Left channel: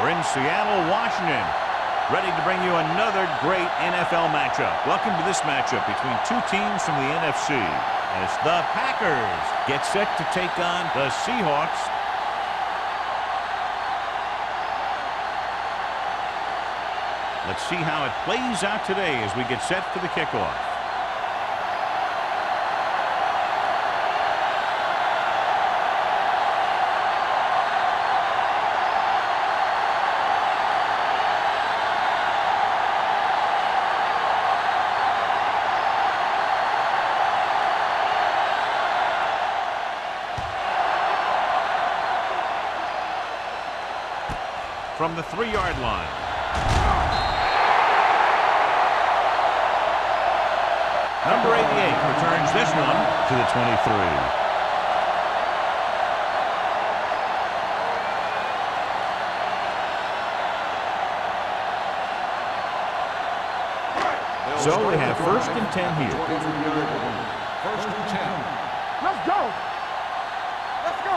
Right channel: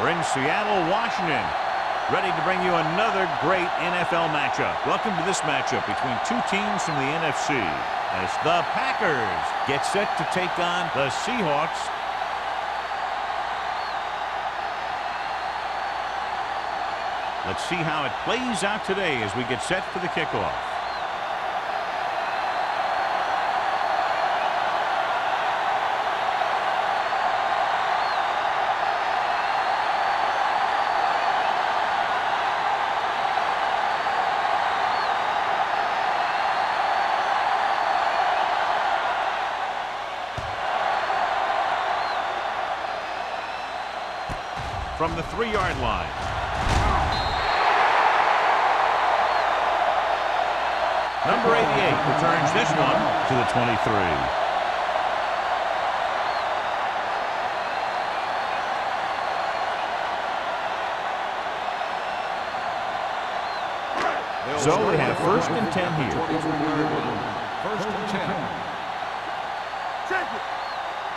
We're in Seattle, Washington, ready to bring you another great NFL matchup. Welcome to this matchup between two teams from the NFC as the Packers get set to take on the Seahawks. Let's see how it plays out today as we get set for the kickoff. From the 3-yard line. Number 88 returns this one to the 23. So we have 1st and 10 here. 23-yard line. 1st and 10. Let's go. Check it. Let's go.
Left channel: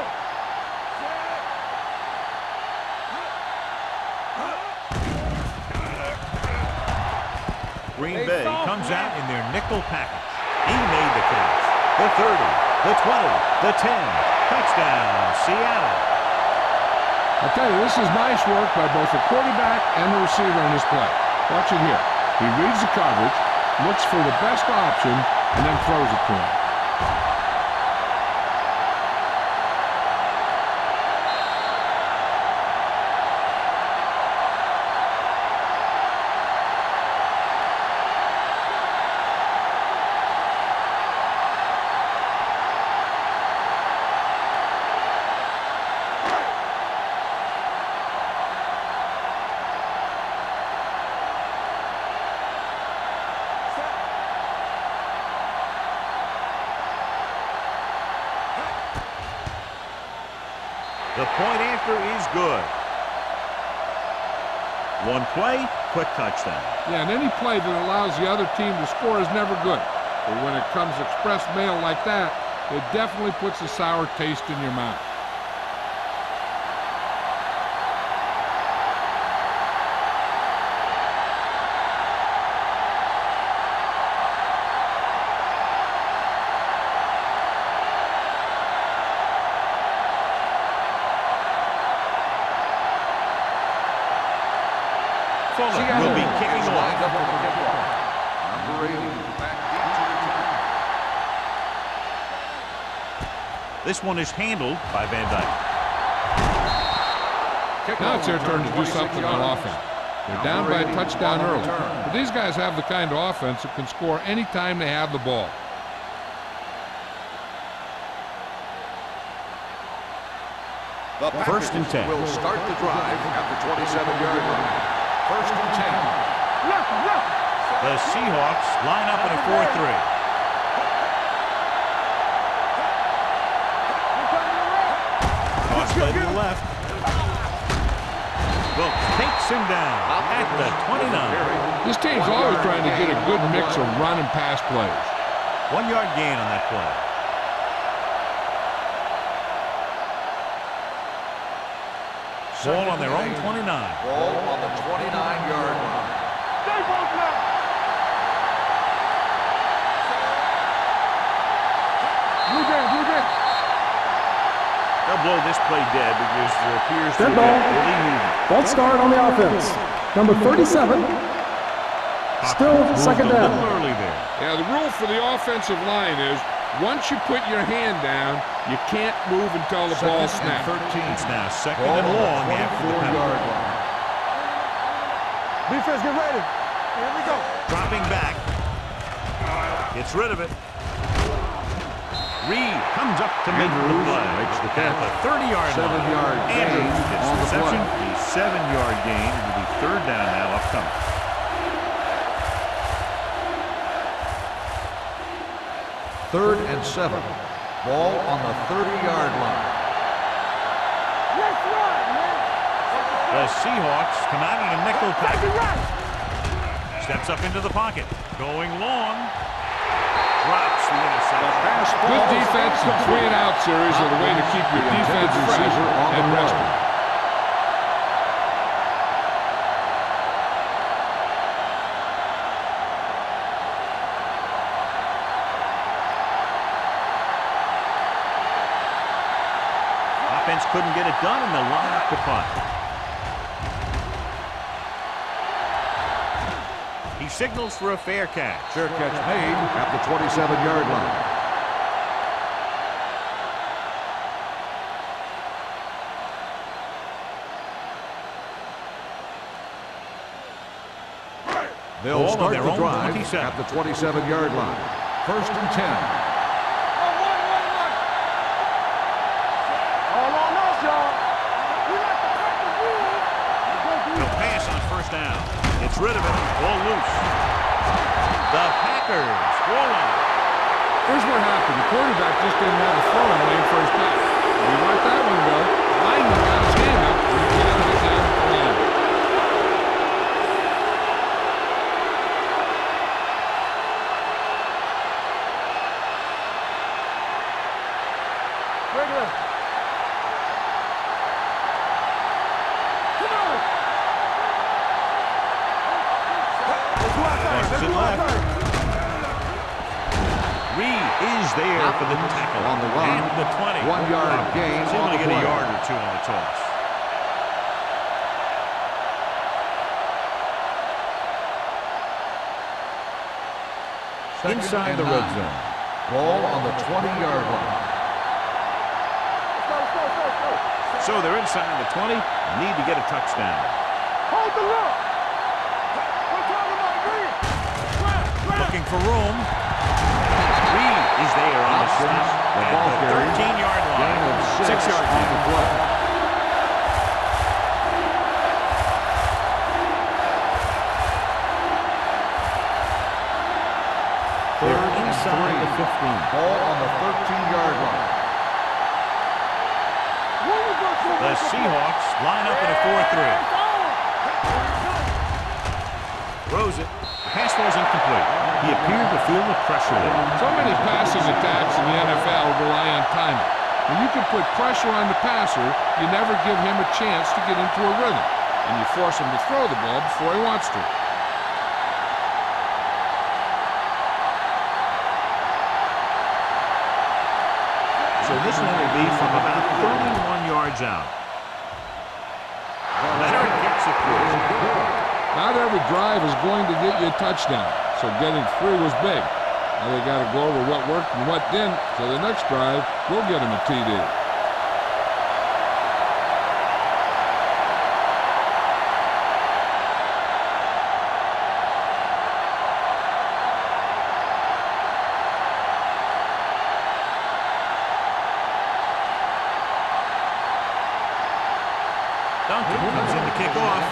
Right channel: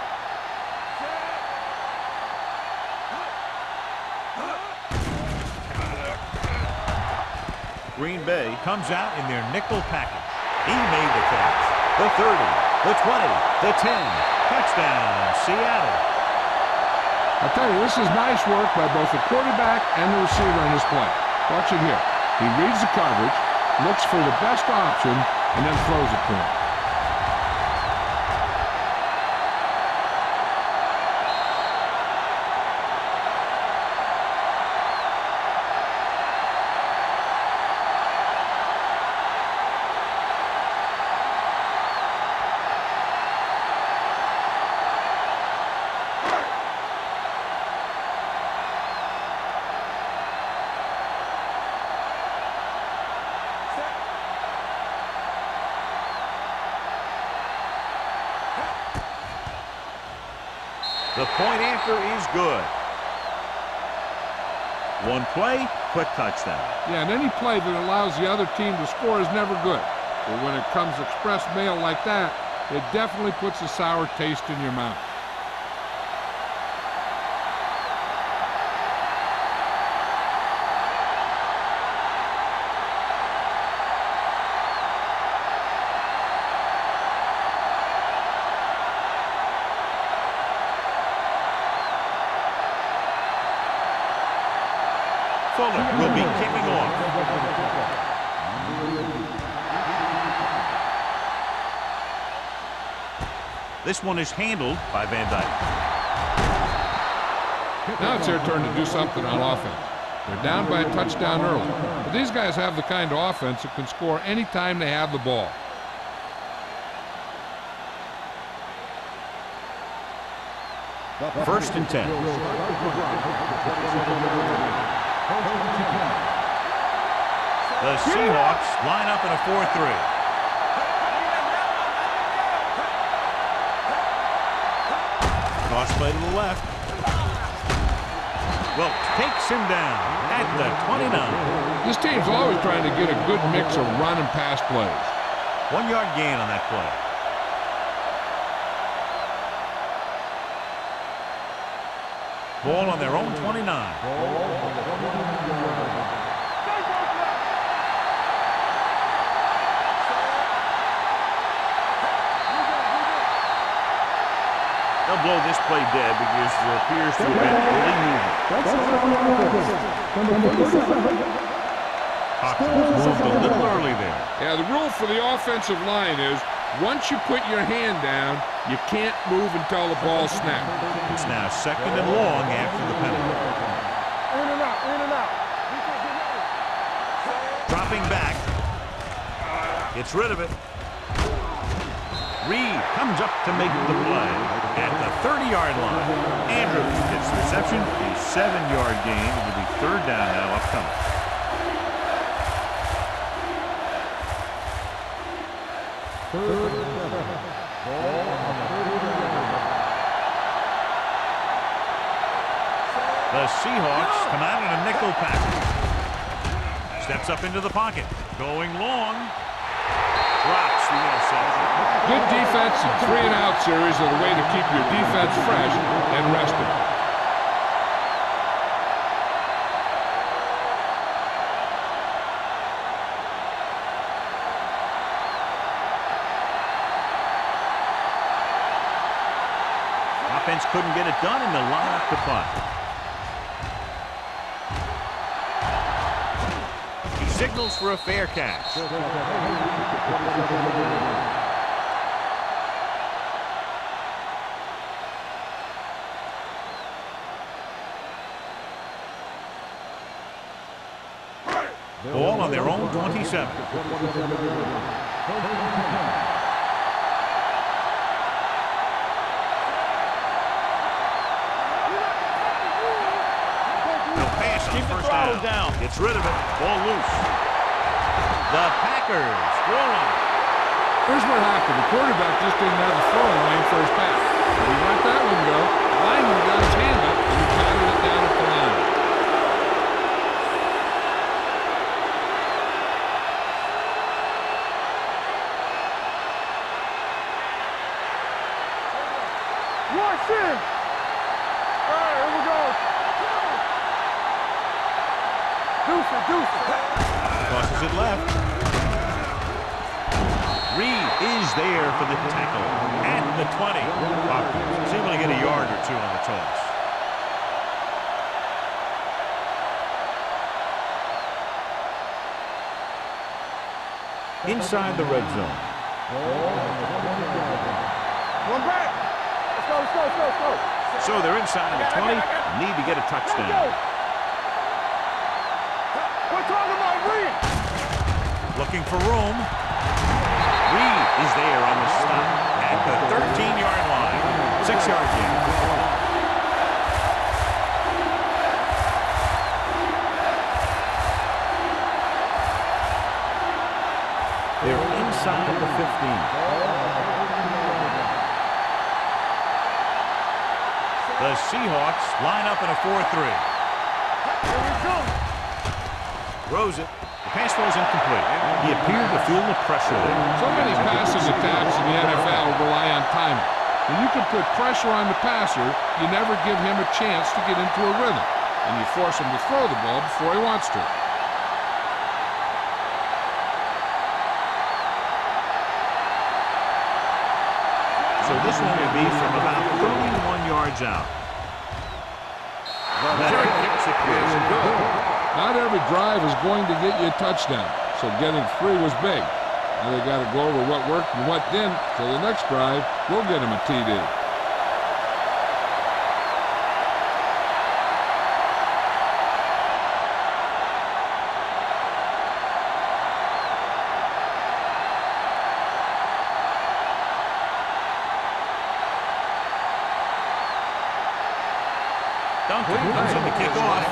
Green Bay comes out in their nickel package. He made the catch. The 30, the 20, the 10. Touchdown, Seattle. I tell you, this is nice work by both the quarterback and the receiver in this play. Watch it here. He reads the coverage, looks for the best option, and then throws it to him. The point after is good. One play, quick touchdown. Yeah, and any play that allows the other team to score is never good. But when it comes express mail like that, it definitely puts a sour taste in your mouth. Fuller will be kicking off. Number 80. This one is handled by Van Dyke. Now it's their turn to do something on offense. They're down by a touchdown early. But these guys have the kind of offense that can score anytime they have the ball. The 1st and 10. Will start the drive at the 27-yard line. 1st and 10. The Seahawks line up in a 4-3. Toss play to the left. Wilkes takes him down at the 29. This team's always trying to get a good mix of run and pass plays. 1-yard gain on that play. Ball on their own 29. Ball on the 29-yard line. Stay both left. They'll blow this play dead because there appears to have been early movement. Let's start on the offense. Number 37. Hopkins moved a little early there. Yeah, the rule for the offensive line is once you put your hand down, you can't move until the ball snaps. It's now 2nd and long after the penalty. Defense, get ready. Dropping back. Gets rid of it. Reed comes up to make the play at the 30-yard line. Andrews gets the reception. A 7-yard gain. It'll be 3rd down now upcoming. Third and 7. Ball on the 30-yard line. The Seahawks come out in a nickel package. Steps up into the pocket. Going long. Drops the interception. Good defense and 3-and-out series are the way to keep your defense fresh and rested. defense couldn't get it done, and they'll line up to punt. He signals for a fair catch. Fair catch made at the 27-yard line. Ball on their own 27. At the 27-yard line. 1st and 10. They'll pass on 1st down. Gets rid of it. Ball loose. The Packers goal line. Here's what happened. The quarterback just didn't have a throwing lane for his pass. If he let that one go, the lineman got his hand up and he batted it down at the line. Tosses it left. Reed is there for the tackle at the 20. He's able to get a yard or two on the toss. Inside the red zone. Ball on the 20-yard line. Let's go. So they're inside the 20. Need to get a touchdown. Hold the look. We're talking about Reed. Looking for room. Reed is there on the stop at the 13-yard line. 6-yard gain. They're inside the 15. Ball on the 13-yard line. The Seahawks line up in a 4-3. Throws it. The pass falls incomplete. He appeared to feel the pressure there. So many passing attacks in the NFL rely on timing. When you can put pressure on the passer, you never give him a chance to get into a rhythm, and you force him to throw the ball before he wants to. So this one will be from about 31 yards out. Leonard kicks it good. Not every drive is going to get you a touchdown, so getting 3 was big. Now they got to go over what worked and what didn't, so the next drive will get him a TD. Duncan comes in to kick off.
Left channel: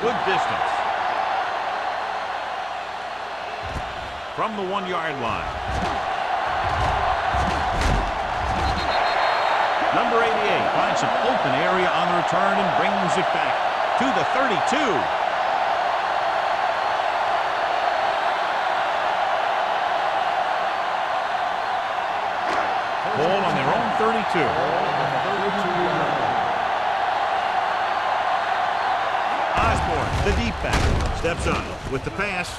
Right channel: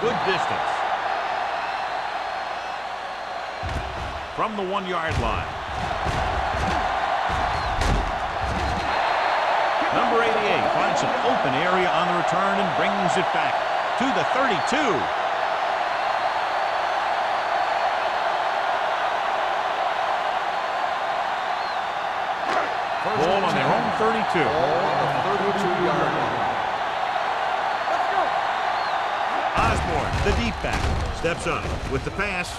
Good distance. From the 1-yard line. Number 88 finds some open area on the return and brings it back to the 32. Ball on their own 32. Ball on the 32-yard line. Osborne, the deep back, steps up with the pass.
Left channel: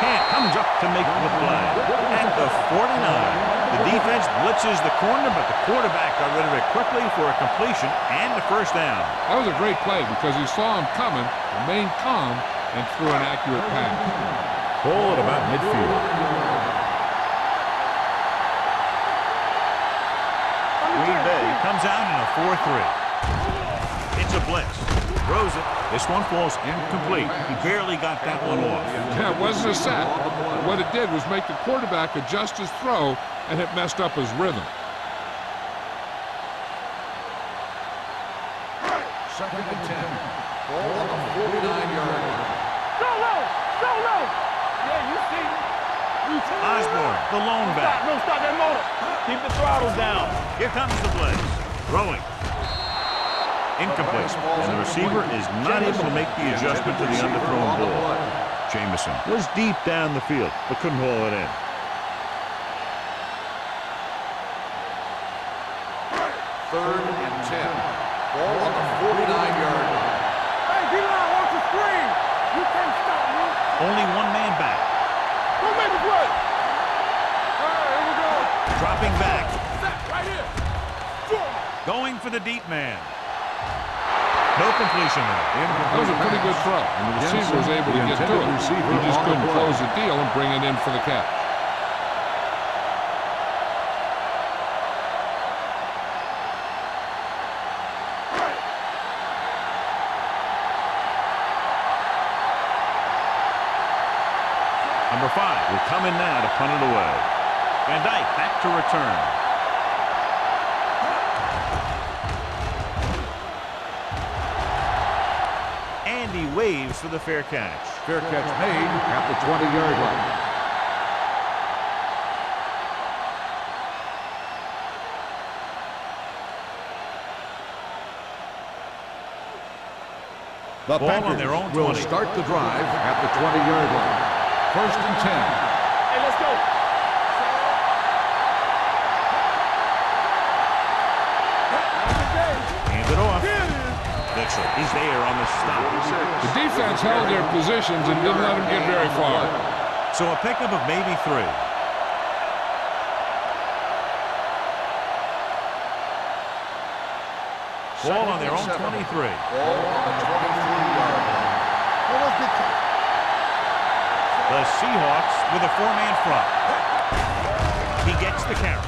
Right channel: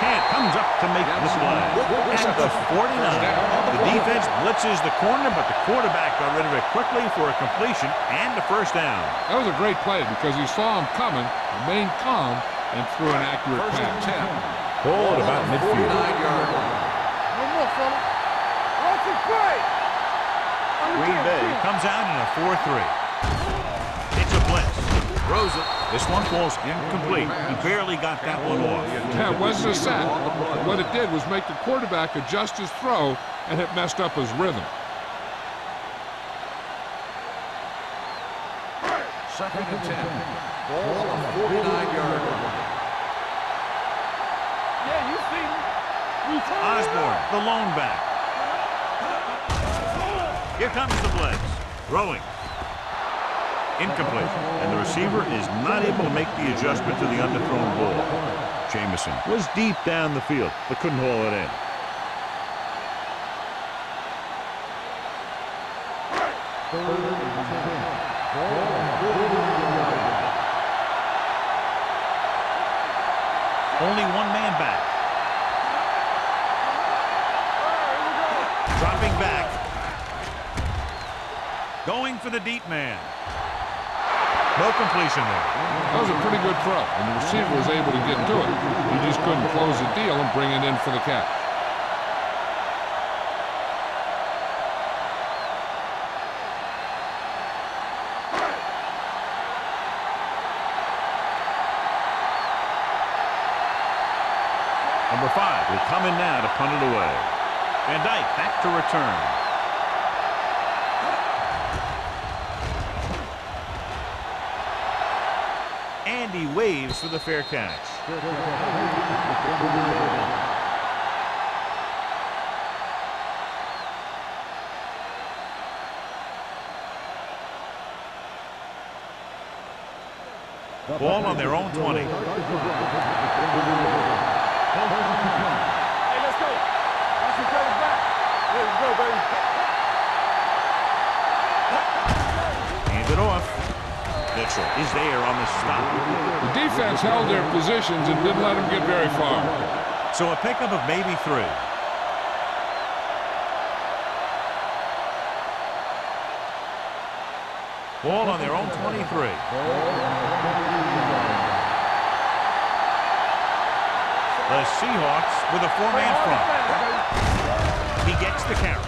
Kent comes up to make the play at the 49. The defense blitzes the corner, but the quarterback got rid of it quickly for a completion and a 1st down. That was a great play because he saw him coming, remained calm, and threw an accurate pass. Ball at about midfield. Green Bay comes out in a 4-3. It's a blitz. Throws it. This one falls incomplete. He barely got that one off. Yeah, it wasn't a sack. What it did was make the quarterback adjust his throw, and it messed up his rhythm. 2nd and 10. Ball on the 49-yard line. Solo. Yeah, you see me. Osborne, the lone back. No, stop that motor. Keep the throttle down. Here comes the blitz. Throwing. Incomplete. And the receiver is not able to make the adjustment to the underthrown ball. Jamison was deep down the field, but couldn't haul it in. 3rd and 10. Ball on the 49-yard line. Hey, D-line wants to screen. You can't stop me. Only one man back. Go make the play. All right, here we go. Dropping back. Going for the deep man. No completion there. That was a pretty good throw, and the receiver was able to get to it. He just couldn't close the deal and bring it in for the catch. Number 5 will come in now to punt it away. Van Dyke back to return. And he waves for the fair catch. Fair catch made at the 20-yard line. The Ball on their own 20. Will start the drive at the 20-yard line. 1st and 10. Hey, let's go. Hand it off. Mitchell is there on the stop. The defense held their positions and didn't let them get very far. So a pickup of maybe 3. Ball on their own 23. Ball on the 23-yard line. The Seahawks with a 4-man front. He gets the carry.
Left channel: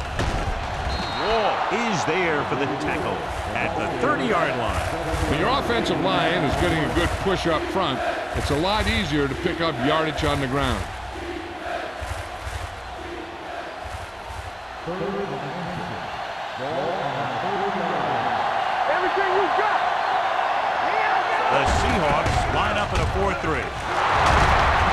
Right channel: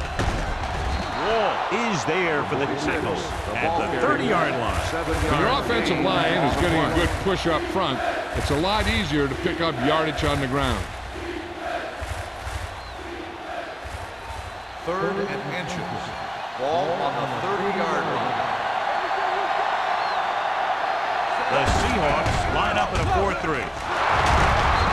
Wall is there for the tackle at the 30-yard line. When your offensive line is getting a good push up front, it's a lot easier to pick up yardage on the ground. 3rd and inches. Ball on the 30-yard line. Everything you got. The Seahawks line up in a 4-3.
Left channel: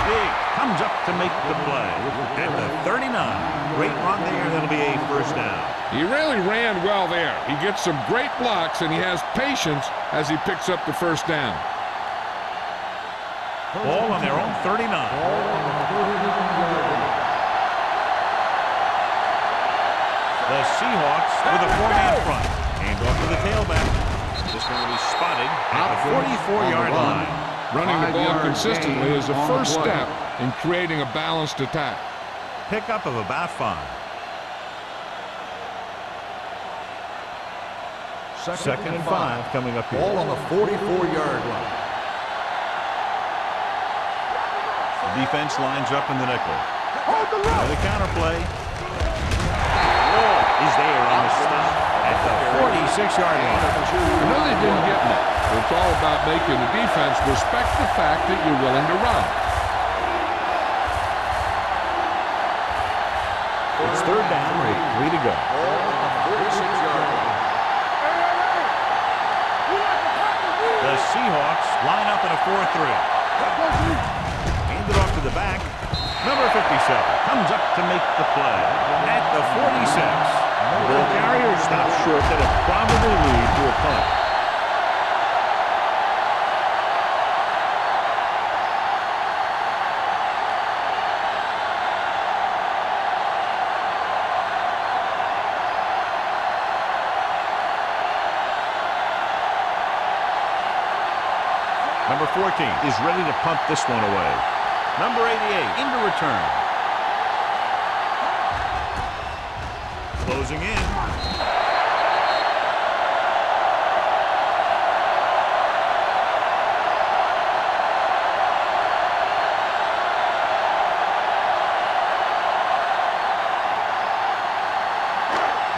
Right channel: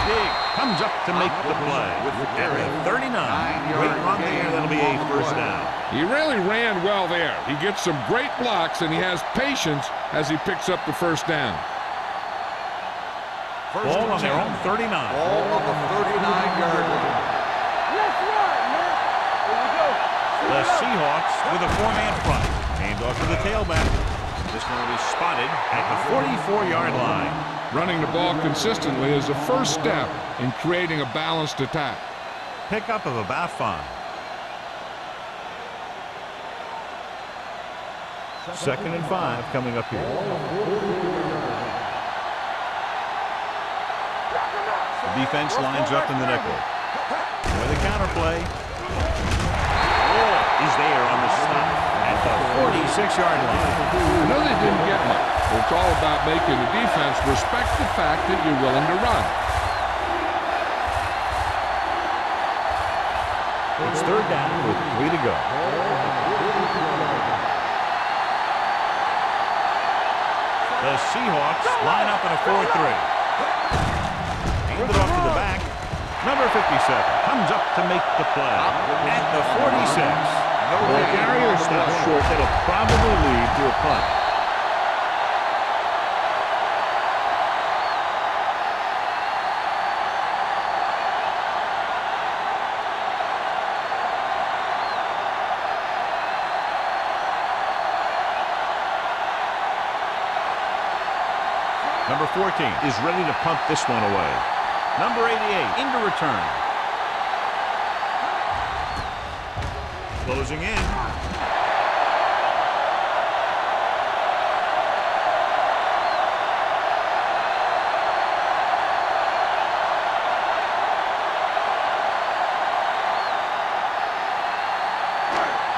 Big comes up to make the play at the 39. Great run there. That'll be a 1st down. He really ran well there. He gets some great blocks, and he has patience as he picks up the 1st down. Ball on their own 39. Ball on the 39-yard line. The Seahawks with a 4-man front. Hand off to the tailback. This one will be spotted at the 44-yard line. Running the ball consistently is the first step in creating a balanced attack. Pickup of about 5. 2nd and 5 coming up here. Ball on the 44-yard line. The defense lines up in the nickel. Now the counterplay. Wall is there on the stop at the 46-yard line. I know they didn't get much, but it's all about making the defense respect the fact that you're willing to run. It's 3rd down with 3 to go. The Seahawks line up in a 4-3. Hand it off to the back. Number 57 comes up to make the play at the 46. Ball carrier stops short. That'll probably lead to a punt. Number 14 is ready to punt this one away. Number 88 into return. Closing in.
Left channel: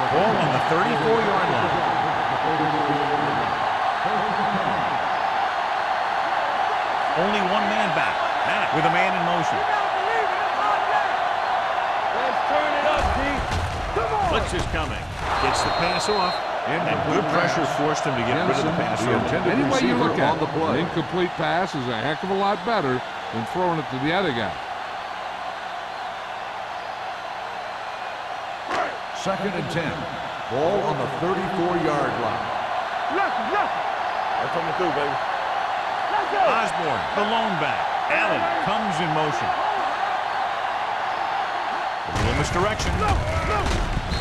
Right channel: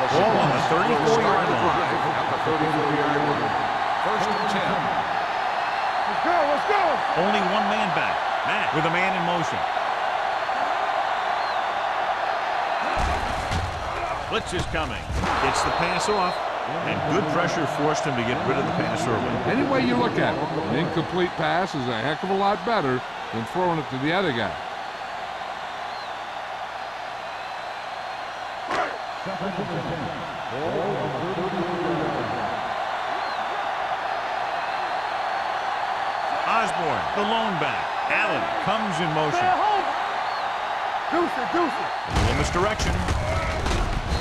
Ball on the 34-yard line. 1st and 10. Only 1 man back. Matt with a man in motion. Blitz is coming. Gets the pass off. And good pressure forced him to get rid of the pass early. Any way you look at it, an incomplete pass is a heck of a lot better than throwing it to the other guy. 2nd and 10. Ball on the 34-yard line. Osborne, the lone back. Allen comes in motion. A little misdirection.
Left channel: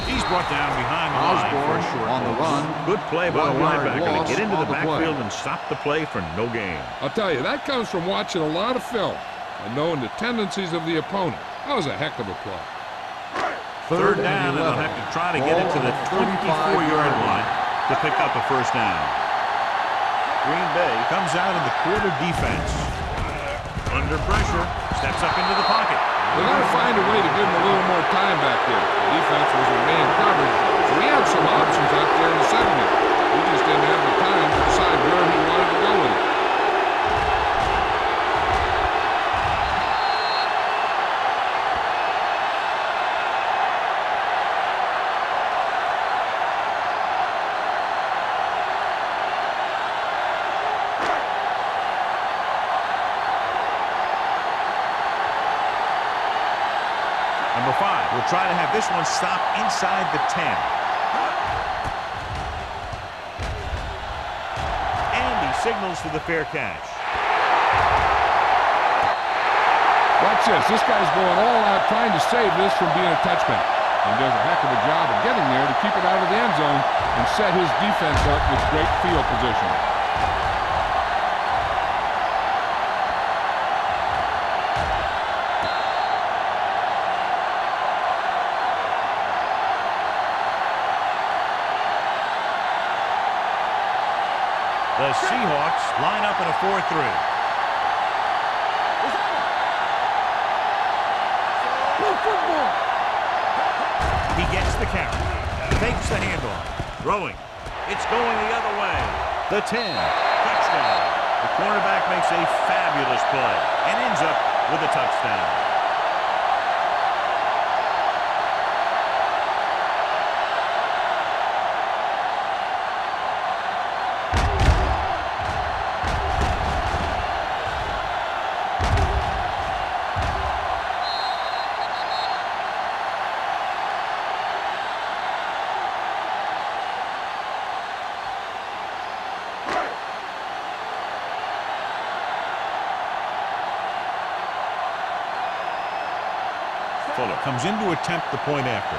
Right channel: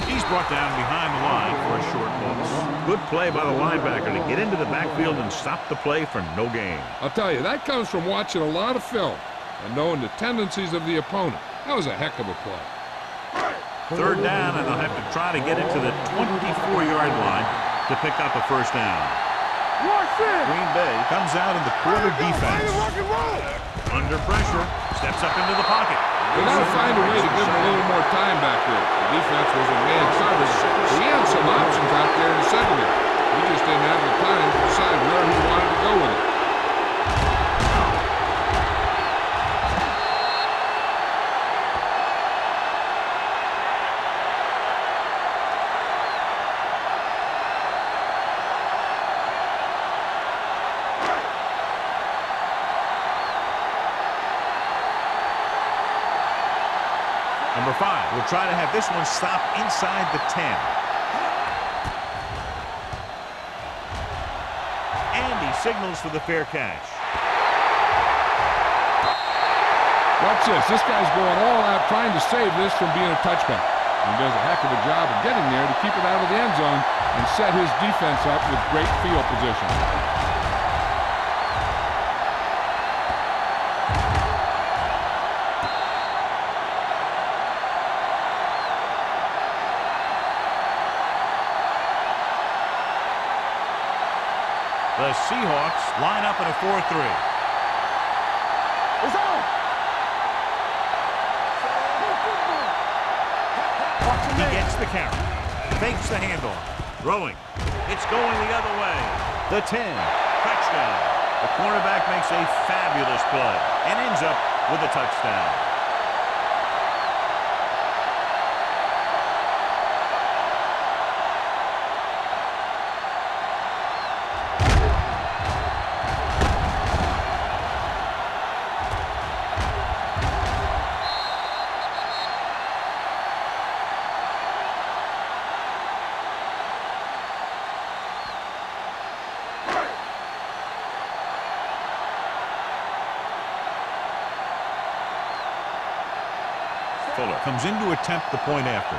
He's brought down behind the line for a short loss. Good play by the linebacker to get into the backfield and stop the play for no gain. I'll tell you, that comes from watching a lot of film and knowing the tendencies of the opponent. That was a heck of a play. Third down, and they'll have to try to get it to the 24-yard line to pick up a first down. Green Bay comes out in the quarter defense. Under pressure, steps up into the pocket. They got to find a way to give him a little more time back there. The defense was in man coverage, so he had some options out there in the secondary. He just didn't have the time to decide where he wanted to go with it. Number 5 will try to have this one stop inside the 10. And he signals for the fair catch. Watch this. This guy's going all out trying to save this from being a touchback. He does a heck of a job of getting there to keep it out of the end zone and set his defense up with great field position. The Seahawks line up in a 4-3. It's on. Play football. He gets the carry. Fakes the handoff. Throwing. It's going the other way. The 10. Touchdown. The cornerback makes a fabulous play and ends up with a touchdown. Fuller comes in to attempt the point after.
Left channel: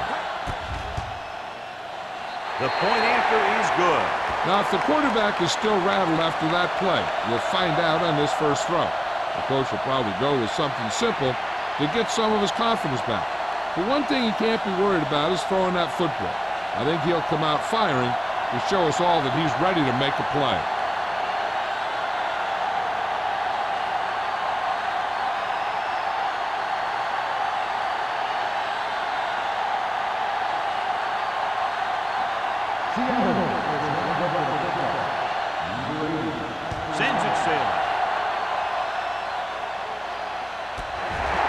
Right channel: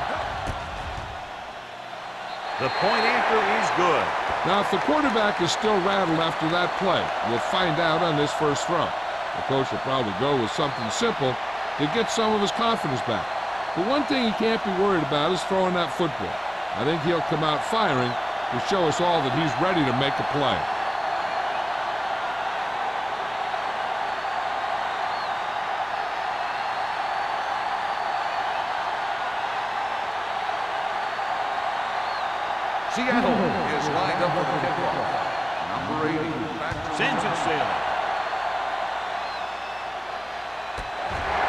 The point after is good. Now, if the quarterback is still rattled after that play, we'll find out on this first throw. The coach will probably go with something simple to get some of his confidence back. But one thing he can't be worried about is throwing that football. I think he'll come out firing to show us all that he's ready to make a play. Seattle is lined up for the kickoff. Number 80. Sends it sailing.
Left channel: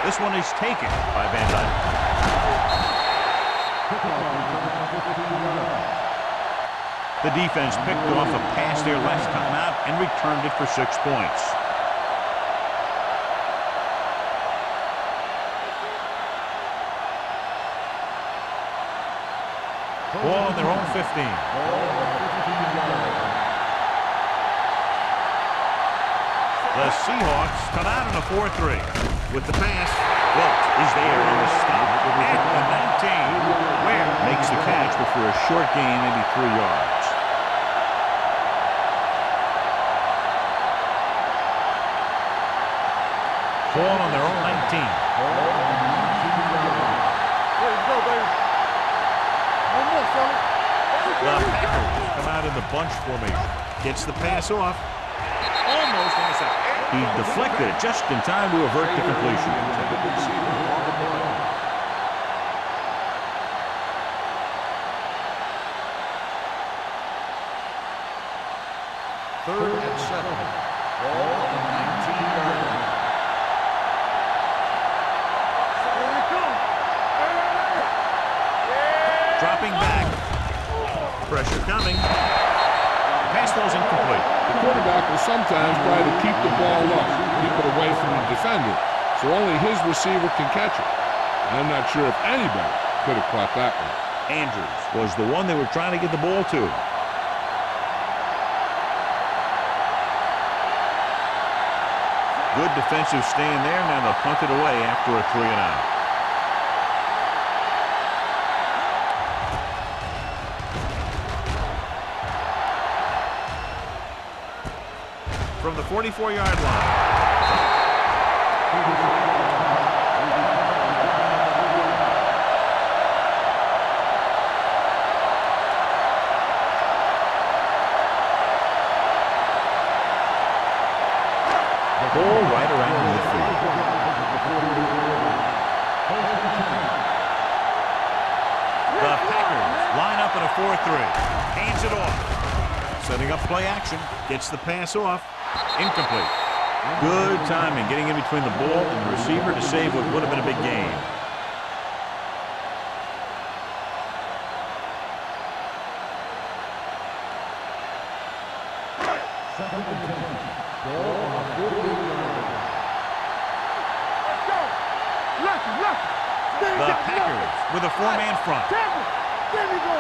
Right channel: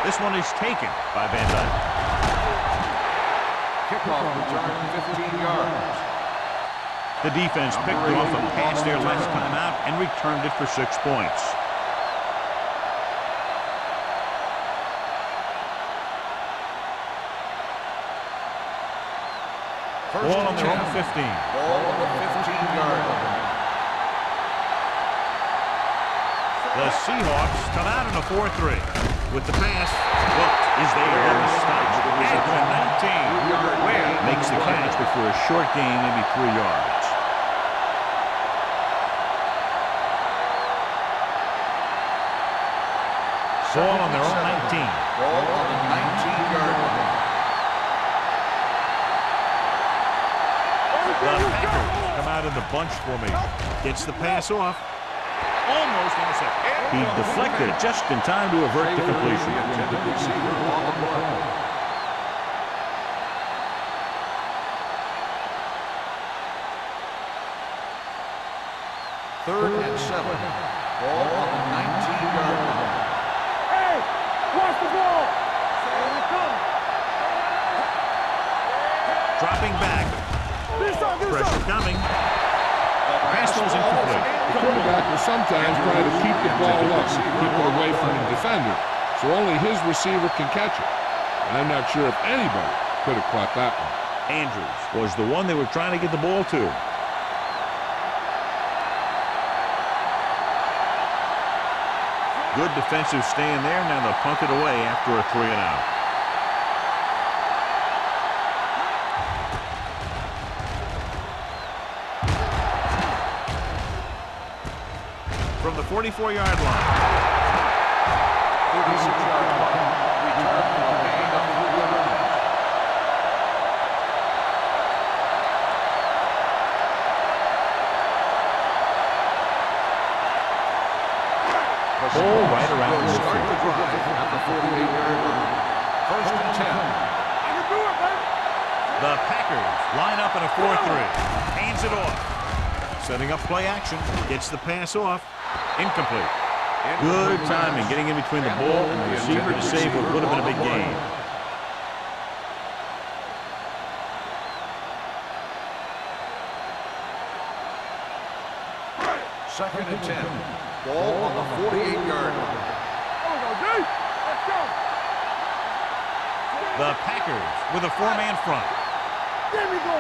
This one is taken by Van Dyke. Kickoff return 15 yards. The defense picked off a pass there last time out and returned it for 6 points. Ball on their own 15. Ball on the 15-yard line. The Seahawks come out in a 4-3. With the pass, Wilt is there on the stop at the 19. Ware makes the catch, but for a short gain, maybe 3 yards. Ball on their own 19. Ball on the 19-yard line. The Packers come out in the bunch formation. Gets the pass off. Almost intercepted. He deflected it just in time to avert the completion. The intended receiver on the play. Third and 7. Ball on the 19-yard line. Watch the ball. Here it comes. Dropping back. Pressure coming. Pass ball's incomplete. The quarterback will sometimes try to keep the ball low, keep it away from the defender, so only his receiver can catch it. I'm not sure if anybody could have caught that one. Andrews was the one they were trying to get the ball to. Good defensive stand there. Now they'll punt it away after a 3-and-out. From the 44-yard line. Ball right around midfield. The Packers line up in a 4-3. Hands it off. Setting up play action. Gets the pass off. Incomplete. Good timing getting in between the ball and the receiver to save what would have been a big gain. Second and 10. Ball on the 48-yard line. Let's go. The Packers with a four-man front. There we go.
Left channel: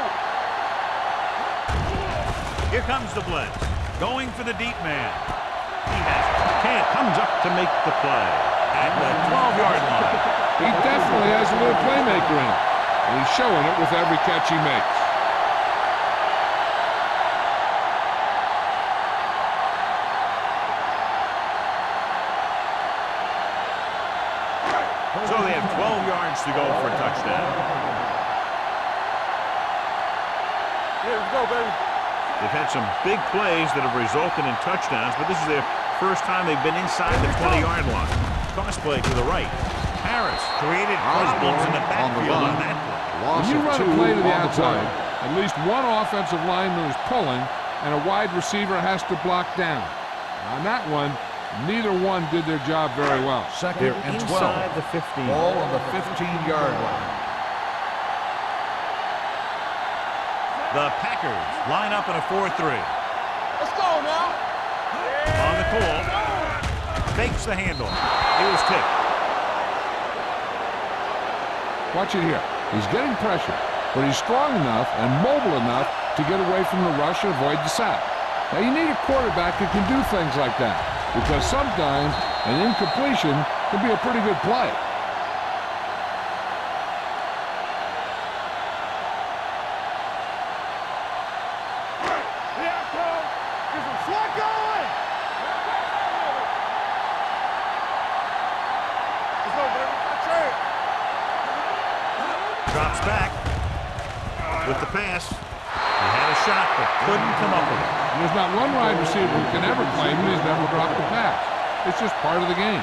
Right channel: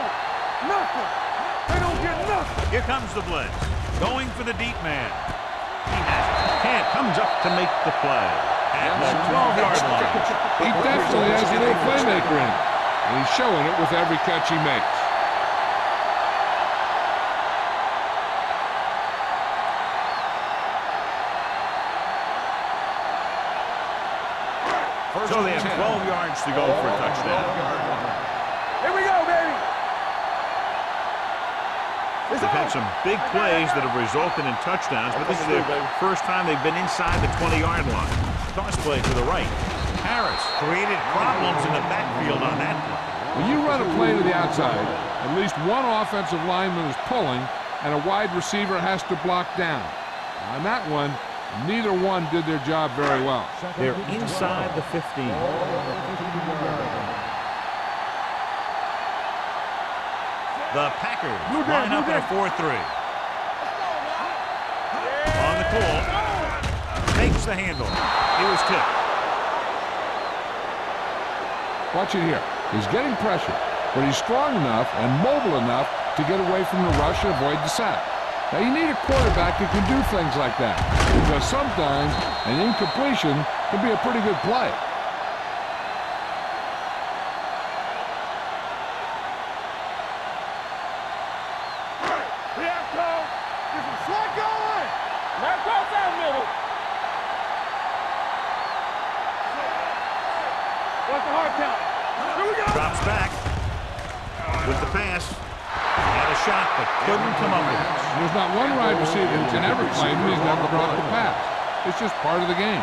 Here comes the blitz. Going for the deep man. He has it. Kent comes up to make the play at the 12-yard line. He definitely has a little playmaker in him, and he's showing it with every catch he makes. So they have 12 yards to go for a touchdown. Here we go, baby. Let's go, baby. They've had some big plays that have resulted in touchdowns, but this is their first time they've been inside the 20-yard line. Toss play to the right. Harris created problems in the backfield on that play. When you run a play to the outside, at least one offensive lineman is pulling, and a wide receiver has to block down. On that one, neither one did their job very well. They're inside the 15. Ball on the 15-yard line. The Packers line up in a 4-3. Let's go now. On the call. Takes the handoff. He was tipped. Watch it here. He's getting pressure, but he's strong enough and mobile enough to get away from the rush and avoid the sack. Now, you need a quarterback who can do things like that, because sometimes an incompletion can be a pretty good play. Here come. Get some swag going. Now cross that middle. Let's go, baby. That's it. What's the hard count? Drops back with the pass. He had a shot, but couldn't come up with it. And there's not one wide receiver who can ever claim he's never dropped a pass. It's just part of the game.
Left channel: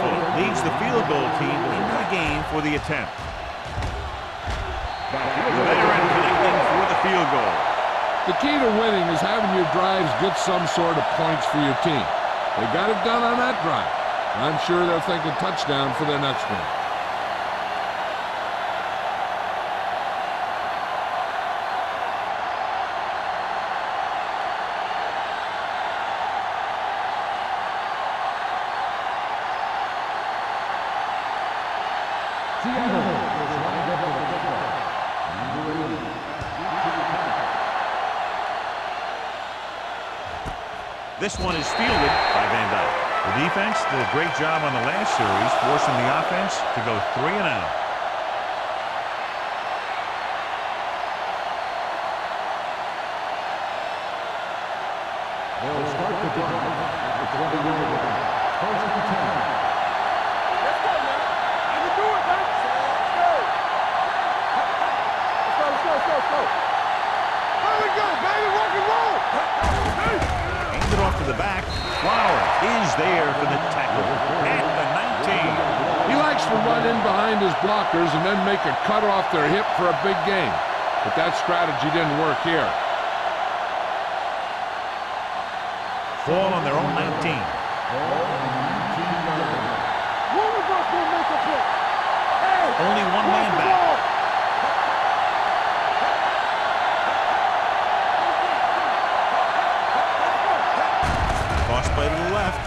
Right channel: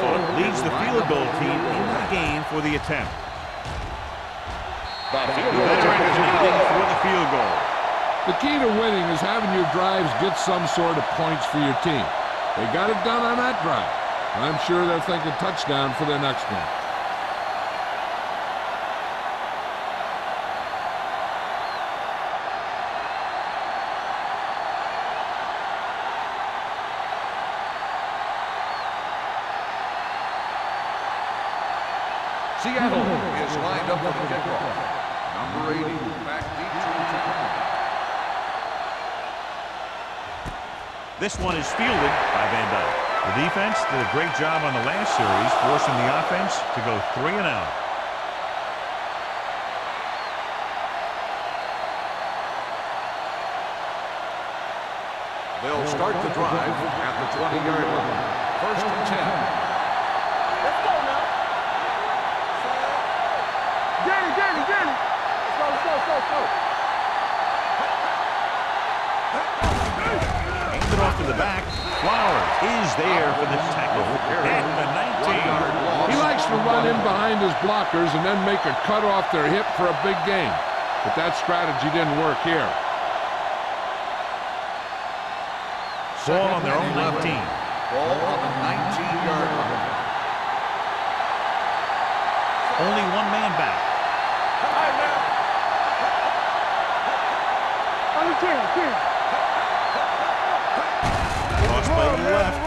Fuller leads the field goal team into the game for the attempt. The veteran connecting for the field goal. The key to winning is having your drives get some sort of points for your team. They got it done on that drive. I'm sure they're thinking touchdown for their next one. Seattle is lined up with the kickoff. Number 80, back deep to the kickoff. This one is fielded by Van Dyke. The defense did a great job on the last series, forcing the offense to go 3 and out. They'll start the drive at the 20-yard line. First and 10. Let's go now. Let's do it, man. Let's go. Danny. Let's go. There we go, baby. Rock and roll. Hands it off to the back. Flowers is there for the tackle at the 19. He likes to run in behind his blockers and then make a cut off their hip for a big gain. But that strategy didn't work here. Ball on their own 19. Ball on the 19-yard line. One of us will make a play. Only one man back. Toss play to the left.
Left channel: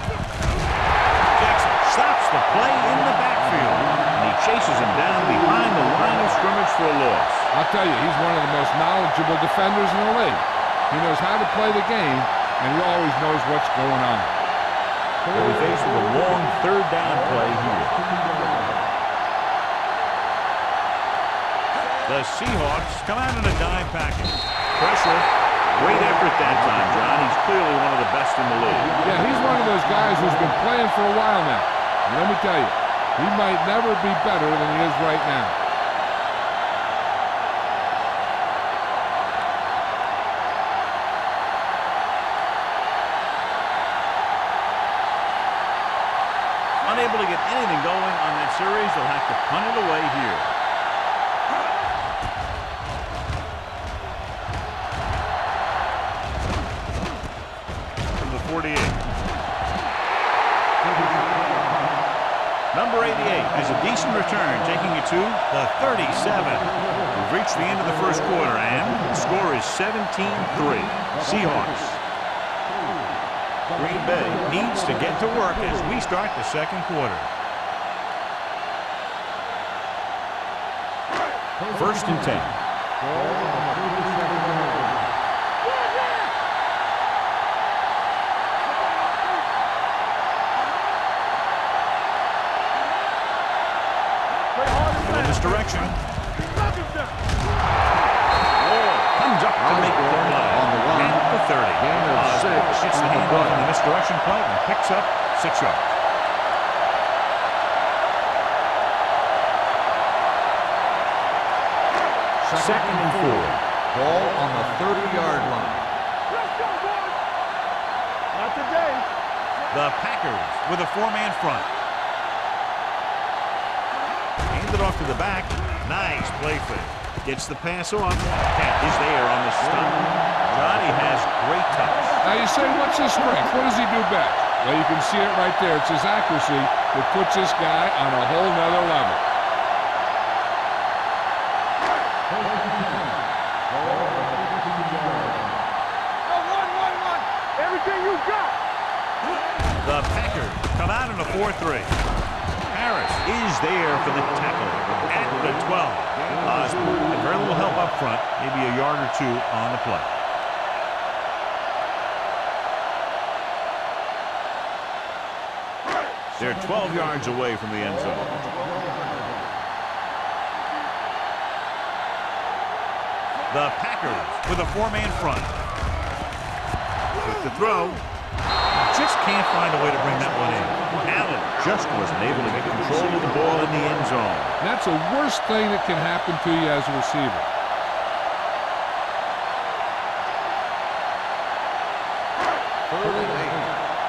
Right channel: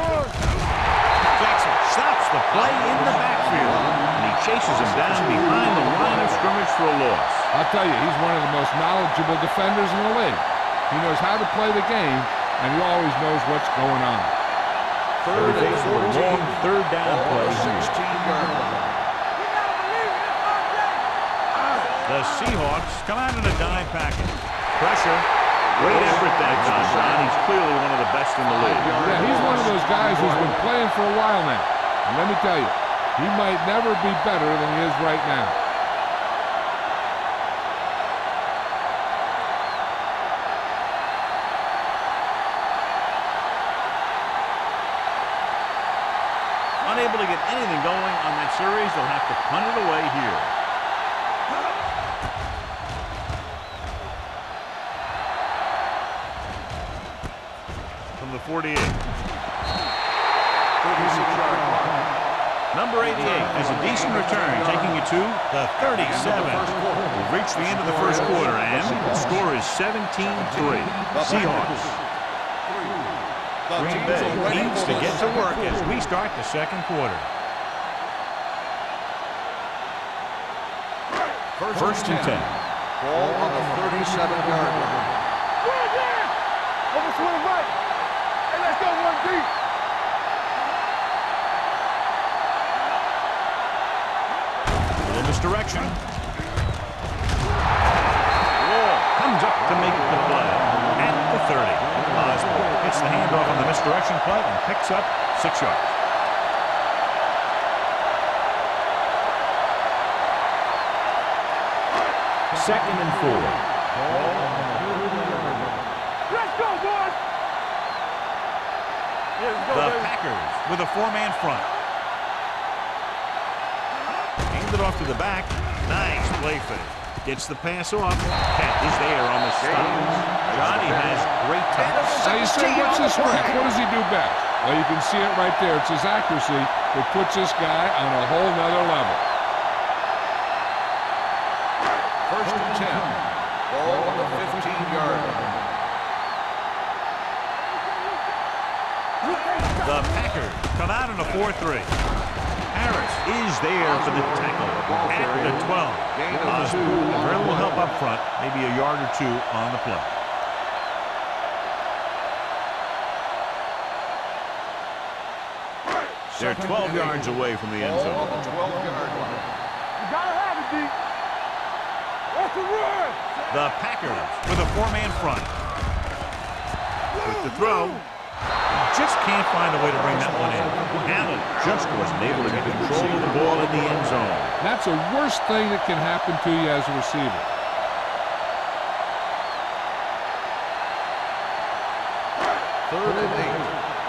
Jackson stops the play in the backfield, and he chases him down behind the line of scrimmage for a loss. I'll tell you, he's one of the most knowledgeable defenders in the league. He knows how to play the game, and he always knows what's going on. They'll be faced with a long third down play here. 16-yard line. The Seahawks come out in a dime package. Pressure. Great effort that time, John. He's clearly one of the best in the league. Yeah, he's one of those guys who's been playing for a while now. And let me tell you, he might never be better than he is right now. Unable to get anything going on that series, they'll have to punt it away here. From the 48. Number 88 has a decent return, taking it to the 37. We've reached the end of the first quarter, and the score is 17-3. Seahawks. Green Bay needs to get to work as we start the second quarter. First and 10. Ball on the 37-yard line. Little misdirection. Wall comes up to make the play at the 30. Osborne hits the handoff on the misdirection play and picks up 6 yards. Second and 4. Ball on the 30-yard line. Let's go, boys! Not today. The Packers with a 4-man front. Handed off to the back. Nice play fake. Gets the pass off. Cat is there on the stop. Johnny has great touch. Now you say, what's his strength? What does he do best? Well, you can see it right there. It's his accuracy that puts this guy on a whole nother level. First and 10. Ball on the 15-yard line. Everything you got. The Packers come out in a 4-3. Harris is there for the tackle at the 12. Osborne had very little help up front, maybe a yard or two on the play. They're 12 yards away from the end zone. Ball on the 12-yard line. You gotta have it, D. Off the word. The Packers with a 4-man front. With the throw. Just can't find a way to bring that one in. Allen just wasn't able to get control of the ball in the end zone. That's the worst thing that can happen to you as a receiver. Third and 8.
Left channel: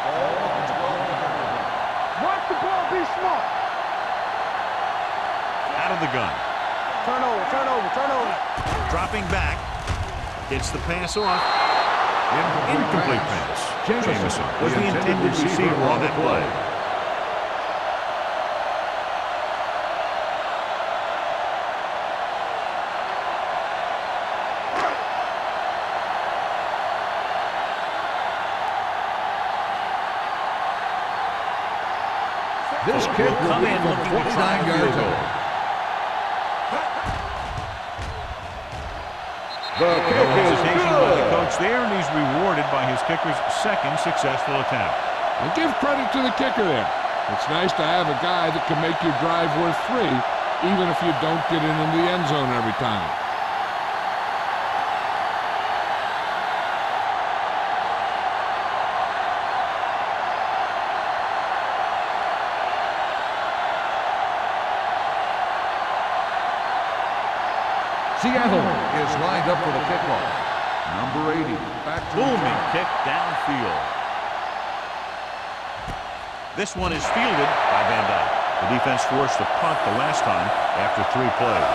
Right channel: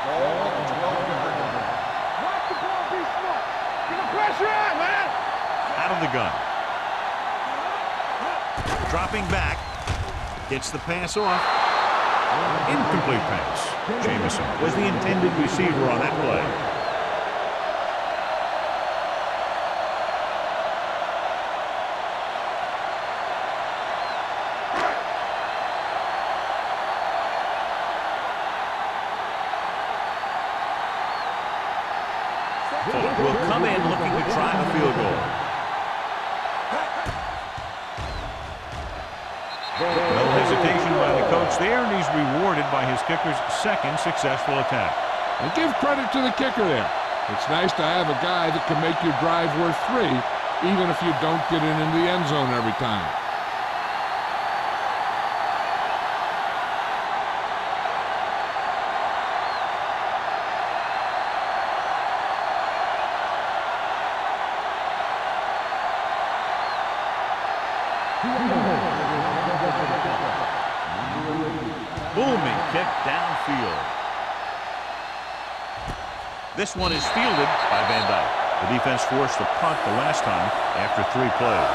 Ball on the 12-yard line. Watch the ball, be smart. Get the pressure out, man. Out of the gun. Turn over. Dropping back. Gets the pass off. Incomplete pass. Jamison was the intended receiver on that play. Fuller will come in looking to try a field goal. No hesitation by the coach there, and he's rewarded by his kicker's second successful attempt. And give credit to the kicker there. It's nice to have a guy that can make your drive worth 3, even if you don't get it into the end zone every time. Seattle is lined up for the kickoff. Number 80. Booming kick downfield. This one is fielded by Van Dyke. The defense forced a punt the last time after 3 plays.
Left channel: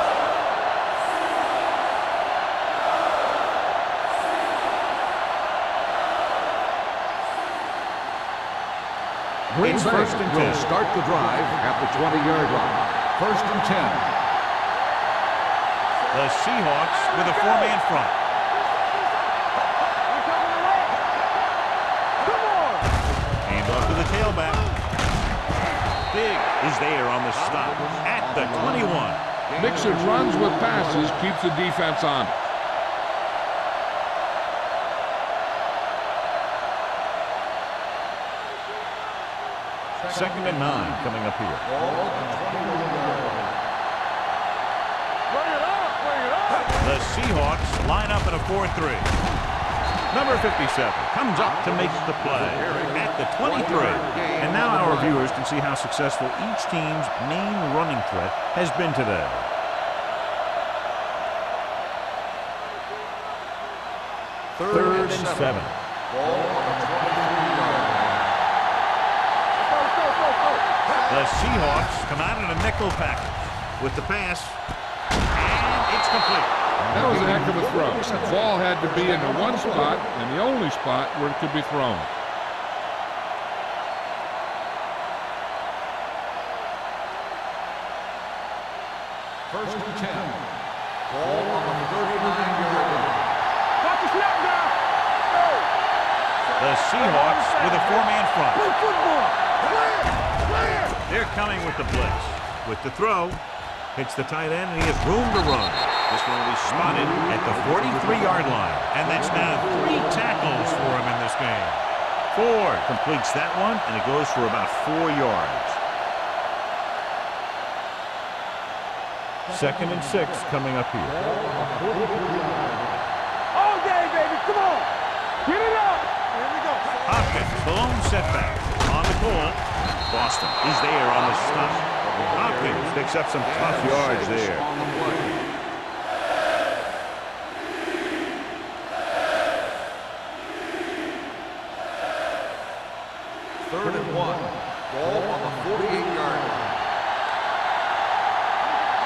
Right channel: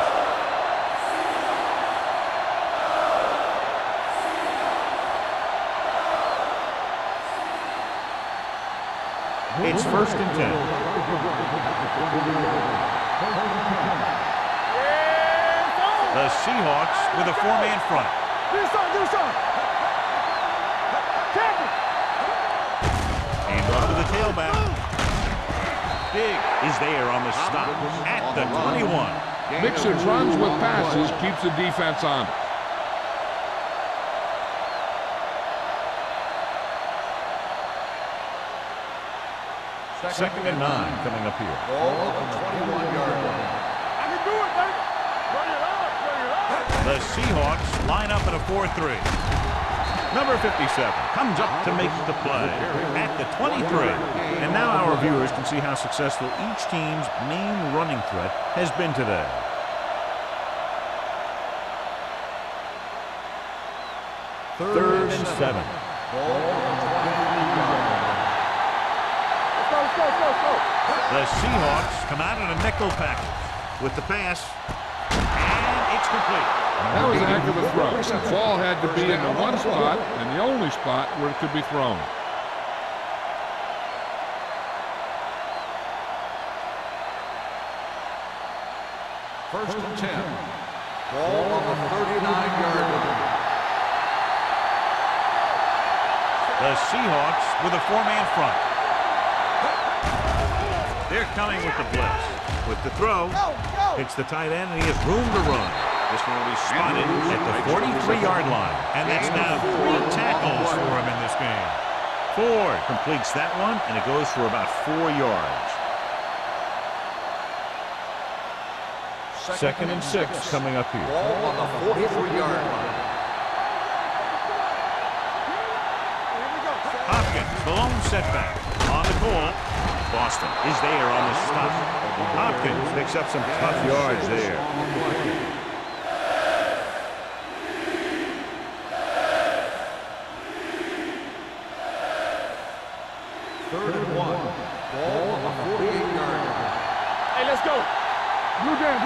It's first and 10. Start the drive at the 20-yard line. First and 10. The Seahawks with a 4-man front. Hand off to the tailback. Big is there on the stop at the 21. Mixing runs with passes keeps the defense on it. Second and 9 coming up here. Ball on the 21-yard line. Bring it up. The Seahawks line up in a 4-3. Number 57 comes up to make the play at the 23. And now our viewers can see how successful each team's main running threat has been today. Third and 7. Ball on the 23-yard line. Let's go. The Seahawks come out in a nickel package with the pass, and it's complete. That was a heck of a throw. The ball had to be in the one spot and the only spot where it could be thrown. First and 10. Ball on the 39-yard line. The Seahawks with a 4-man front. They're coming with the blitz. With the throw, hits the tight end, and he has room to run. This one will be spotted at the 43-yard line. And that's now 3 tackles for him in this game. Ford completes that one, and it goes for about 4 yards. Second and 6 coming up here. Ball on the 43-yard line. Hopkins, the lone setback. On the call, Boston is there on the stop. Hopkins picks up some tough yards there. On the play. Third and 1. Ball on the 48-yard line. Hey, let's go. Blue game.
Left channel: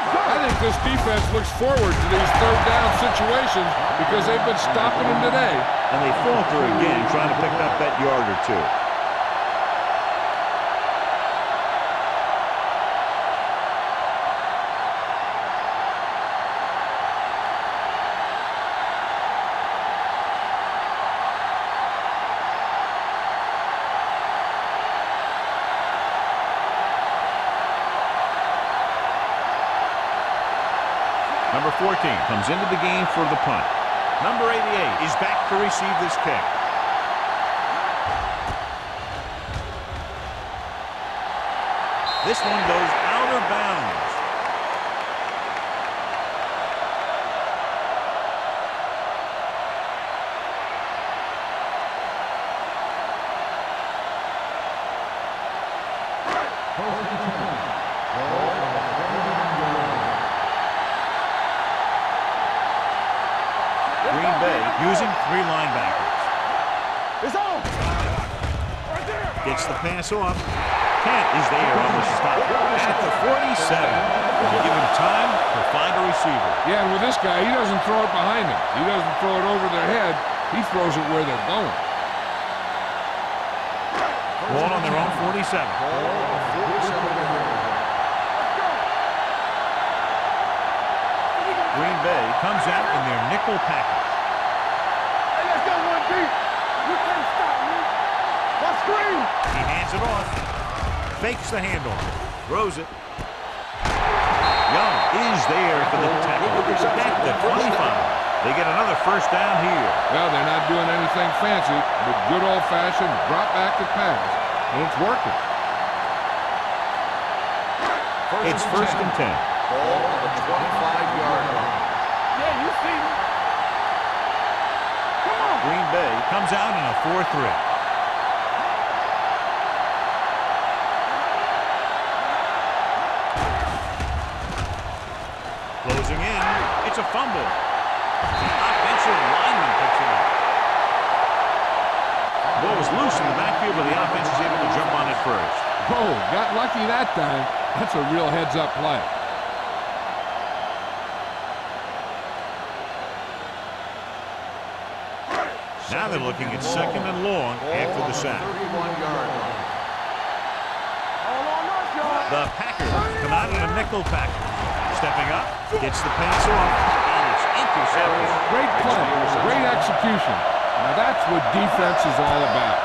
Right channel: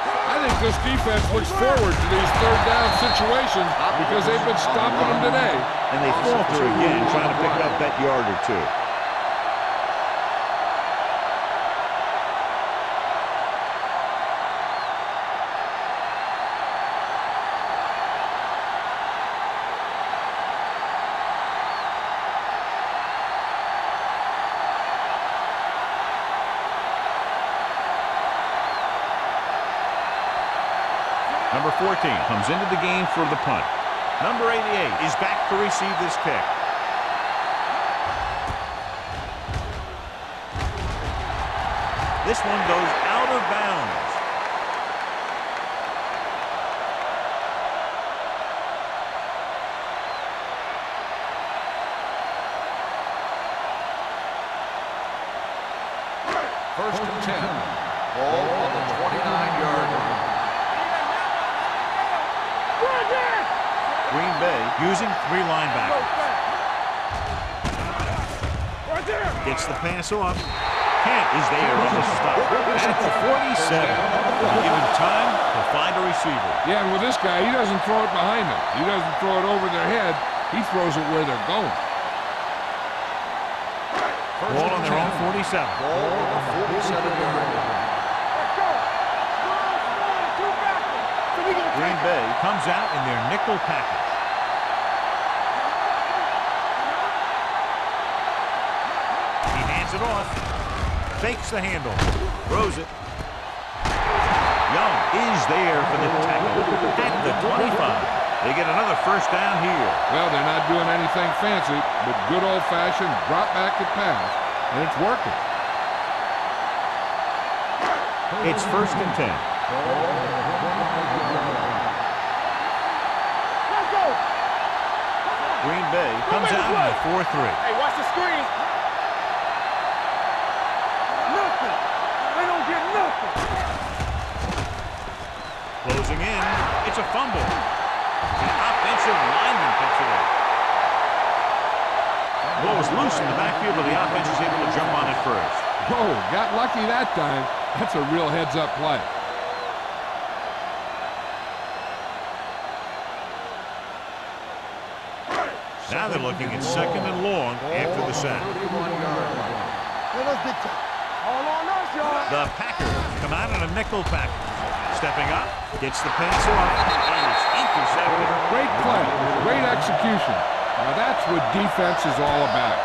I think this defense looks forward to these third down situations because they've been stopping them today. And they falter again, trying to pick up that yard or two. Number 14 comes into the game for the punt. Number 88 is back to receive this kick. This one goes out of bounds. First and 10. Ball on the 29-yard line. Green Bay using 3 linebackers. Gets the pass off. Kent is there on the stop at the 47. They give him time to find a receiver. Yeah, and with this guy, he doesn't throw it behind them. He doesn't throw it over their head. He throws it where they're going. Ball on their own 47. Ball on the 47-yard line. Green Bay comes out in their nickel package. He hands it off. Fakes the handle. Throws it. Young is there for the tackle at the 25. They get another first down here. Well, they're not doing anything fancy, but good old-fashioned drop back and pass, and it's working. It's first and 10. Ball on the 25-yard line. Green Bay comes out in a 4-3. Hey, watch the screen. Closing in. It's a fumble. The offensive lineman picks it up. Ball was loose in the backfield, but the offense was able to jump on it first. Whoa, got lucky that time. That's a real heads-up play. Now they're looking at second and long after the sack. 31-yard line. All on us, y'all. The Packers come out in a nickel package. Stepping up, gets the pass off, and it's intercepted. Great play, great execution. Now that's what defense is all about.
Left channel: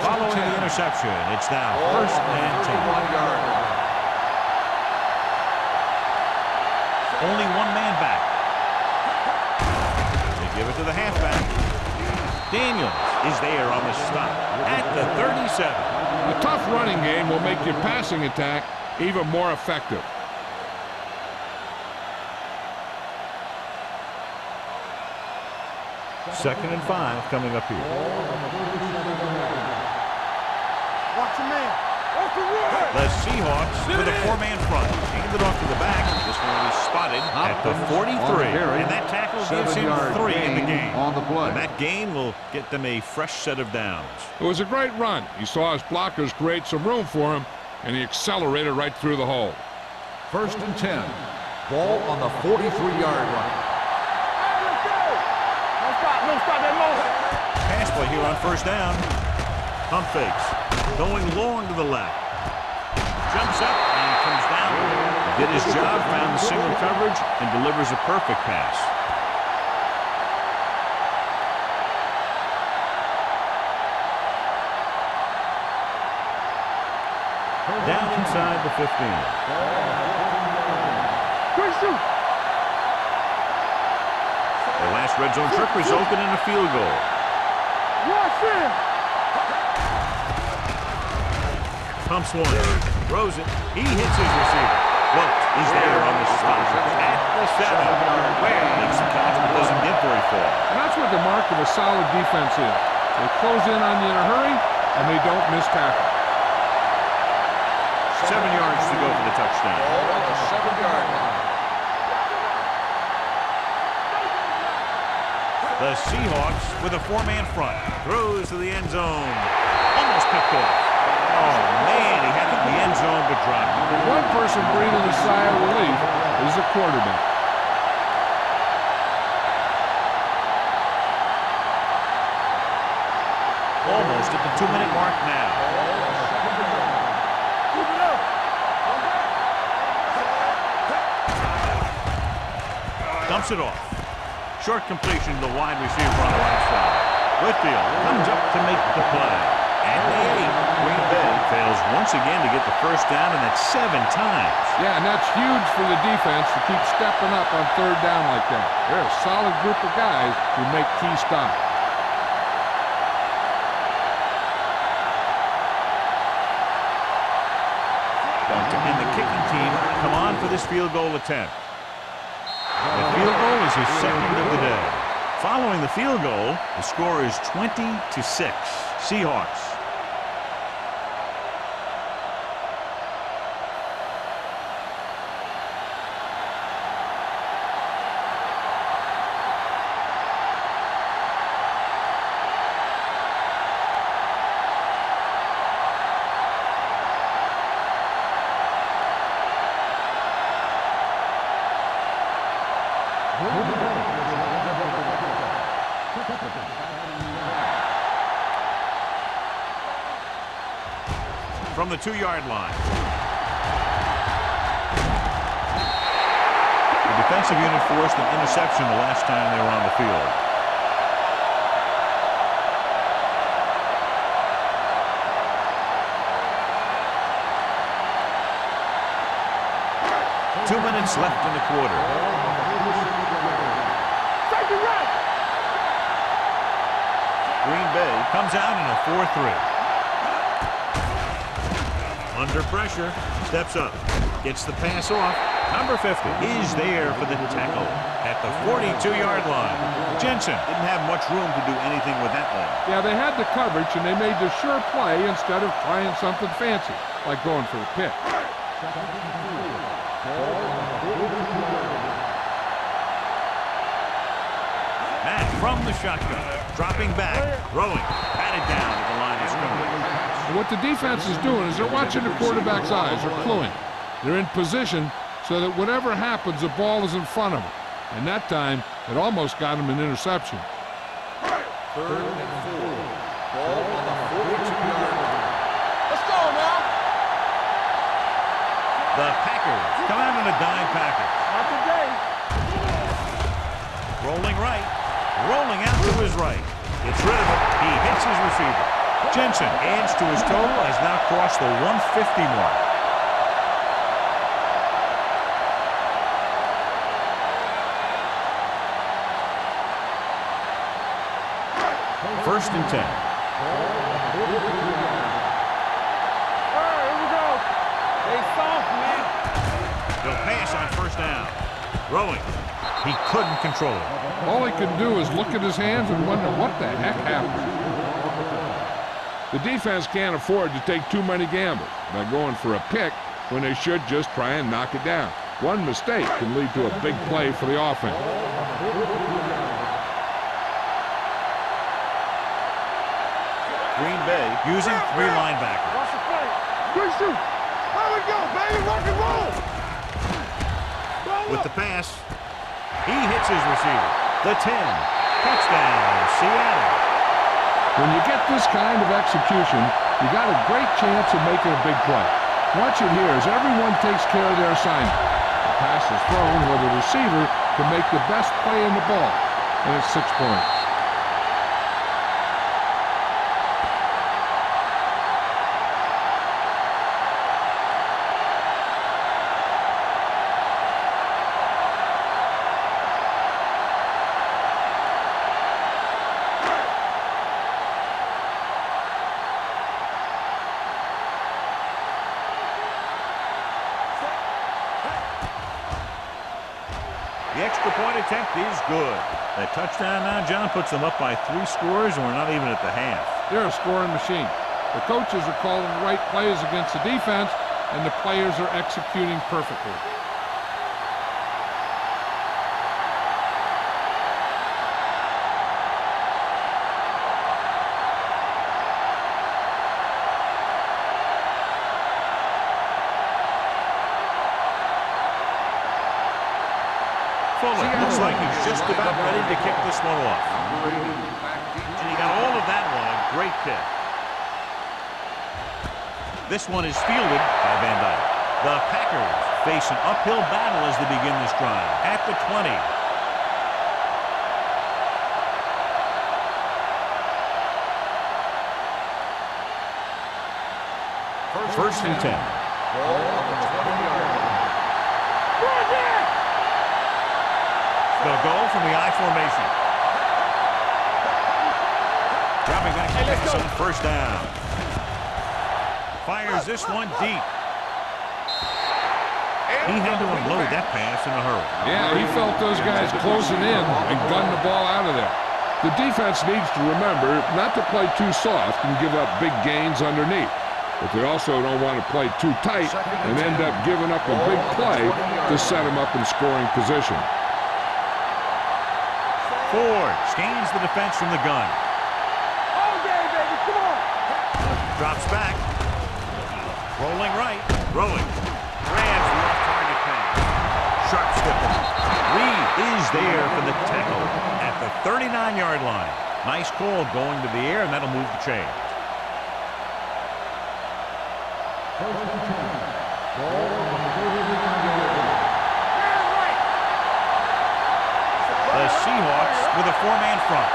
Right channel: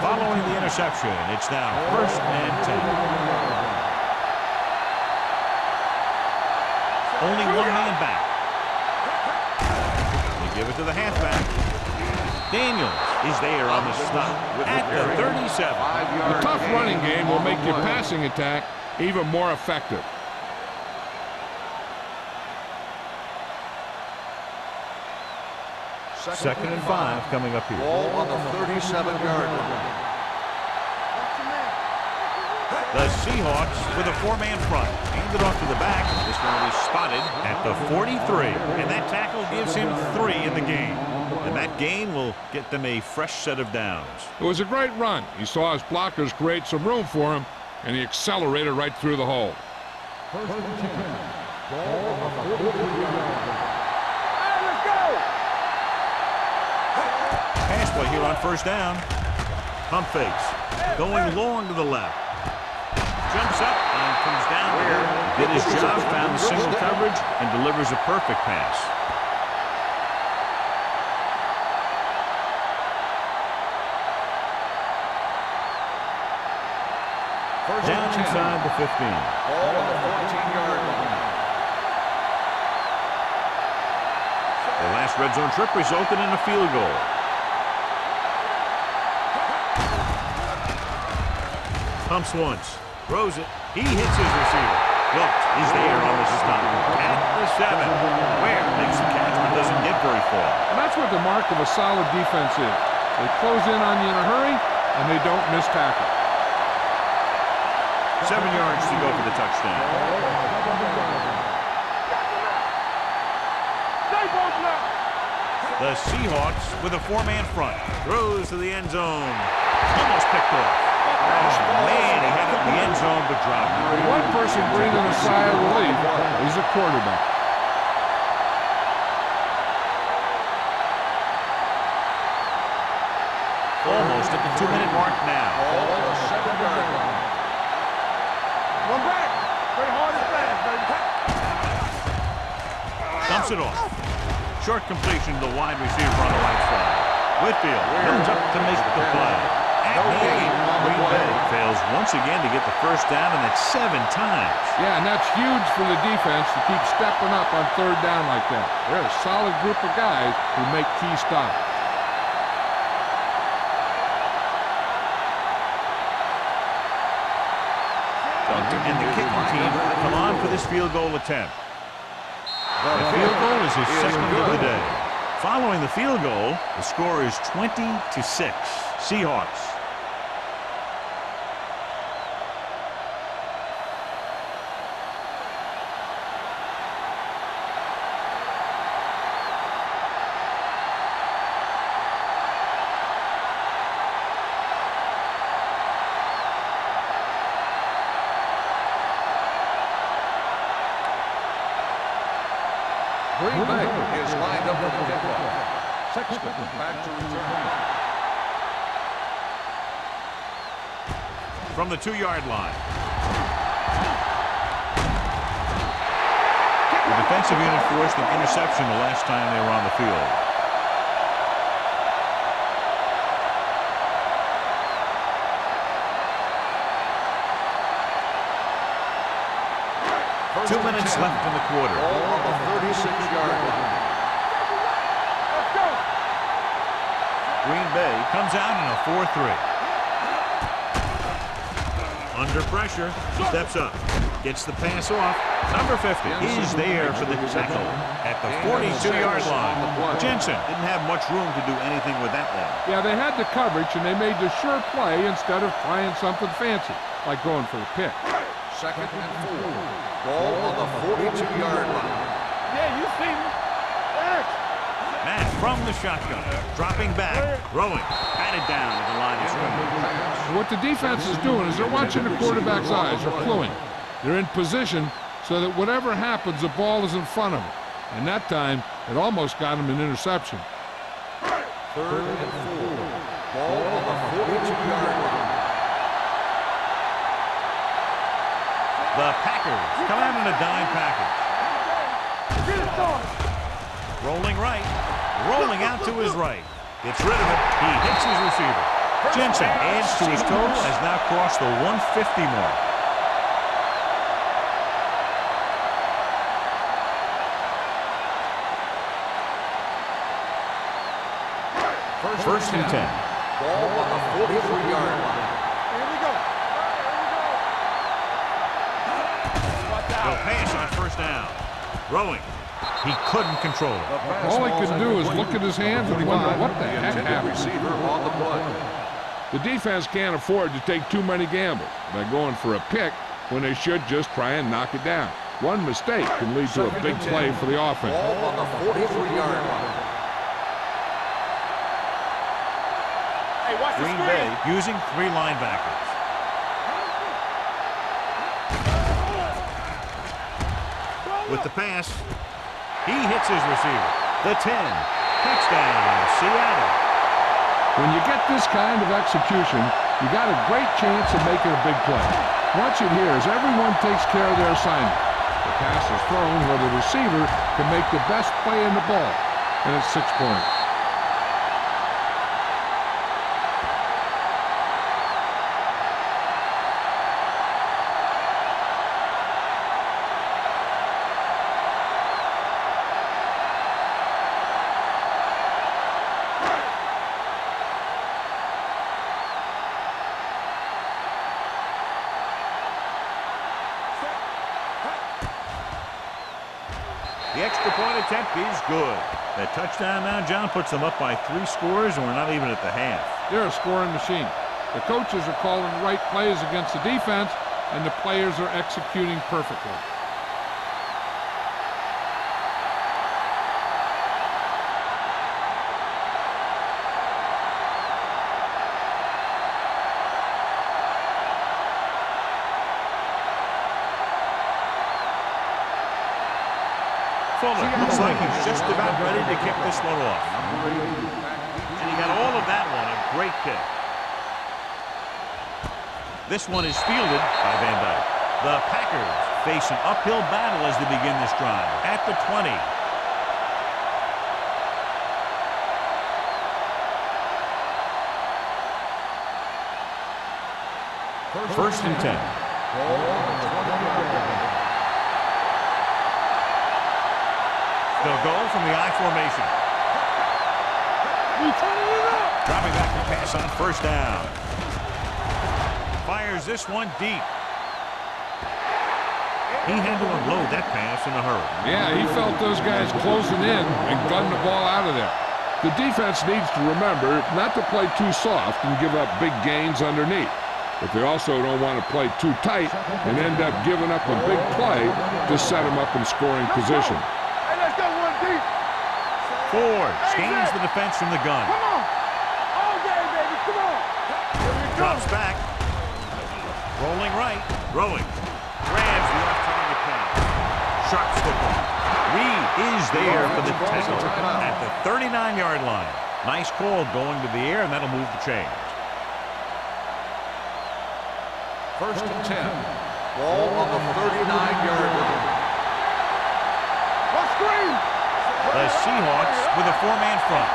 Following the interception, it's now first and 10. Only one man back. They give it to the halfback. Daniels is there on the stop at the 37. A tough running game will make your passing attack even more effective. Second and 5 coming up here. Ball on the 37-yard line. Watch your man. The Seahawks with a four-man front. Handed off to the back. This one will be spotted at the 43. And that tackle gives him 3 in the game. And that gain will get them a fresh set of downs. It was a great run. He saw his blockers create some room for him, and he accelerated right through the hole. First and 10. Ball on the 43-yard line. Hey, let's go. Don't stop that long. Pass play here on first down. Pump fakes. Going long to the left. Jumps up and comes down. Did his job, found the single coverage, and delivers a perfect pass. Down inside the 15. The last red zone trip resulted in a field goal. Pumps once. Throws it. He hits his receiver. Wilt is there on the stop at the 7. Ware makes the catch but doesn't get very far. And that's what the mark of a solid defense is. They close in on you in a hurry, and they don't miss tackle. 7 yards to go for the touchdown. The Seahawks with a four-man front. Throws to the end zone. Almost picked off. Oh, man, he had it in the end zone but dropped it. One person breathing a sigh of relief is the quarterback. Almost at the 2-minute mark now. Dumps it off. Short completion to the wide receiver on the right side. Whitfield comes up to make the play. At the 8, Green Bay fails once again to get the first down, and that's 7 times. Yeah, and that's huge for the defense to keep stepping up on third down like that. They're a solid group of guys who make key stops. And the kicking team come on for this field goal attempt. The field goal is his second of the day. Following the field goal, the score is 20-6. Seahawks. Green Bay is lined up for the kickoff. Sexton back to return. From the 2-yard line. The defensive unit forced an interception the last time they were on the field. First 2 minutes left in the quarter. Ball on the 36-yard line. Safety right. Let's go. Green Bay comes out in a 4-3. Under pressure, steps up, gets the pass off. Number 50 is there for the tackle at the 42-yard line. Jensen didn't have much room to do anything with that one. Yeah, they had the coverage, and they made the sure play instead of trying something fancy, like going for the pick. Second and 4. Ball on the 42-yard line. Yeah, you see me. Matt from the shotgun, dropping back, throwing, batted down at the line of scrimmage. And what the defense is doing is they're watching the quarterback's eyes. They're cluing. They're in position so that whatever happens, the ball is in front of them. And that time, it almost got him an interception. Third and 4. Ball on the 42-yard line. Let's go now. The Packers come out in a dime package. Not today. Rolling right, rolling out to his right. Gets rid of it. He hits his receiver. Jensen adds to his total, has now crossed the 150 mark. First and 10. Ball on the 43-yard line. Here we go. Hey, soft, man. They'll pass on first down. Throwing. He couldn't control it. All he could do is look at his hands and wonder what the heck happened. Receiver on the play. The defense can't afford to take too many gambles by going for a pick when they should just try and knock it down. One mistake can lead to a big play for the offense. Ball on the 43-yard line. Green Bay using 3 linebackers. With the pass, he hits his receiver. The 10. Touchdown, Seattle. When you get this kind of execution, you got a great chance of making a big play. Watch it here as everyone takes care of their assignment. The pass is thrown where the receiver can make the best play in the ball, and it's 6 points. The extra point attempt is good. That touchdown now, John, puts them up by 3 scores, and we're not even at the half. They're a scoring machine. The coaches are calling the right plays against the defense, and the players are executing perfectly. Fuller looks like he's just about ready to kick this one off. Number 80, back deep. And he got all of that one, a great kick. This one is fielded by Van Dyke. The Packers face an uphill battle as they begin this drive at the 20. First and 10. Ball on the 20-yard line. They'll go from the I formation. Dropping back to pass on first down. Fires this one deep. He had to unload that pass in a hurry. Yeah, he felt those guys closing in and gunned the ball out of there. The defense needs to remember not to play too soft and give up big gains underneath. But they also don't want to play too tight and end up giving up a big play to set them up in scoring position. Ford scans the defense from the gun. All day, baby, come on. Drops back. Rolling right. Throwing. Grabs the off-target pass. Sharp stipple. Reed is there for the tackle at the 39-yard line. Nice call going to the air, and that'll move the chains. First and 10. Ball on the 39-yard line. The Seahawks with a 4-man front.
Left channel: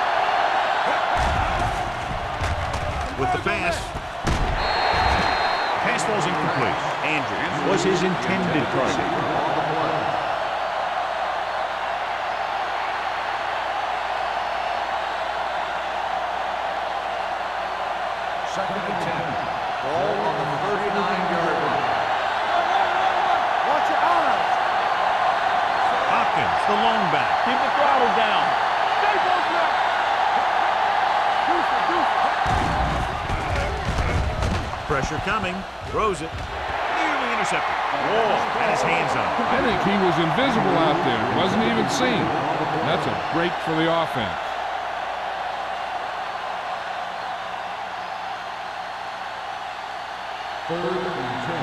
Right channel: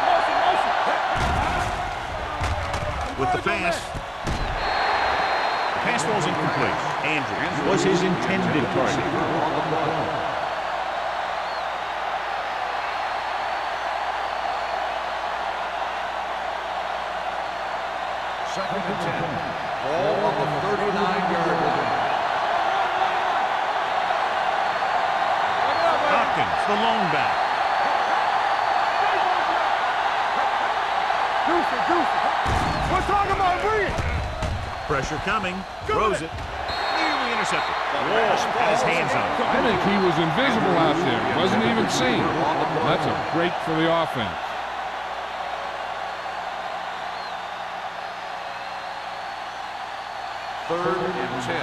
With the pass. The pass falls incomplete. Andrews was his intended target. On the play. Second and 10. Ball on the 39-yard line. Watch your eyes. Hopkins, the lone back. Keep the throttle down. Stay posted up. Deuce it. We're talking about Reed. Pressure coming. Throws it. Nearly intercepted. Wall had his hands on it. I think he was invisible out there. Wasn't even seen. That's a break for the offense. Third and 10.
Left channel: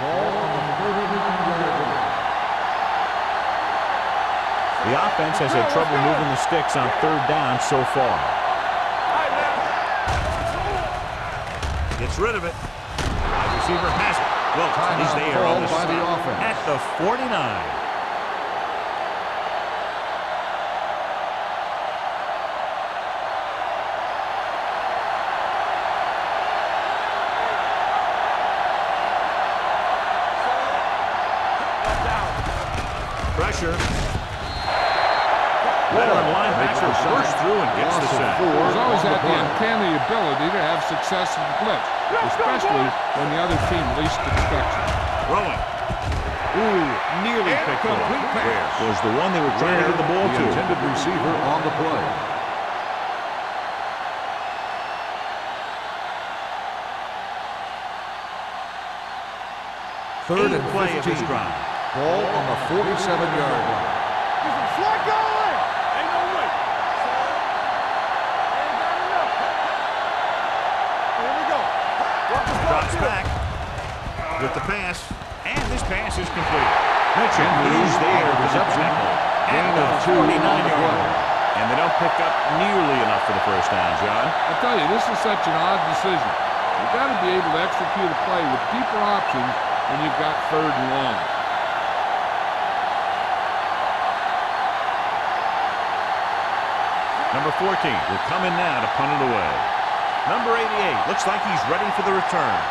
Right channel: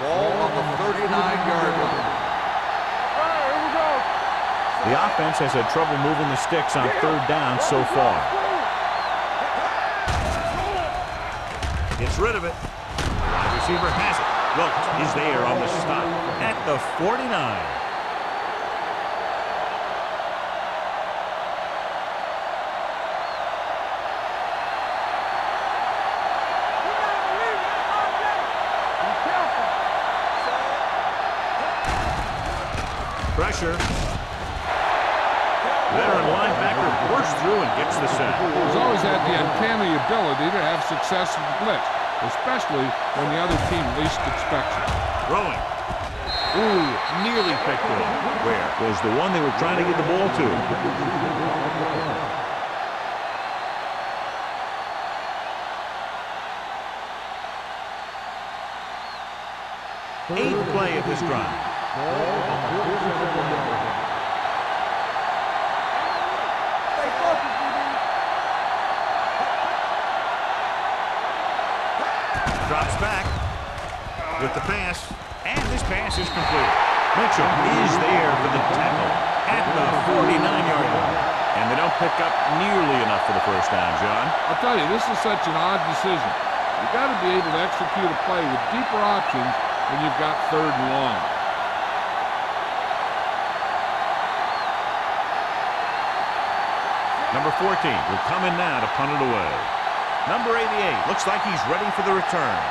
Ball on the 39-yard line. The offense has had trouble moving the sticks on third down so far. Gets rid of it. Wide receiver has it. Wilt is there on the stop at the 49. Pressure. Veteran linebacker bursts through and gets the sack. He's always had the uncanny ability to have success in the blitz, especially when the other team least expects it. Throwing. Ooh, nearly picked off. Where was the one they were trying to get the ball to? Intended receiver on the play. Eighth play of this drive. Ball on the 47-yard line. Slide going! Ain't no way. Stay focused, DB. Drops back with the pass, and this pass is complete. Mitchell is there for the tackle at the 49-yard line. And they don't pick up nearly enough for the first down, John. I'll tell you, this is such an odd decision. You've got to be able to execute a play with deeper options when you've got 3rd and long. Number 14 will come in now to punt it away. Number 88 looks like he's ready for the return.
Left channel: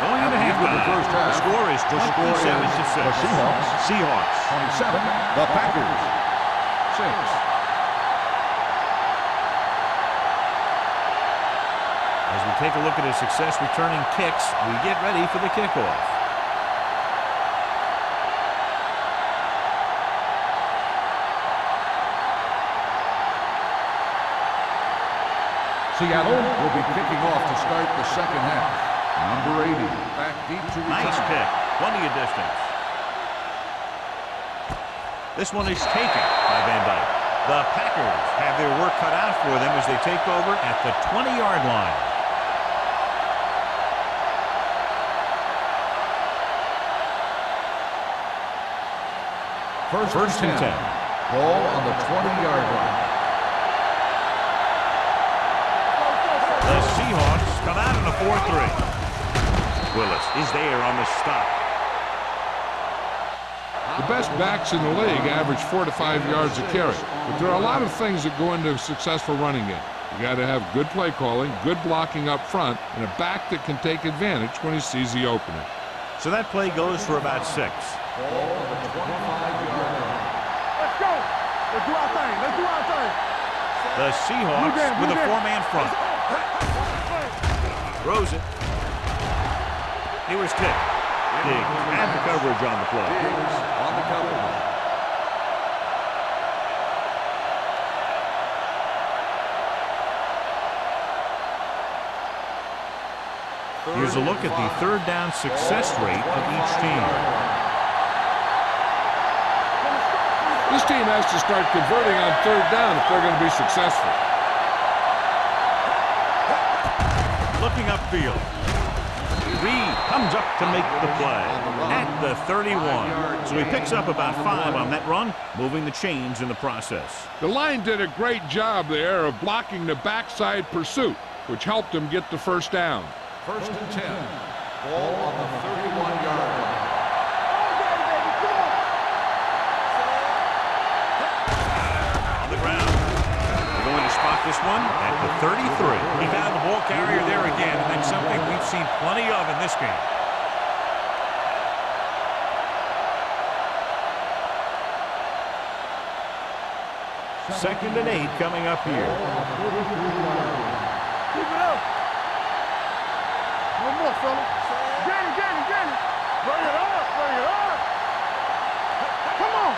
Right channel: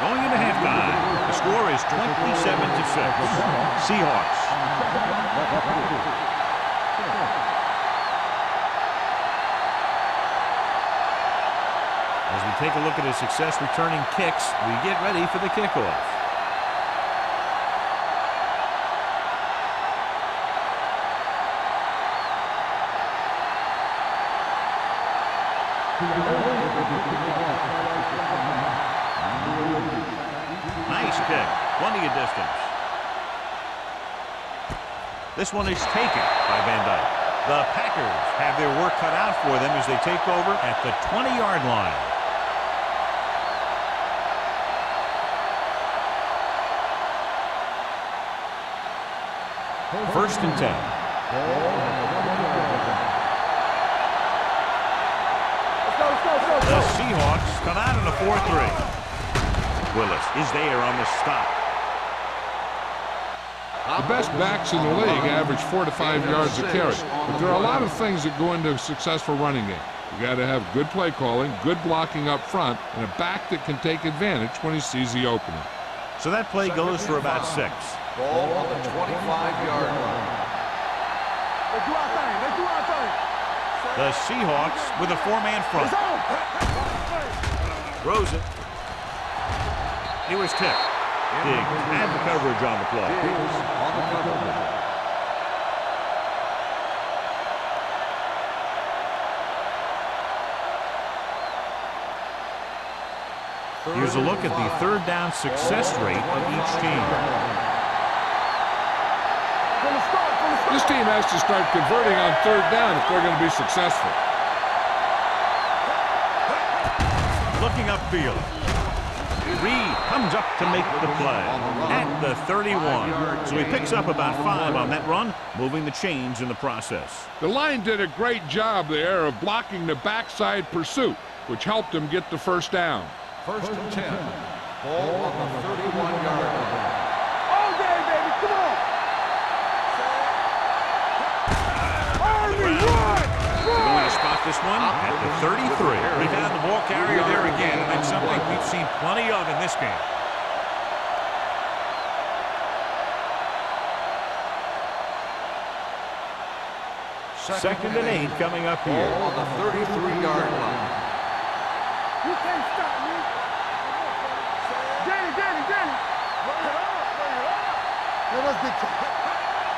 Going into halftime, the score is 27-6. Seahawks. 27, the Packers. 6. As we take a look at his success returning kicks, we get ready for the kickoff. Seattle will be kicking off to start the second half. Number 80, back deep to return. Nice kick. Plenty of distance. This one is taken by Van Dyke. The Packers have their work cut out for them as they take over at the 20-yard line. First and 10. Ball on the 20-yard line. The Seahawks come out in a 4-3. Willis is there on the stop. The best backs in the league average 4 to 5 yards a carry, but there are a lot of things that go into a successful running game. You got to have good play calling, good blocking up front, and a back that can take advantage when he sees the opening. So that play goes for about 6. Ball on the 25-yard line. Let's go. Let's do our thing. Let's do our thing. The Seahawks with a 4-man front. Throws it. He was tipped. Diggs had the coverage on the play. Diggs on the coverage. Here's a look at the 3rd down success rate of each team. This team has to start converting on 3rd down if they're going to be successful. Looking upfield. Reed comes up to make the play at the 31. So he picks up about 5 on that run, moving the chains in the process. The line did a great job there of blocking the backside pursuit, which helped him get the first down. First and 10. Ball on the 31-yard line. All day, baby. Come on. On the ground. They're going to spot this one at the 33. He found the ball carrier there again, and that's something we've seen plenty of in this game. Second and 8 coming up here. On the 33-yard line. Bring it up, bring it up. Let us get you. Come on.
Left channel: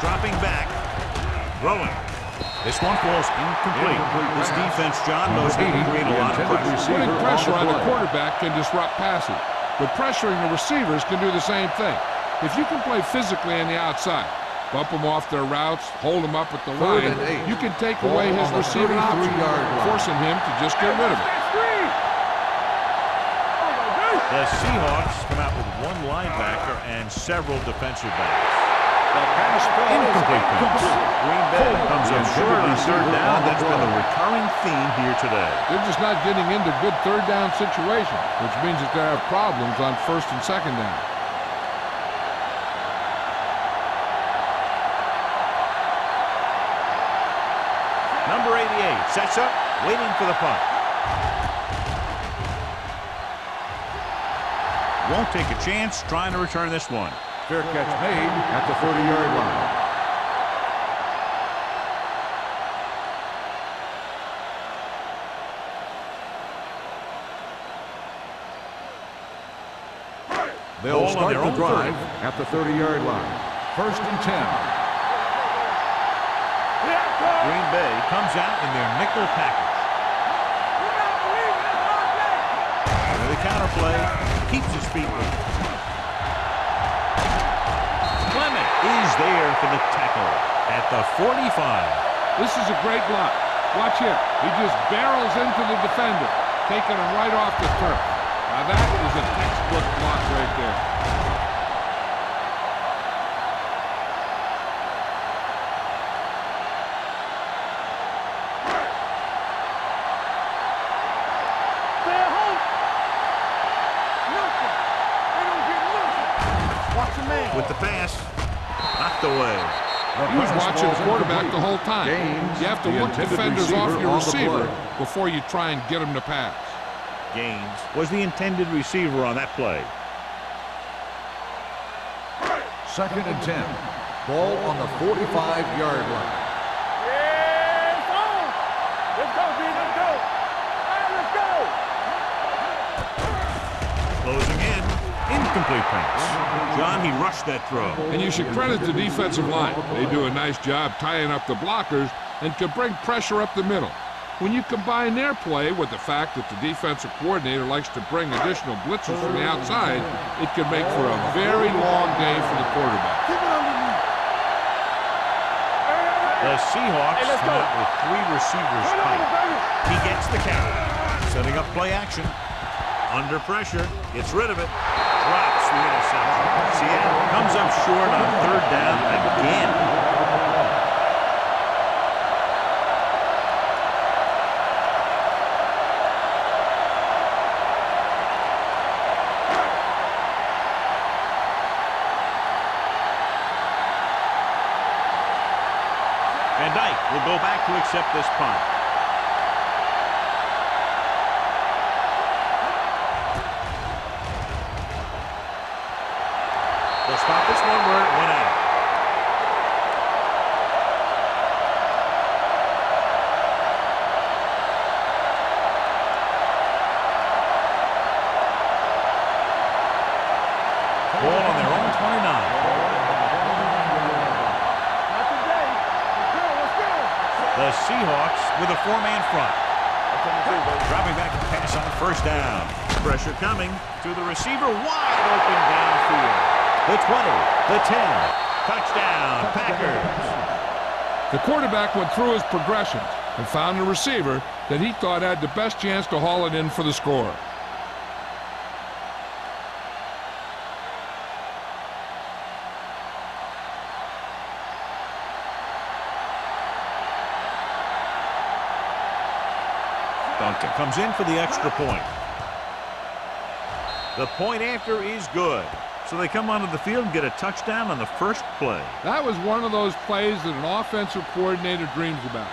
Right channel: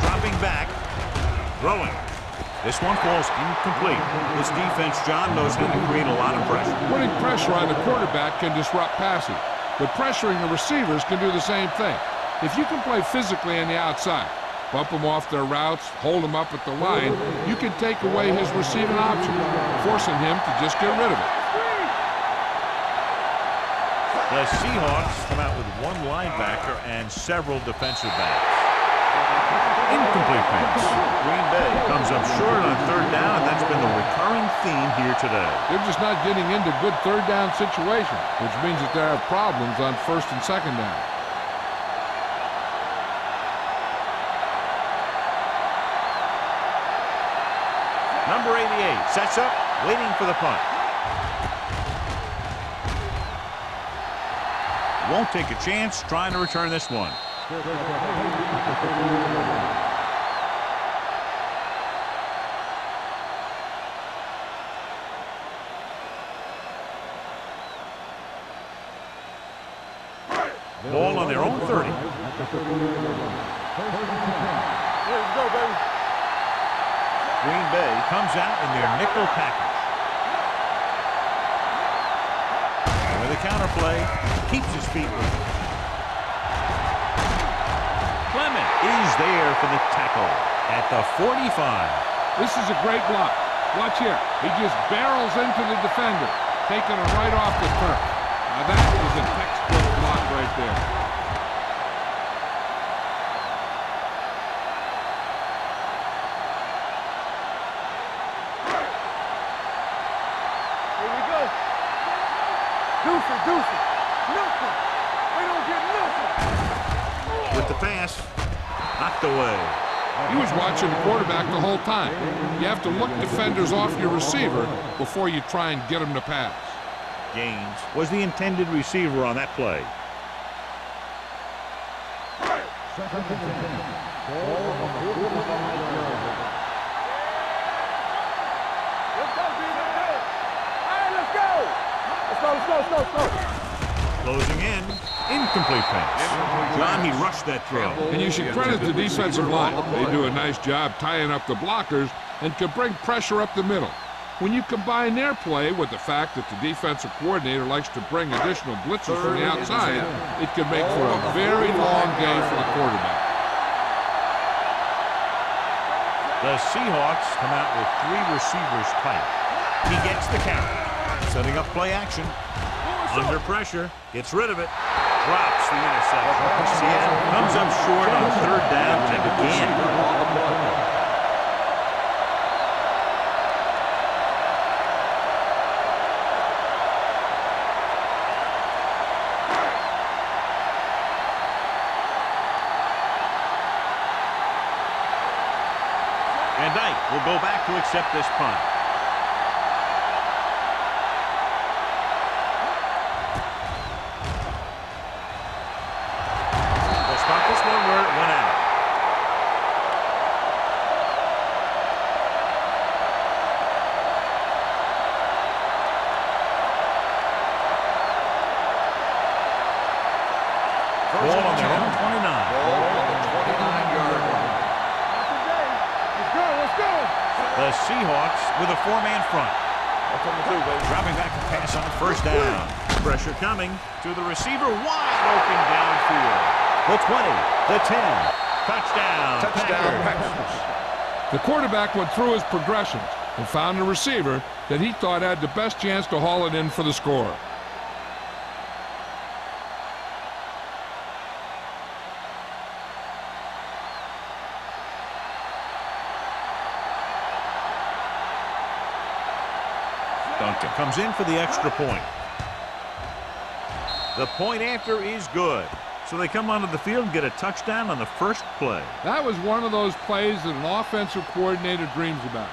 Dropping back, throwing. This one falls incomplete. This defense, John, knows how to create a lot of pressure. Putting pressure on the quarterback can disrupt passing, but pressuring the receivers can do the same thing. If you can play physically on the outside, bump them off their routes, hold them up at the line, you can take away his receiving option, forcing him to just get rid of it. The Seahawks come out with 1 linebacker and several defensive backs. Incomplete pass. Green Bay comes up short on 3rd down, and that's been the recurring theme here today. They're just not getting into good 3rd down situations, which means that they have problems on 1st and 2nd down. Number 88 sets up, waiting for the punt. Won't take a chance trying to return this one. Fair catch made at the 30-yard line. Ball on their own 30. At the 30-yard line. 1st and 10. Let's go, baby. Green Bay comes out in their nickel package. And with a counter play, keeps his feet moving. Clement is there for the tackle at the 45. This is a great block. Watch here. He just barrels into the defender, taking him right off the turf. Now that is a textbook block right there. Stay at home. Deuce. Nothing. They don't get nothing. With the pass, knocked away. He was watching the quarterback the whole time. You have to look defenders off your receiver before you try and get him to pass. Gaines was the intended receiver on that play. 2nd and 10. Ball on the 45-yard line. Yeah, it's on. Let's go, B. Let's go. All right, let's go. Let's go. Closing in, incomplete pass. John, he rushed that throw. And you should credit the defensive line. They do a nice job tying up the blockers and can bring pressure up the middle. When you combine their play with the fact that the defensive coordinator likes to bring additional blitzers from the outside, it can make for a very long day for the quarterback. The Seahawks come out with 3 receivers tight. He gets the count. Setting up play action. Under pressure. Gets rid of it. Drops the interception. Seattle comes up short on 3rd down again. Van Dyke will go back to accept this punt. They'll stop this one where it went out. Ball on their own 29. Ball on the 29-yard line. Not today. Let's go. The Seahawks with a 4-man front. That's what we do, baby. Dropping back to pass on 1st down. Pressure coming to the receiver, wide open downfield. The 20, the 10. Touchdown, Packers. The quarterback went through his progressions and found a receiver that he thought had the best chance to haul it in for the score. Duncan comes in for the extra point. The point after is good. So they come onto the field and get a touchdown on the first play. That was one of those plays that an offensive coordinator dreams about.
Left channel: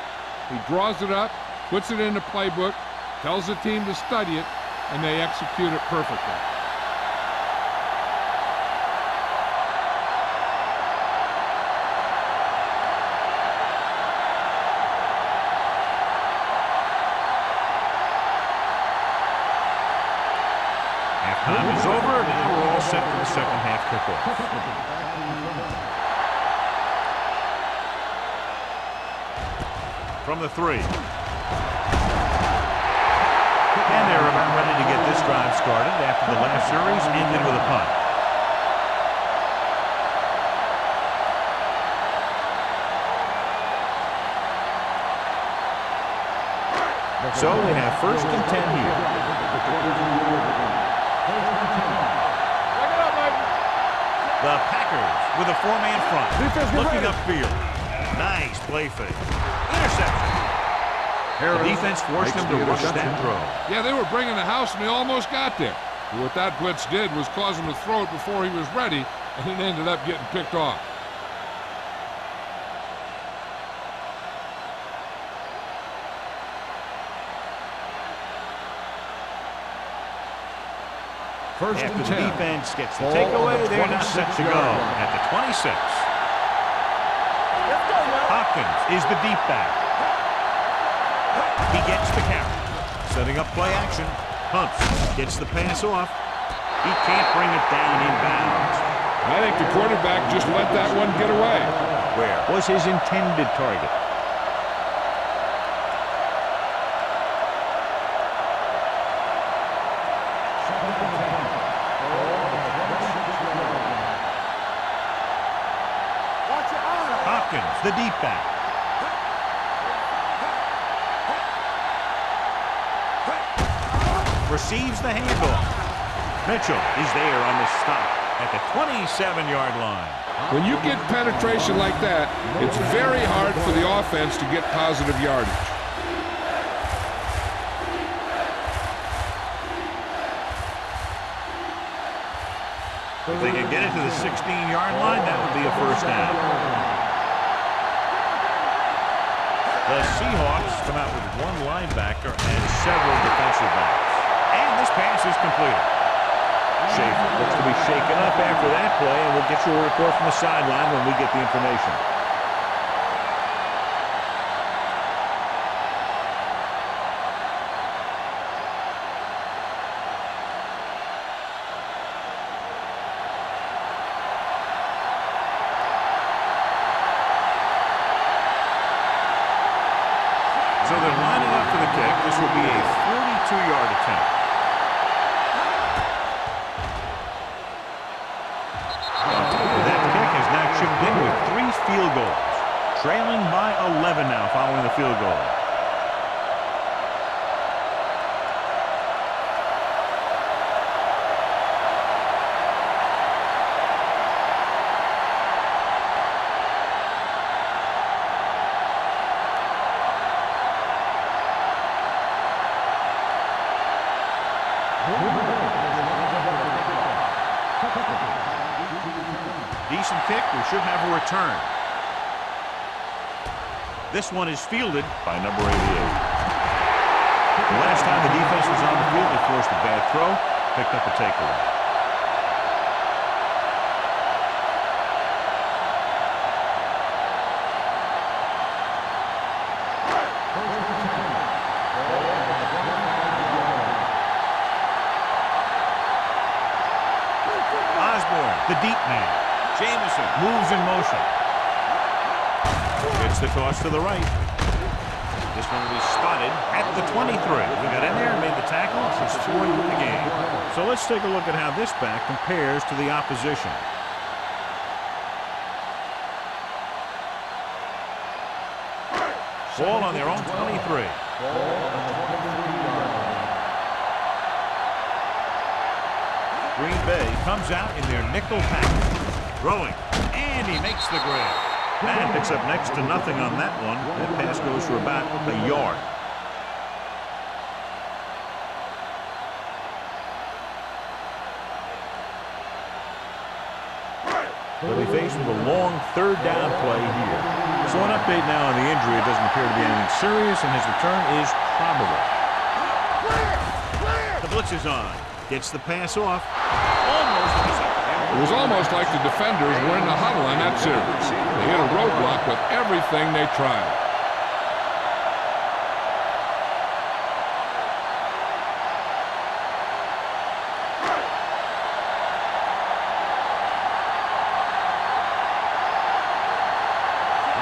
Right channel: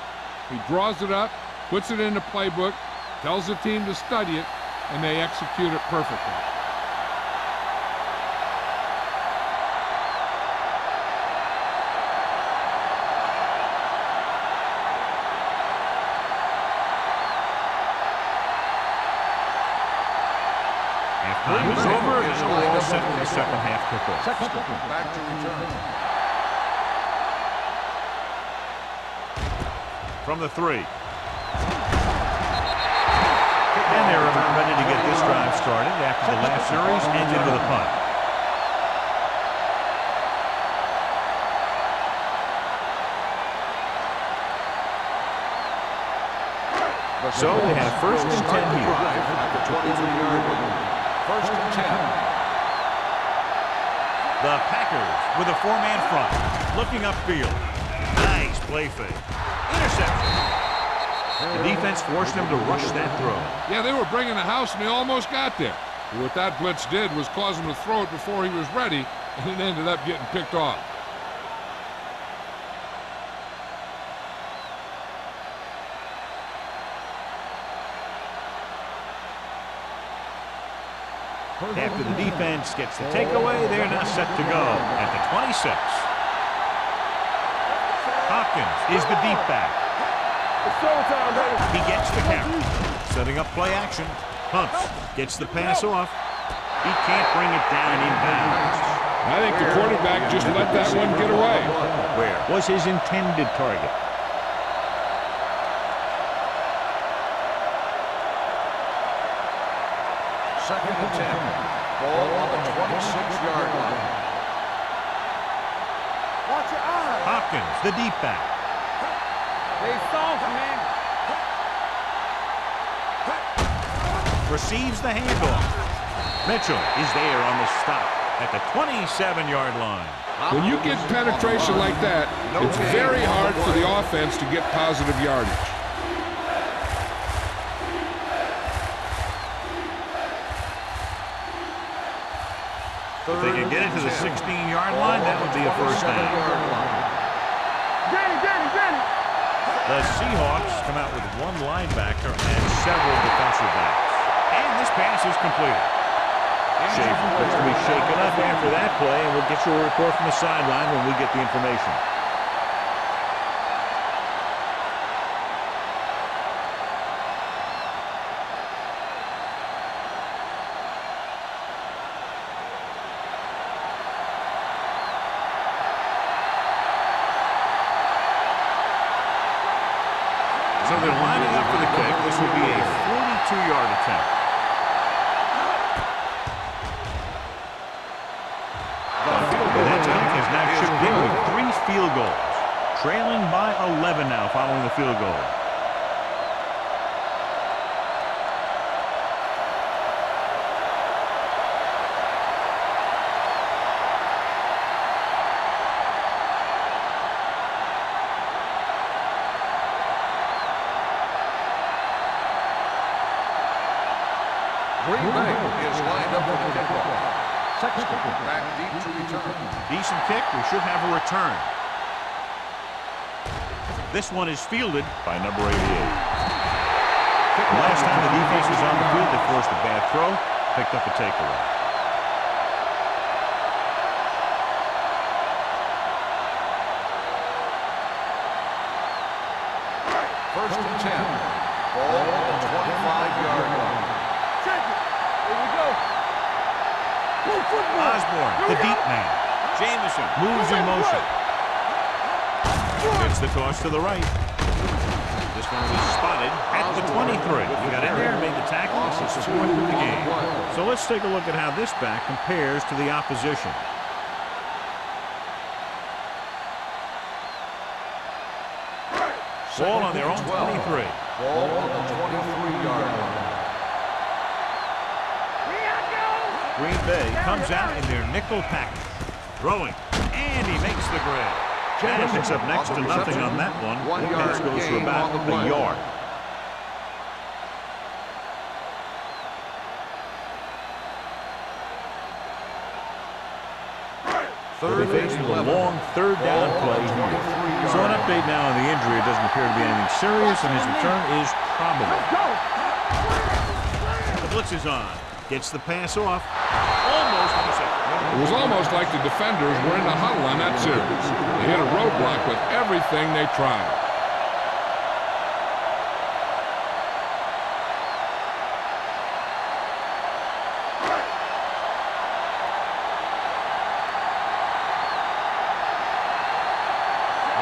He draws it up, puts it in the playbook, tells the team to study it, and they execute it perfectly. Halftime is over. Now we're all set for the second half kickoff. From the 3. And they're about ready to get this drive started after the last series ended with a punt. So they have 1st and 10 here. 1st and 10. The Packers with a 4-man front. Looking upfield. Nice play fake. Interception. The defense forced him to rush that throw. Yeah, they were bringing the house, and they almost got there. But what that blitz did was cause him to throw it before he was ready, and it ended up getting picked off. First After and the 10. defense gets the takeaway, they're now set to go at the 26. Hopkins is the deep back. He gets the carry. Setting up play action. Hunts gets the pass off. He can't bring it down inbounds. I think the quarterback just let that one get away. Where was his intended target? Second and 10. Ball on the 26-yard line. Watch your eyes. Hopkins, the deep back. Receives the handoff. Mitchell is there on the stop at the 27-yard line. When you get penetration like that, it's very hard for the offense to get positive yardage. If they can get it to the 16-yard line, that would be a first down. The Seahawks come out with one linebacker and several defensive backs. And this pass is completed. Schaefer looks to be shaken up after that play, and we'll get you a report from the sideline when we get the information. So they're lining up for the kick. This will be a 42-yard attempt. That kick has now chipped in with 3 field goals. Trailing by 11 now following the field goal. Green Bay is lined up for the kickoff. Sexton back deep to return. Decent kick. We should have a return. This one is fielded by number 88. The last time the defense was on the field, they forced a bad throw, picked up a takeaway. First and 10. Ball on the 25-yard line. Osborne, the deep man. Jamison moves in motion. Gets the toss to the right. This one was spotted at the 23. He got in there and made the tackle. It's his 4th of the game. So let's take a look at how this back compares to the opposition. Ball on their own 23. Ball on the 23-yard line. Green Bay comes out in their nickel package. Throwing, and he makes the grab. And picks up next to nothing on that one. That pass goes for about a yard. They'll be faced with a long 3rd down play here. So an update now on the injury. It doesn't appear to be anything serious, and his return is probable. The blitz is on. Gets the pass off. Almost intercepted. It was almost like the defenders were in the huddle on that series. They hit a roadblock with everything they tried.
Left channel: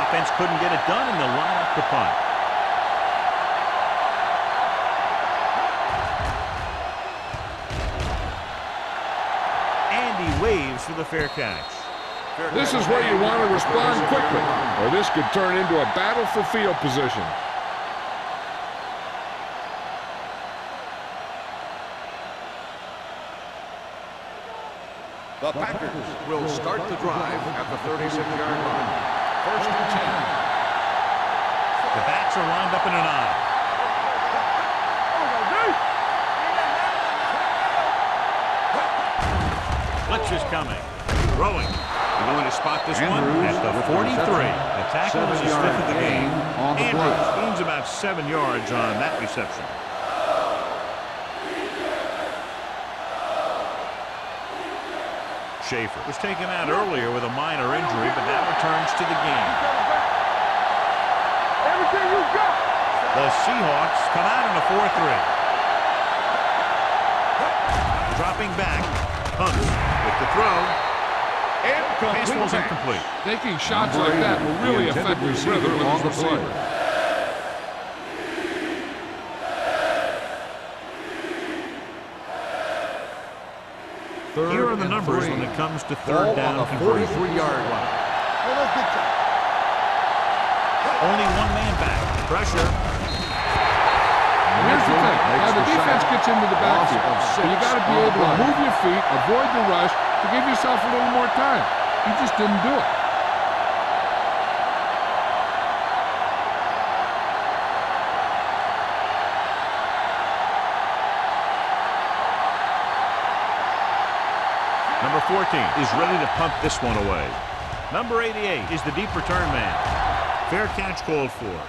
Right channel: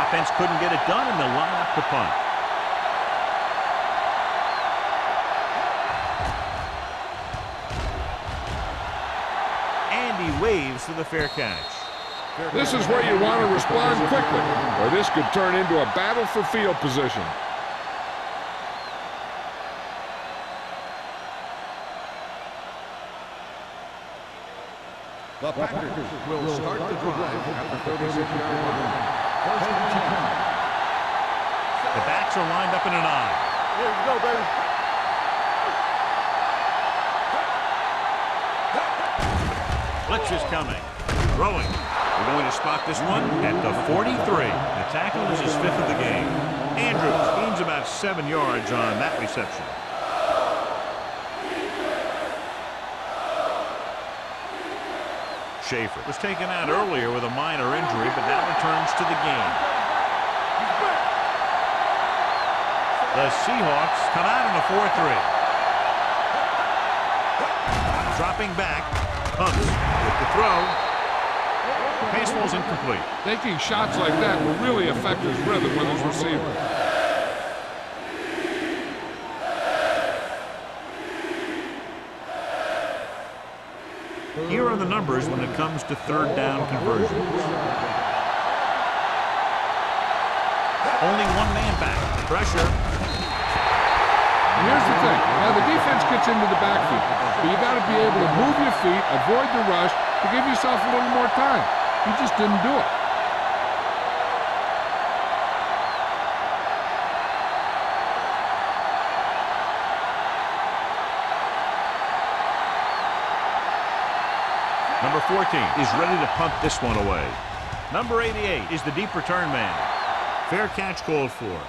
Offense couldn't get it done, and they'll line up to punt. And he waves for the fair catch. This is where you want to respond quickly, or this could turn into a battle for field position. The Packers will start the drive at the 36-yard line. First and 10. The backs are lined up in an I. Blitz is coming. Throwing. They're going to spot this one at the 43. The tackle is his 5th of the game. Andrews gains about 7 yards on that reception. Schaefer was taken out earlier with a minor injury, but now returns to the game. The Seahawks come out in a 4-3. Dropping back, punts with the throw. Pass falls incomplete. Taking shots like that will really affect his rhythm with his receiver. Here are the numbers when it comes to third down conversion. Only one man back. Pressure. And here's the thing. Now, the defense gets into the backfield, but you got to be able to move your feet, avoid the rush, to give yourself a little more time. He just didn't do it. Number 14 is ready to punt this one away. Number 88 is the deep return man. Fair catch called for.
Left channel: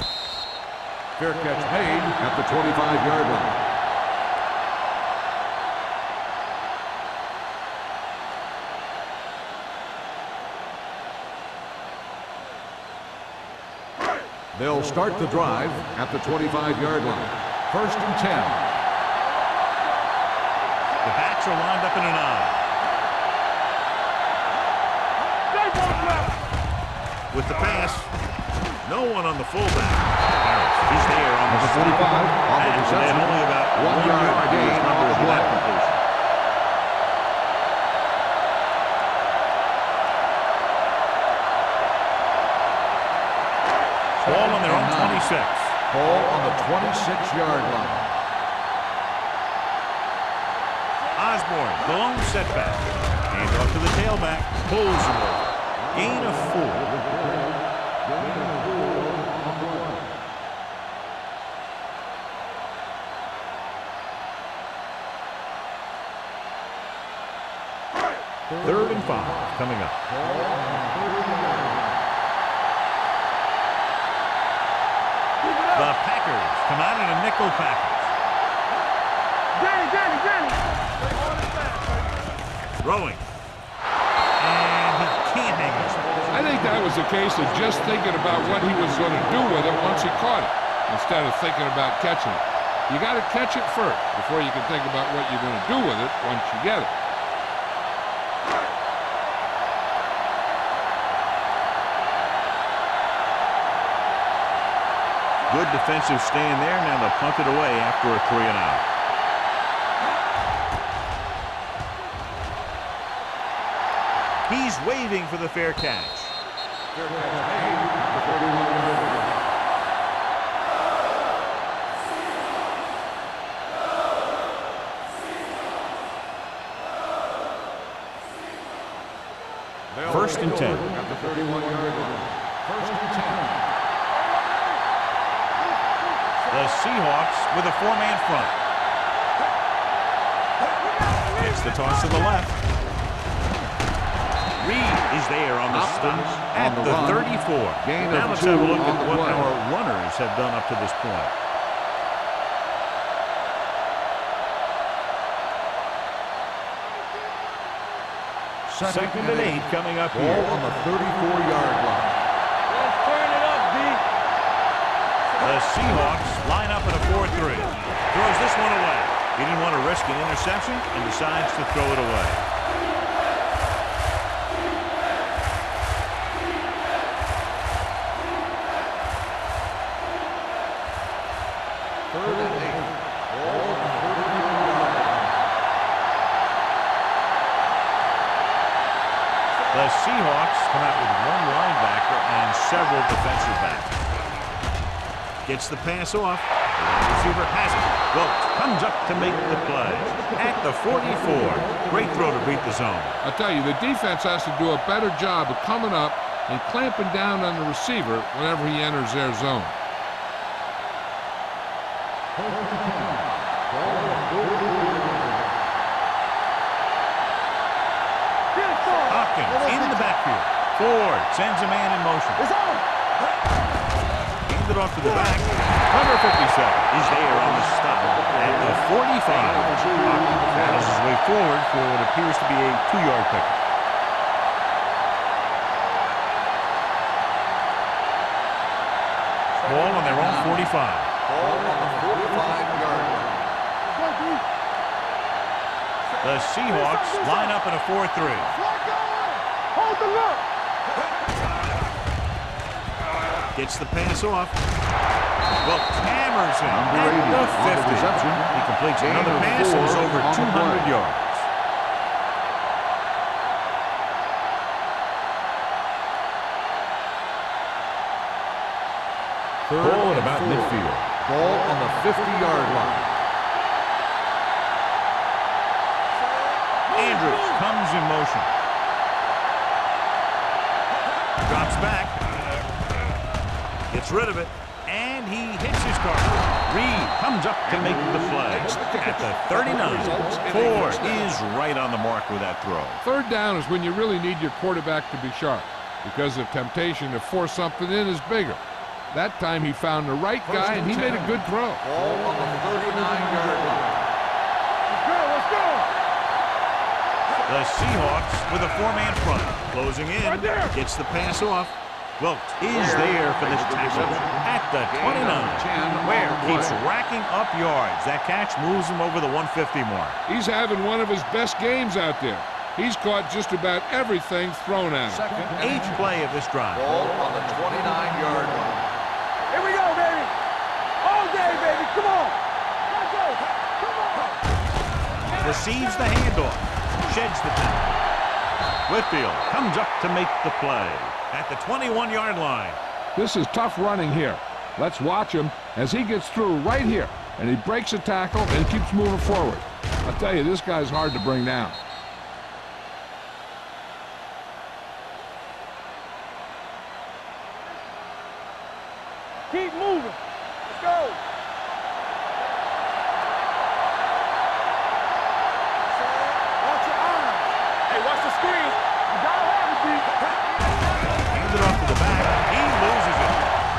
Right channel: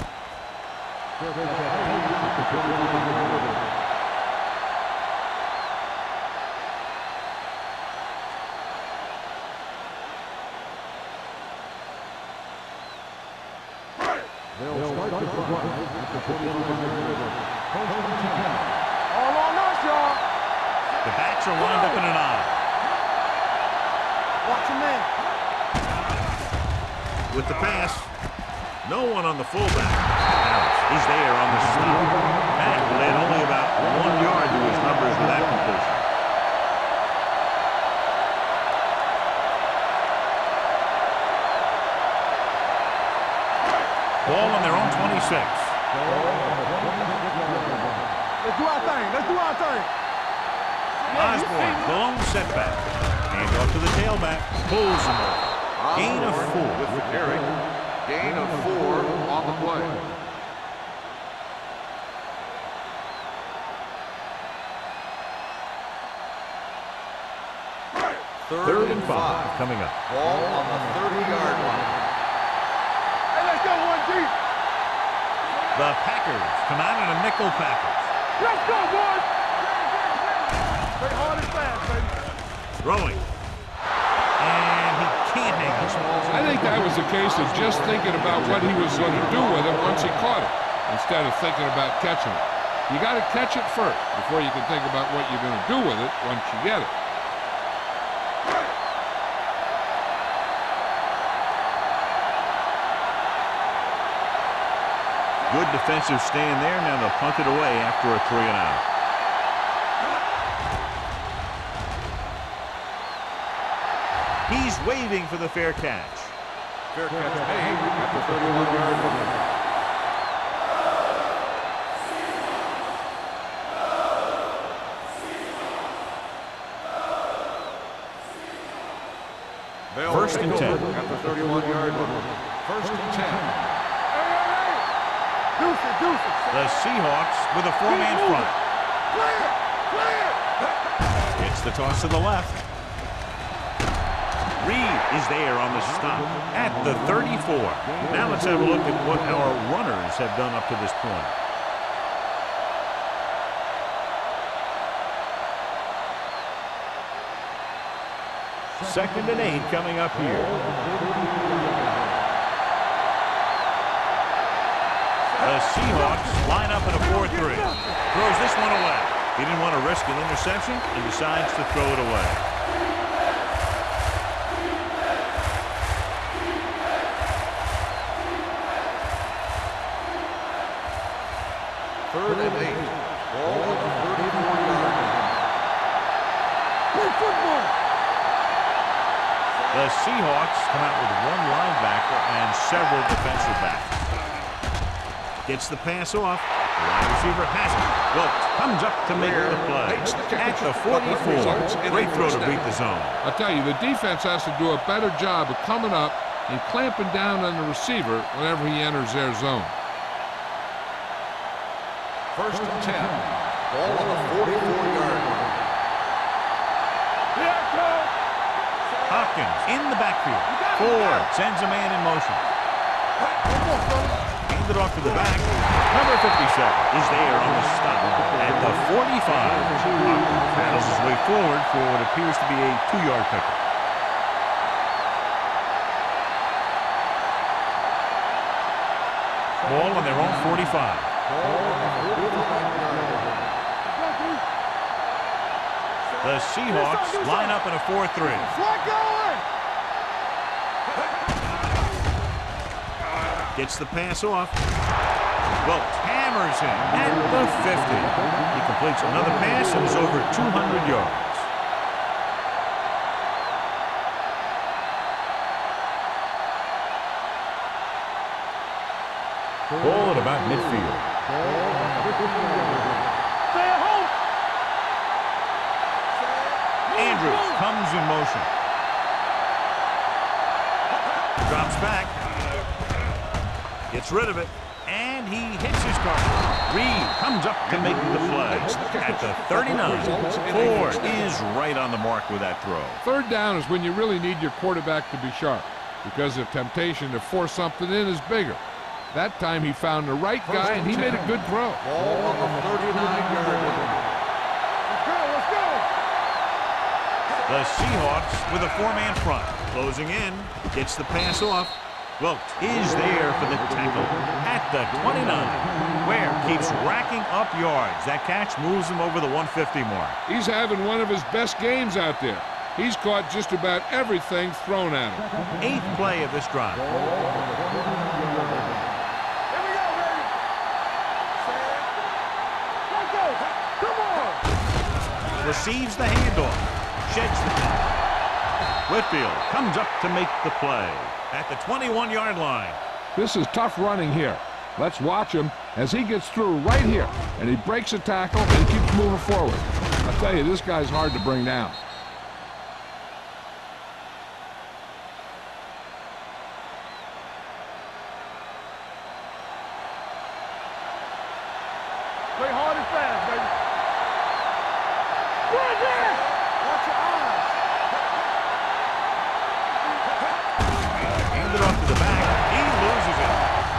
Fair catch made at the 25-yard line. They'll start the drive at the 25-yard line. 1st and 10. All on us, y'all. The backs are lined up in an eye. Watch your man. With the pass, no one on the fullback. Harris is there on the stop. Pass led only about 1 yard to his numbers with that completion. Ball on their own 26. Ball on the 26-yard line. Let's do our thing. Let's do our thing. Osborne, the lone setback. Hand off to the tailback. Pulls him over. Gain of 4. With the carry. Gain of 4 on the play. Third and 5 coming up. Ball on the 30-yard line. Hey, let's go one deep. The Packers come out in a nickel package. Let's go, boys. Danny. Play hard and fast, baby. Throwing. And he can't hang us. I think that was a case of just thinking about what he was going to do with it once he caught it, instead of thinking about catching it. You got to catch it first before you can think about what you're going to do with it once you get it. Good defensive stand there. Now they'll punt it away after a 3 and out. He's waving for the fair catch. Fair catch made at the 31-yard line. They'll 1st and take 10. over at the 31-yard line. 1st and 10. The Seahawks with a 4-man front. Gets the toss to the left. Reed is there on the stop at the 34. Now let's have a look at what our runners have done up to this point. Second and 8 coming up here. Ball on the 34-yard line. Let's turn it up, D. The Seahawks line up in a 4-3. Throws this one away. He didn't want to risk an interception and decides to throw it away. Third and 8. Ball on the 34-yard line. The Seahawks come out with 1 linebacker and several defensive backs. Gets the pass off. The wide receiver has it. Wilkes comes up to make the play. At the 44. Great throw to beat the zone. I'll tell you, the defense has to do a better job of coming up and clamping down on the receiver whenever he enters their zone. 1st and 10. Ball on the 44-yard line. Hopkins in the backfield. Ford sends a man in motion. Handed off to the back. Number 57 is there on the stop at the 45. Hopkins battles his way forward for what appears to be a 2-yard pickup. Ball on their own 45. Ball on the 45-yard line. The Seahawks line up in a 4-3. Flag going. Hold the look. Gets the pass off. Well, hammers him at the 50. He completes another pass and is over 200 yards. Ball at about midfield. Ball on the 50-yard line. Stay at home. Andrews comes in motion. Drops back. Gets rid of it. And he hits his target. Reed comes up to make the play. At the 39. Ford is right on the mark with that throw. Third down is when you really need your quarterback to be sharp, because the temptation to force something in is bigger. That time he found the right guy, and he made a good throw. Ball on the 39-yard line. Let's go. Let's go. The Seahawks with a four-man front. Closing in. Gets the pass off. Wilkes is there for the tackle at the 29. Ware keeps racking up yards. That catch moves him over the 150 mark. He's having one of his best games out there. He's caught just about everything thrown at him. Eighth play of this drive. Ball on the 29-yard line. Here we go, baby. All day, baby. Come on. Let's go. Come on. Receives the handoff. Sheds the tackle. Whitfield comes up to make the play at the 21-yard line. This is tough running here. Let's watch him as he gets through right here, and he breaks a tackle and keeps moving forward. I'll tell you, this guy's hard to bring down. Keep moving. Let's go. Play hard and fast, baby. Right there. Watch your eyes. Hey, watch the screen. Handed off to the back. He loses it.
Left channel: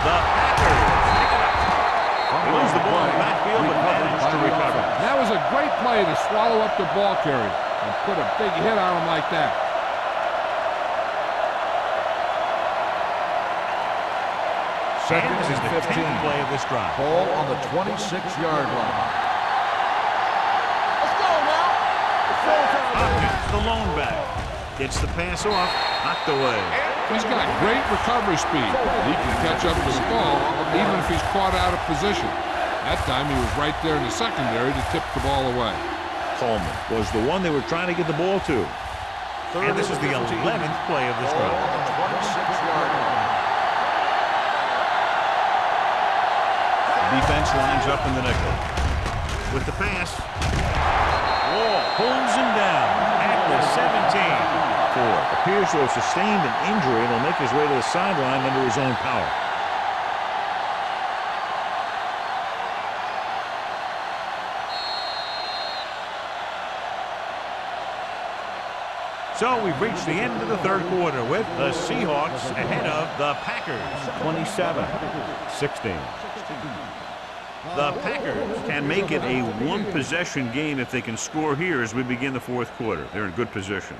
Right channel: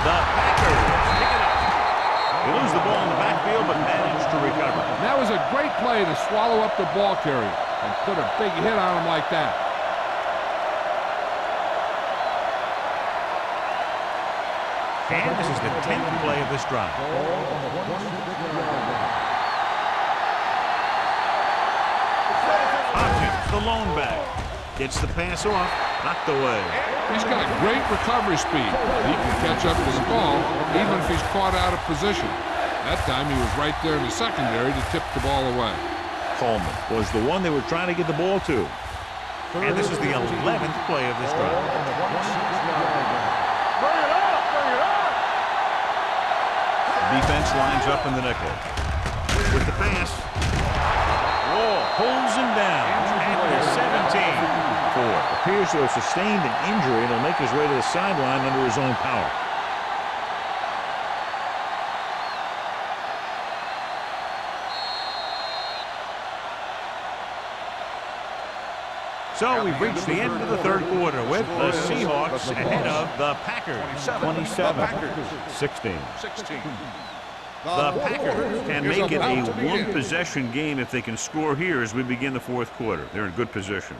The Packers pick it up. They lose the ball in the backfield, but manage to recover. That was a great play to swallow up the ball carrier and put a big hit on him like that. And this is the 10th play of this drive. Ball on the 26-yard line. Let's go now. Hopkins, the lone back. Gets the pass off. Knocked away. He's got great recovery speed. He can catch up to the ball even if he's caught out of position. That time he was right there in the secondary to tip the ball away. Coleman was the one they were trying to get the ball to. And this is the 11th play of this Ball drive. on the 26-yard line. Bring it up. Bring it up. The defense lines up in the nickel. With the pass. Wall pulls him down at the 17. Ford appears to have sustained an injury and will make his way to the sideline under his own power. So we've reached the end of the third quarter with the Seahawks ahead of the Packers, 27-16. The Packers can make it a one-possession game if they can score here as we begin the fourth quarter. They're in good position.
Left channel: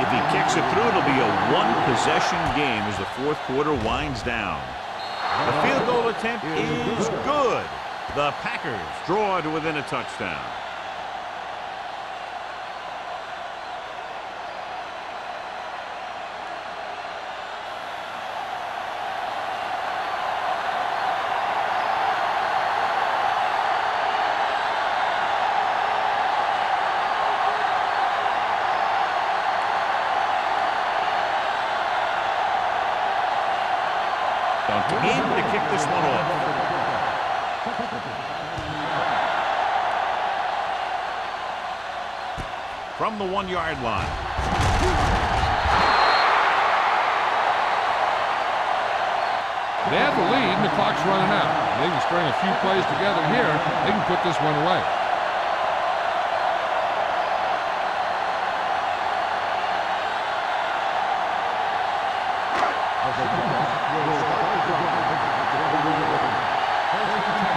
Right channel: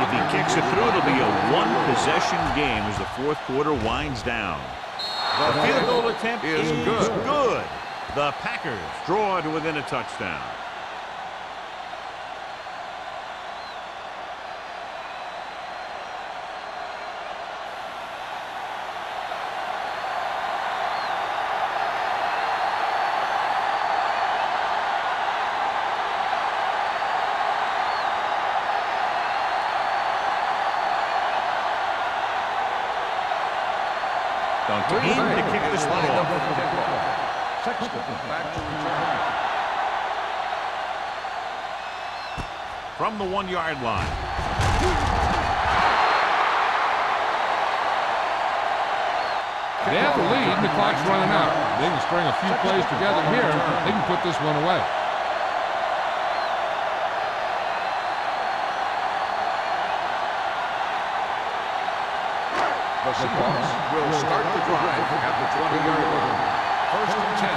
If he kicks it through, it'll be a one-possession game as the fourth quarter winds down. The field goal attempt is good. The Packers draw to within a touchdown. Duncan in to kick this one off. Sexton back to return. From the 1-yard line. They have the lead and the clock's running out. They can string a few plays together here. They can put this one away. The Seahawks will start the drive at the 20-yard line. First and 10.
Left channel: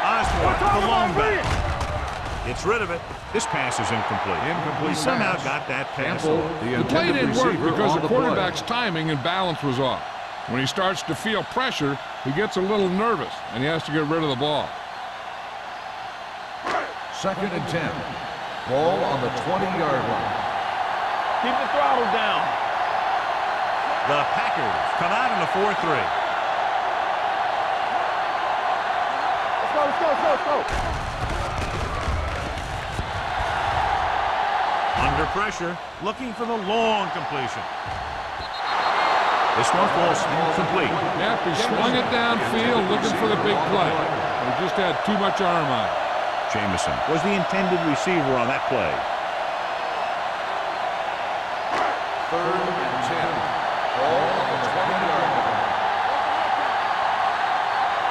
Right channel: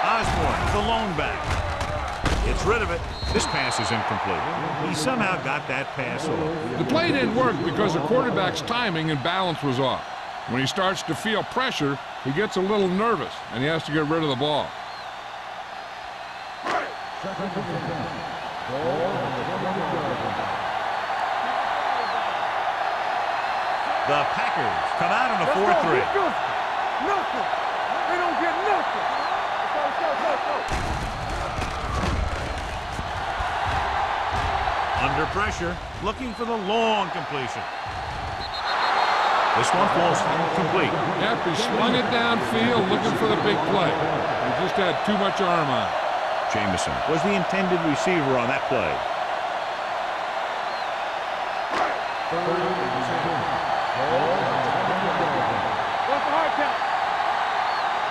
Osborne, the lone back. Gets rid of it. This pass is incomplete. He somehow got that pass off. The play didn't work because the quarterback's timing and balance was off. When he starts to feel pressure, he gets a little nervous, and he has to get rid of the ball. 2nd and 10. Ball on the 20-yard line. Keep the throttle down. The Packers come out in a 4-3. Let's go, let's go, let's go. Under pressure, looking for the long completion. This one falls incomplete. Yep, he slung it downfield looking for the big play. He just had too much arm on it. Jamison was the intended receiver on that play. 3rd and 10. Ball on the 20-yard line. What's the hard count?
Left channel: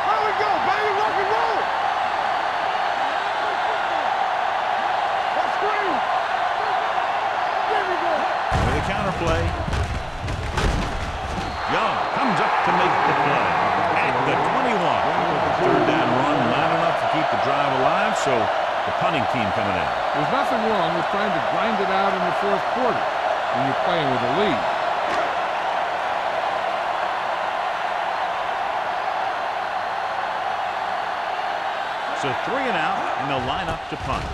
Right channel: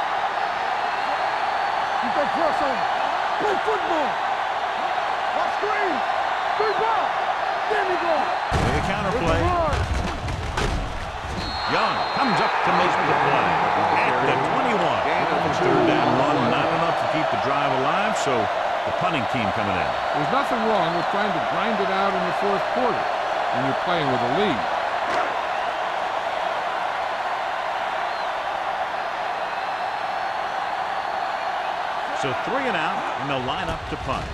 Here we go, baby, rock and roll. You can press on it. Play football. Watch screen. There we go. With a counter play. Young comes up to make the play at the 21. 3rd down run, not enough to keep the drive alive, so the punting team coming in. There's nothing wrong with trying to grind it out in the 4th quarter when you're playing with a lead. So 3 and out, and they'll line up to punt.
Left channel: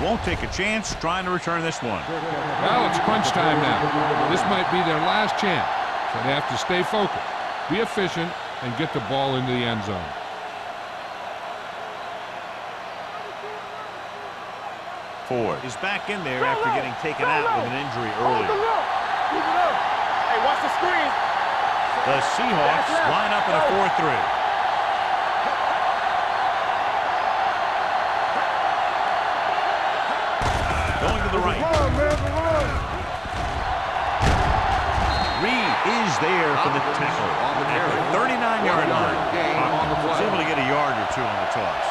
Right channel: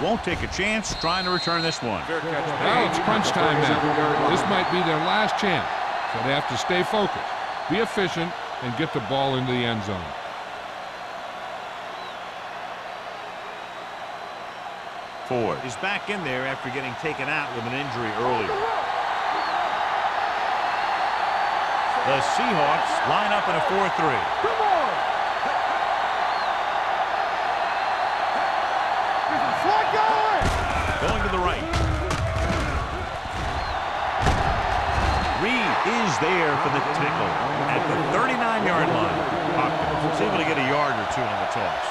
Won't take a chance trying to return this one. Well, it's crunch time now. This might be their last chance, so they have to stay focused, be efficient, and get the ball into the end zone. Ford is back in there after getting taken out with an injury earlier. Hey, watch the screen. The Seahawks line up in a 4-3. Going to the right. Reed is there for the tackle at the 39-yard line. Hopkins was able to get a yard or two on the toss.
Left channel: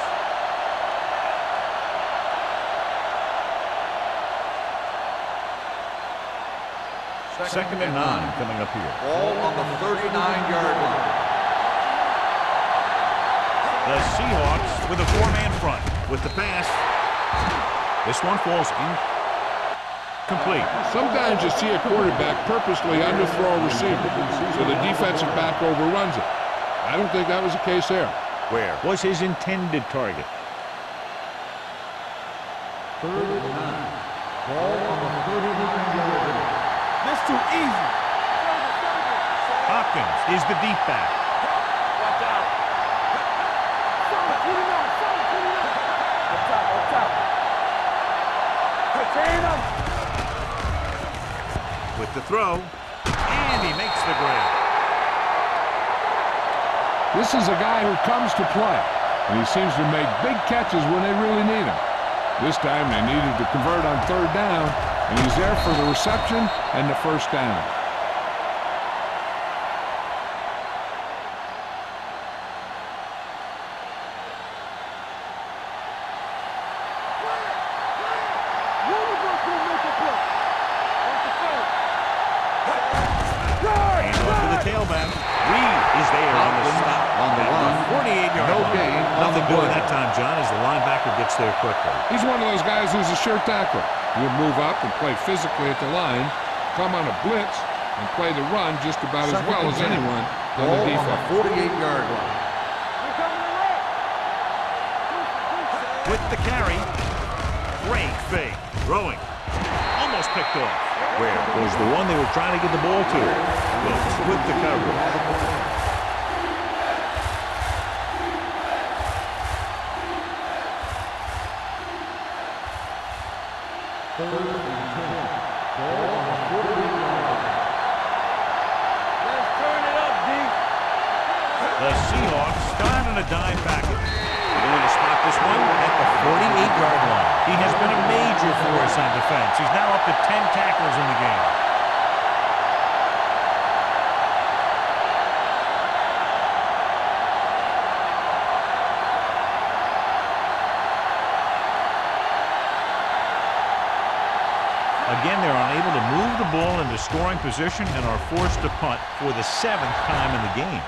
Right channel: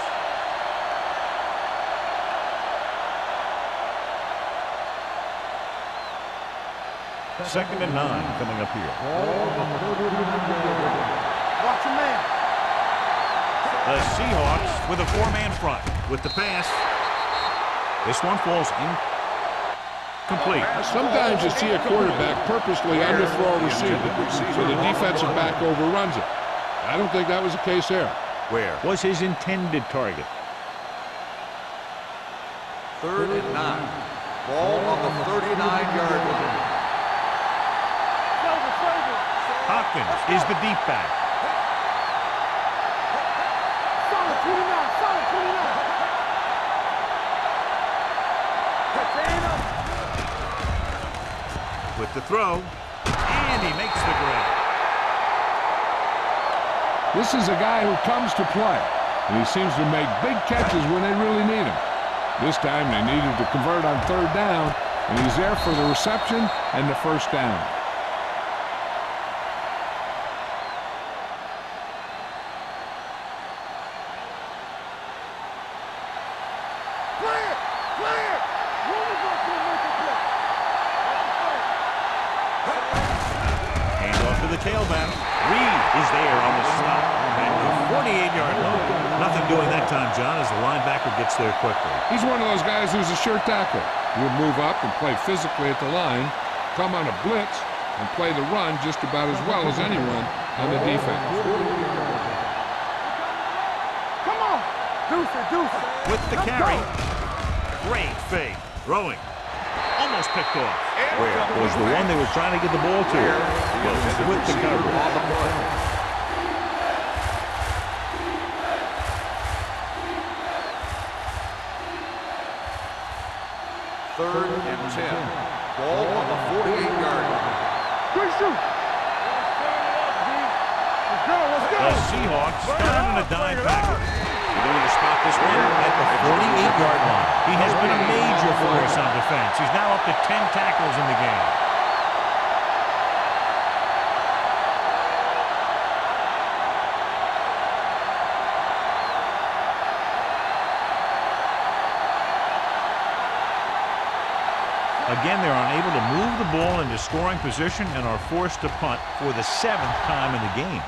Second and 9 coming up here. Ball on the 39-yard line. The Seahawks with a 4-man front with the pass. This one falls incomplete. Sometimes you see a quarterback purposely underthrow a receiver, so the defensive back overruns it. I don't think that was the case there. Where was his intended target? 3rd and 9. Ball on the 39-yard line. That's too easy. Serve it. Hopkins is the deep back. Solid 29, solid 29. With the throw, and he makes the grab. This is a guy who comes to play, and he seems to make big catches when they really need him. This time they needed to convert on 3rd down, and he's there for the reception and the 1st down. Clear. One of us gonna make a play. Watch the fake. Hand off to the tailback. Reed is there on the stop at the 48-yard line. Nothing doing that time, John, as the linebacker gets there quickly. He's one of those guys who's a sure tackler. He'll move up and play physically at the line, come on a blitz, and play the run just about as well as anyone on the defense. 48-yard line. We're coming to right. Come on. Deuce it. With the carry, great fake. Throwing. Almost picked off. Where was the one they were trying to get the ball to? Wilkes with the coverage. 3rd and 10. Ball on the 48-yard line. Let's turn it up, D. The Seahawks got in a dime package. They're going to spot this one at the 48-yard line. He has been a major force on defense. He's now up to 10 tackles in the game. Again, they're unable to move the ball into scoring position and are forced to punt for the 7th time in the game.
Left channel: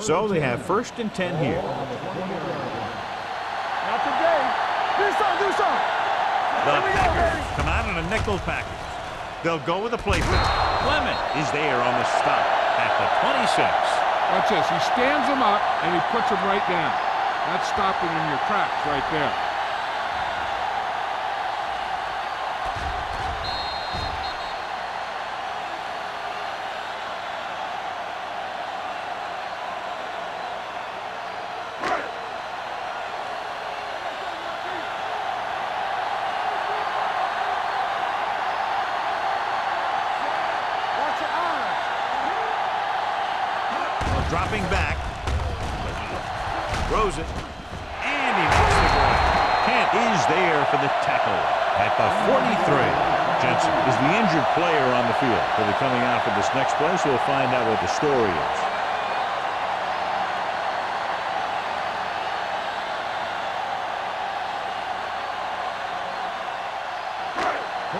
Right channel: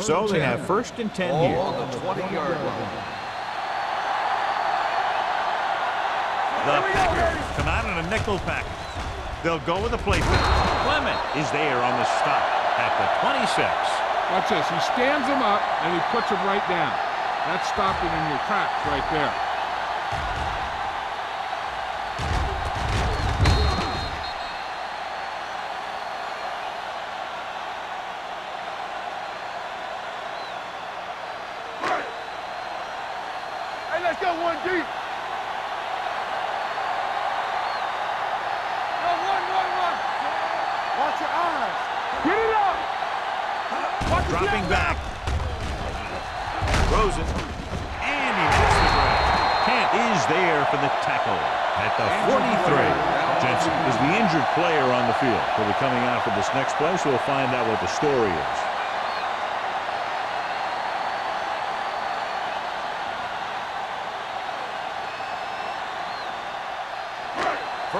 So they have first and 10 here. On the 20-yard line. The Packers come out in a nickel package. They'll go with a play fake. Clement is there on the stop at the 26. Watch this. He stands him up, and he puts him right down. That's stopping in your tracks right there. Hey, let's go one deep. Go one. Watch your eyes. Get it up. Dropping back. Throws it. And he makes the grab. Kent is there for the tackle at the 43. Jensen is the injured player on the field. He'll be coming out for this next play, so we'll find out what the story is.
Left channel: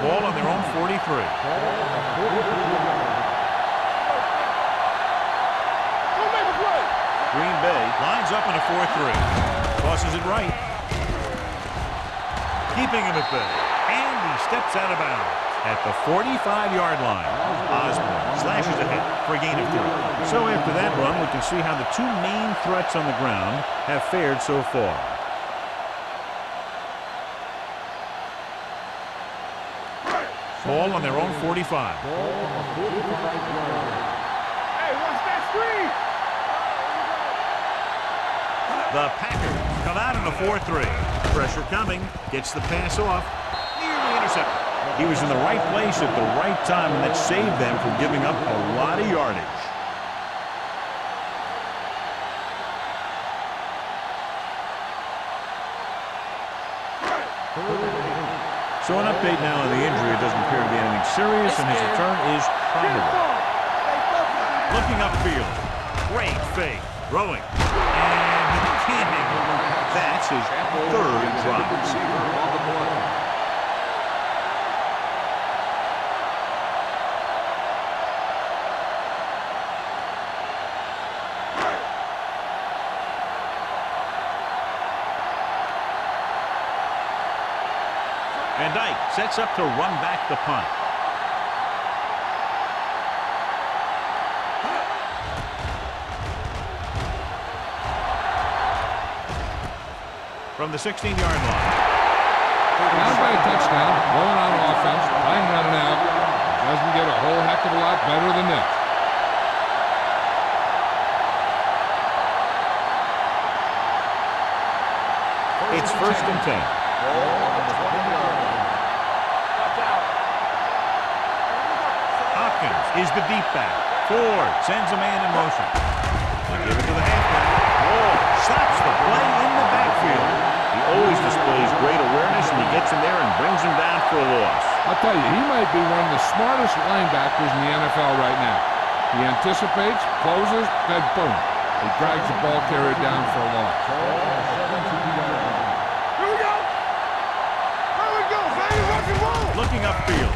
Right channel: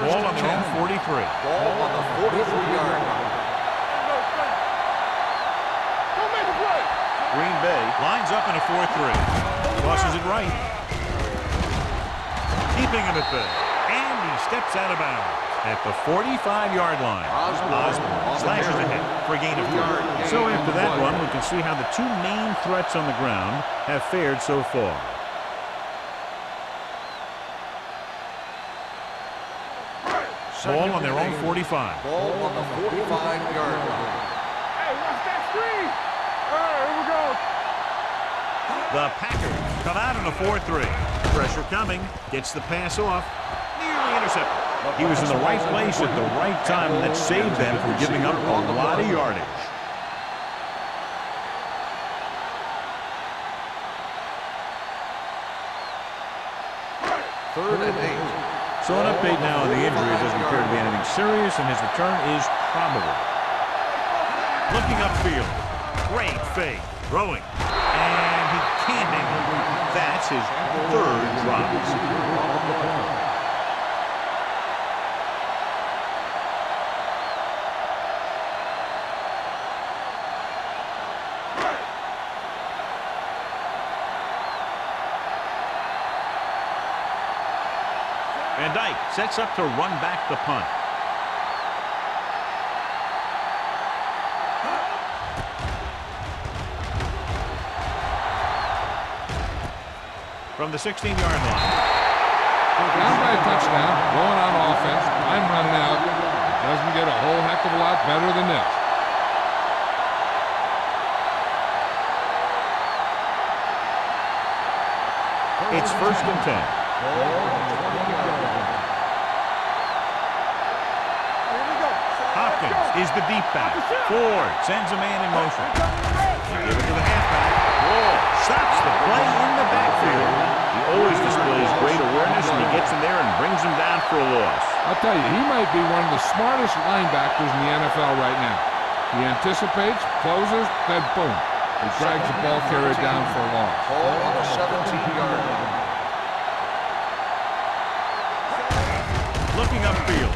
Ball on their own 43. Ball on the 43-yard line. Go make a play. Green Bay lines up in a 4-3. Tosses it right. Keeping him at bay. And he steps out of bounds at the 45-yard line. Osborne slashes ahead for a gain of 3. So after that run, we can see how the two main threats on the ground have fared so far. Ball on their own 45. Ball on the 45-yard line. Hey, watch that screen. All right, here we go. The Packers come out in a 4-3. Pressure coming. Gets the pass off. Nearly intercepted. He was in the right place at the right time, and that saved them from giving up a lot of yardage. Third and 8. So an update now on the injury. It doesn't appear to be anything serious, and his return is probable. Looking upfield. Great fake. Throwing. And he can't hang on. That's his third drop. Receiver on the play. And Dyke sets up to run back the punt. From the 16-yard line. Down by a touchdown, going on offense, time running out. It doesn't get a whole heck of a lot better than this. It's first and 10. Ball on the 20-yard line. Here we go. Hopkins is the deep back. Ford sends a man in motion. They give it to the halfback. Wall stops the play in the backfield. He always displays great awareness, and he gets in there and brings him down for a loss. I'll tell you, he might be one of the smartest linebackers in the NFL right now. He anticipates, closes, then boom. He drags the ball carrier down for a loss. Ball on the 17-yard line. Looking upfield.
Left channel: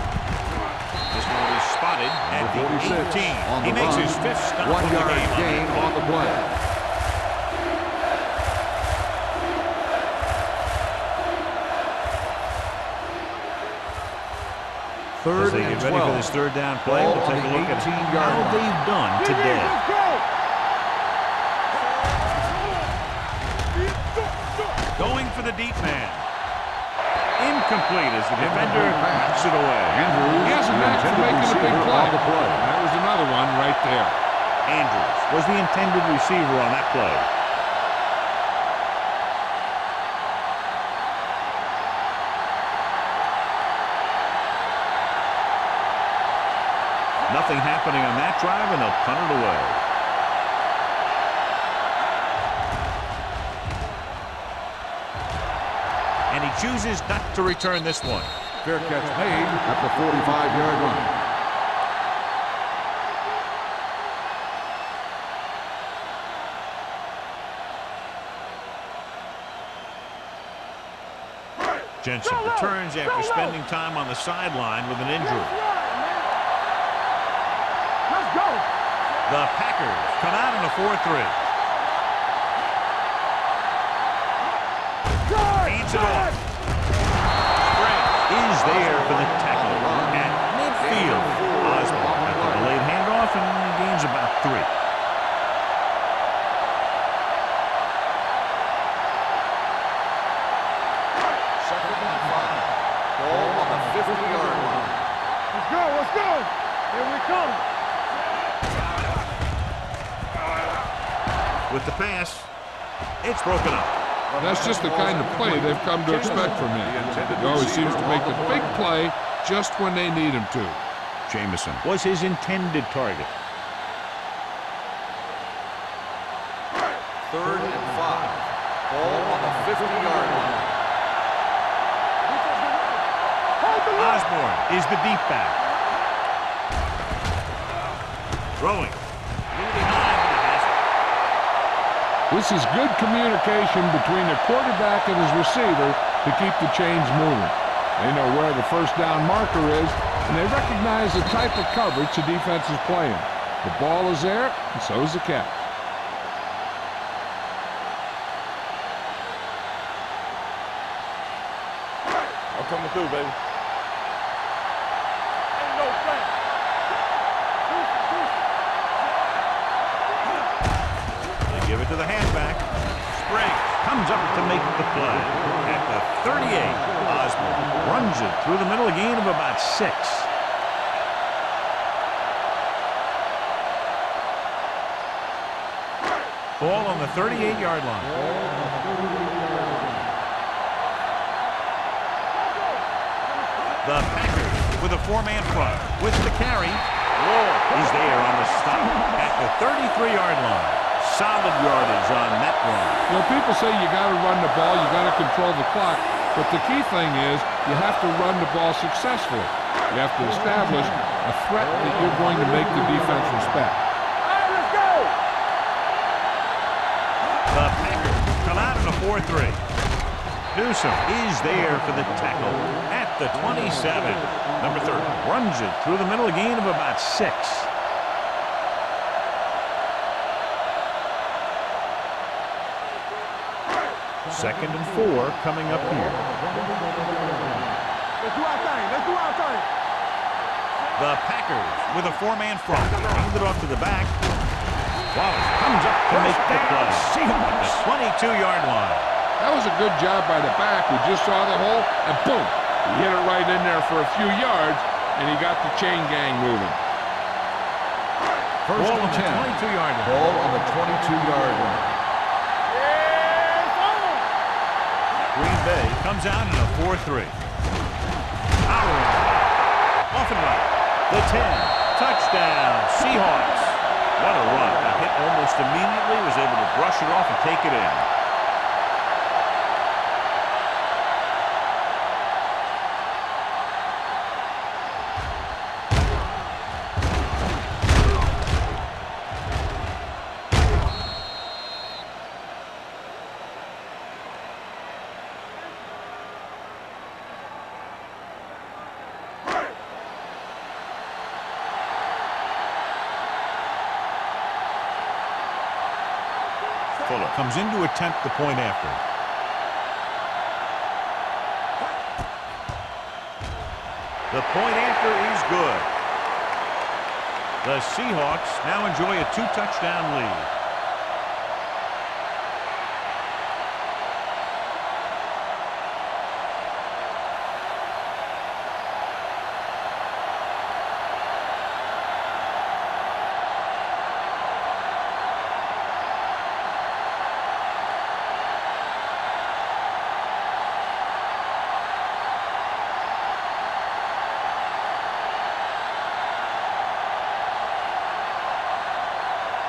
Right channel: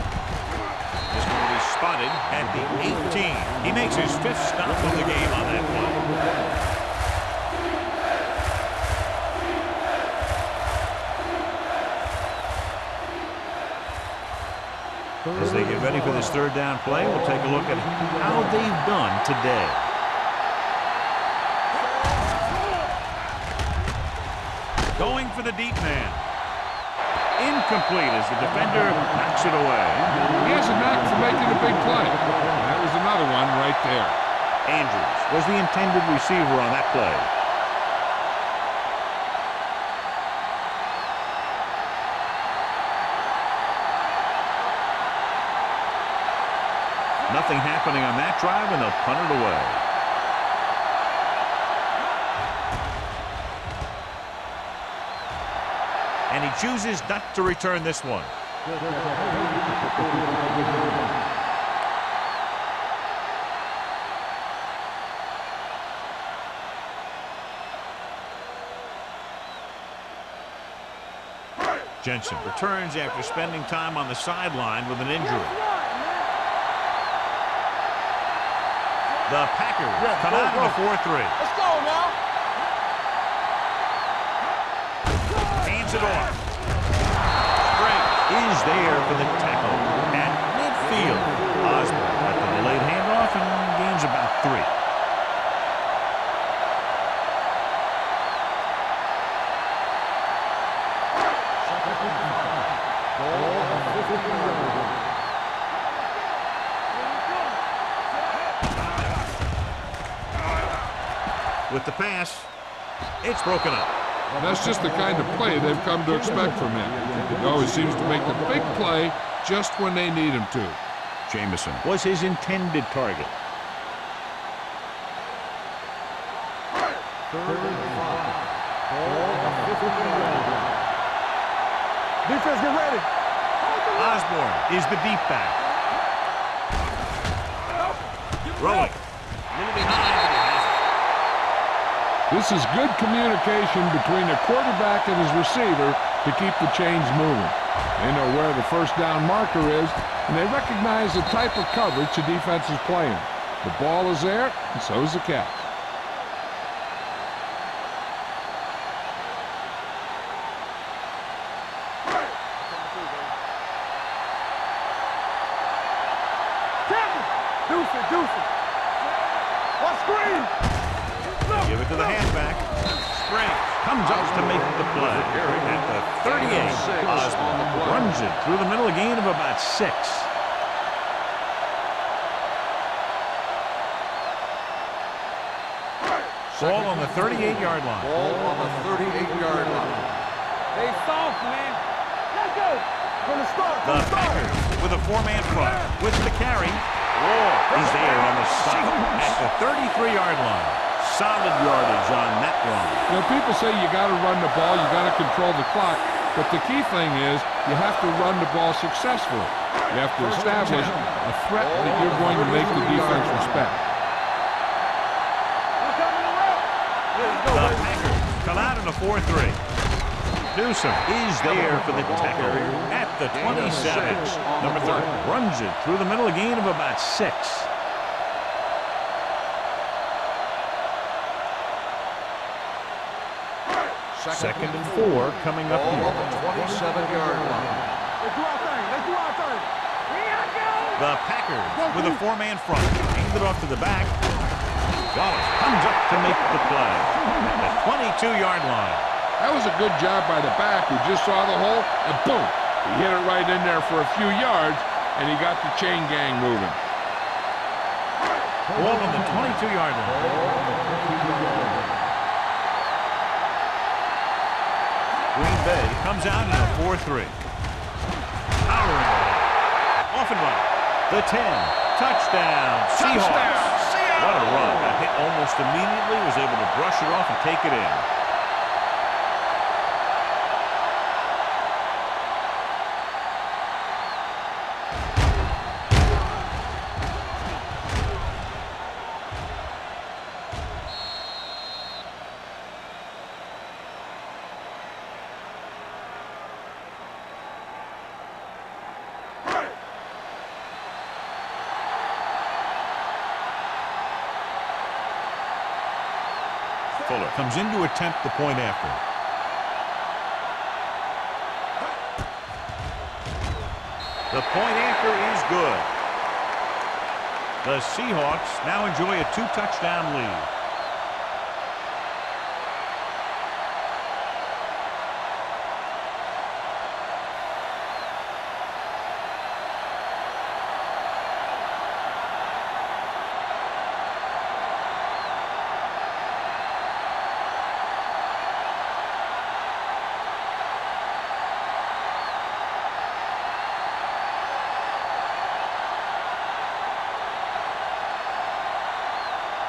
This one will be spotted at the 18. He makes his 5th stop of the game on that play. As they get ready for this third down play, we'll take a look at how they've done today. Going for the deep man. Incomplete as the defender knocks it away. He has a knack for making a big play. That was another one right there. Andrews was the intended receiver on that play. Nothing happening on that drive, and they'll punt it away. And he chooses not to return this one. Fair catch made at the 45-yard line. Jensen returns after spending time on the sideline with an injury. The Packers come out in a 4-3. Let's go now. Hands it off. Springs is there for the tackle at midfield. Osborne at the delayed handoff and gains about 3. Second and 5. Ball on the 50-yard line. Let's go, let's go. Here we come. With the pass, it's broken up. That's just the kind of play they've come to expect from him. He always seems to make the big play just when they need him to. Jamison was his intended target. Third and 5. Ball on the 50-yard line. Defense, get ready. Hold the line. Osborne is the deep back. Throwing. A little behind, but he has it. This is good communication between the quarterback and his receiver to keep the chains moving. They know where the first down marker is, and they recognize the type of coverage the defense is playing. The ball is there, and so is the catch. I'm coming through, baby. Deuce it, deuce it. Let's screen. They give it to the halfback. Springs comes up to make the play. At the 38, Osborne runs it through the middle, a gain of about 6. Ball on the 38-yard line. Ball on the 38-yard line. Hey, soft, man. Let's go. From the start. The Packers with a 4-man front. With the carry, Wall is there on the stop at the 33-yard line. Solid yardage on that run. You know, people say you got to run the ball, you got to control the clock, but the key thing is you have to run the ball successfully. You have to establish a threat that you're going to make the defense respect. Let's go. The Packers come out in a 4-3. Newsom is there for the tackle at the 27. Number 30 runs it through the middle, a gain of about 6. Second and 4 coming up here. 27-yard line. Let's do our thing. Let's do our thing. The Packers with a 4-man front. Hand it off to the back. Wallace comes up to make the play at the 22-yard line. That was a good job by the back who just saw the hole, and boom, he hit it right in there for a few yards, and he got the chain gang moving. Ball on the 22-yard line. Ball on the 22-yard line. Green Bay comes out in a 4-3. Powering it off and right. The 10. Touchdown, Seahawks. What a run. Got hit almost immediately. Was able to brush it off and take it in. Fuller comes in to attempt the point after. The point after is good. The Seahawks now enjoy a 2-touchdown lead.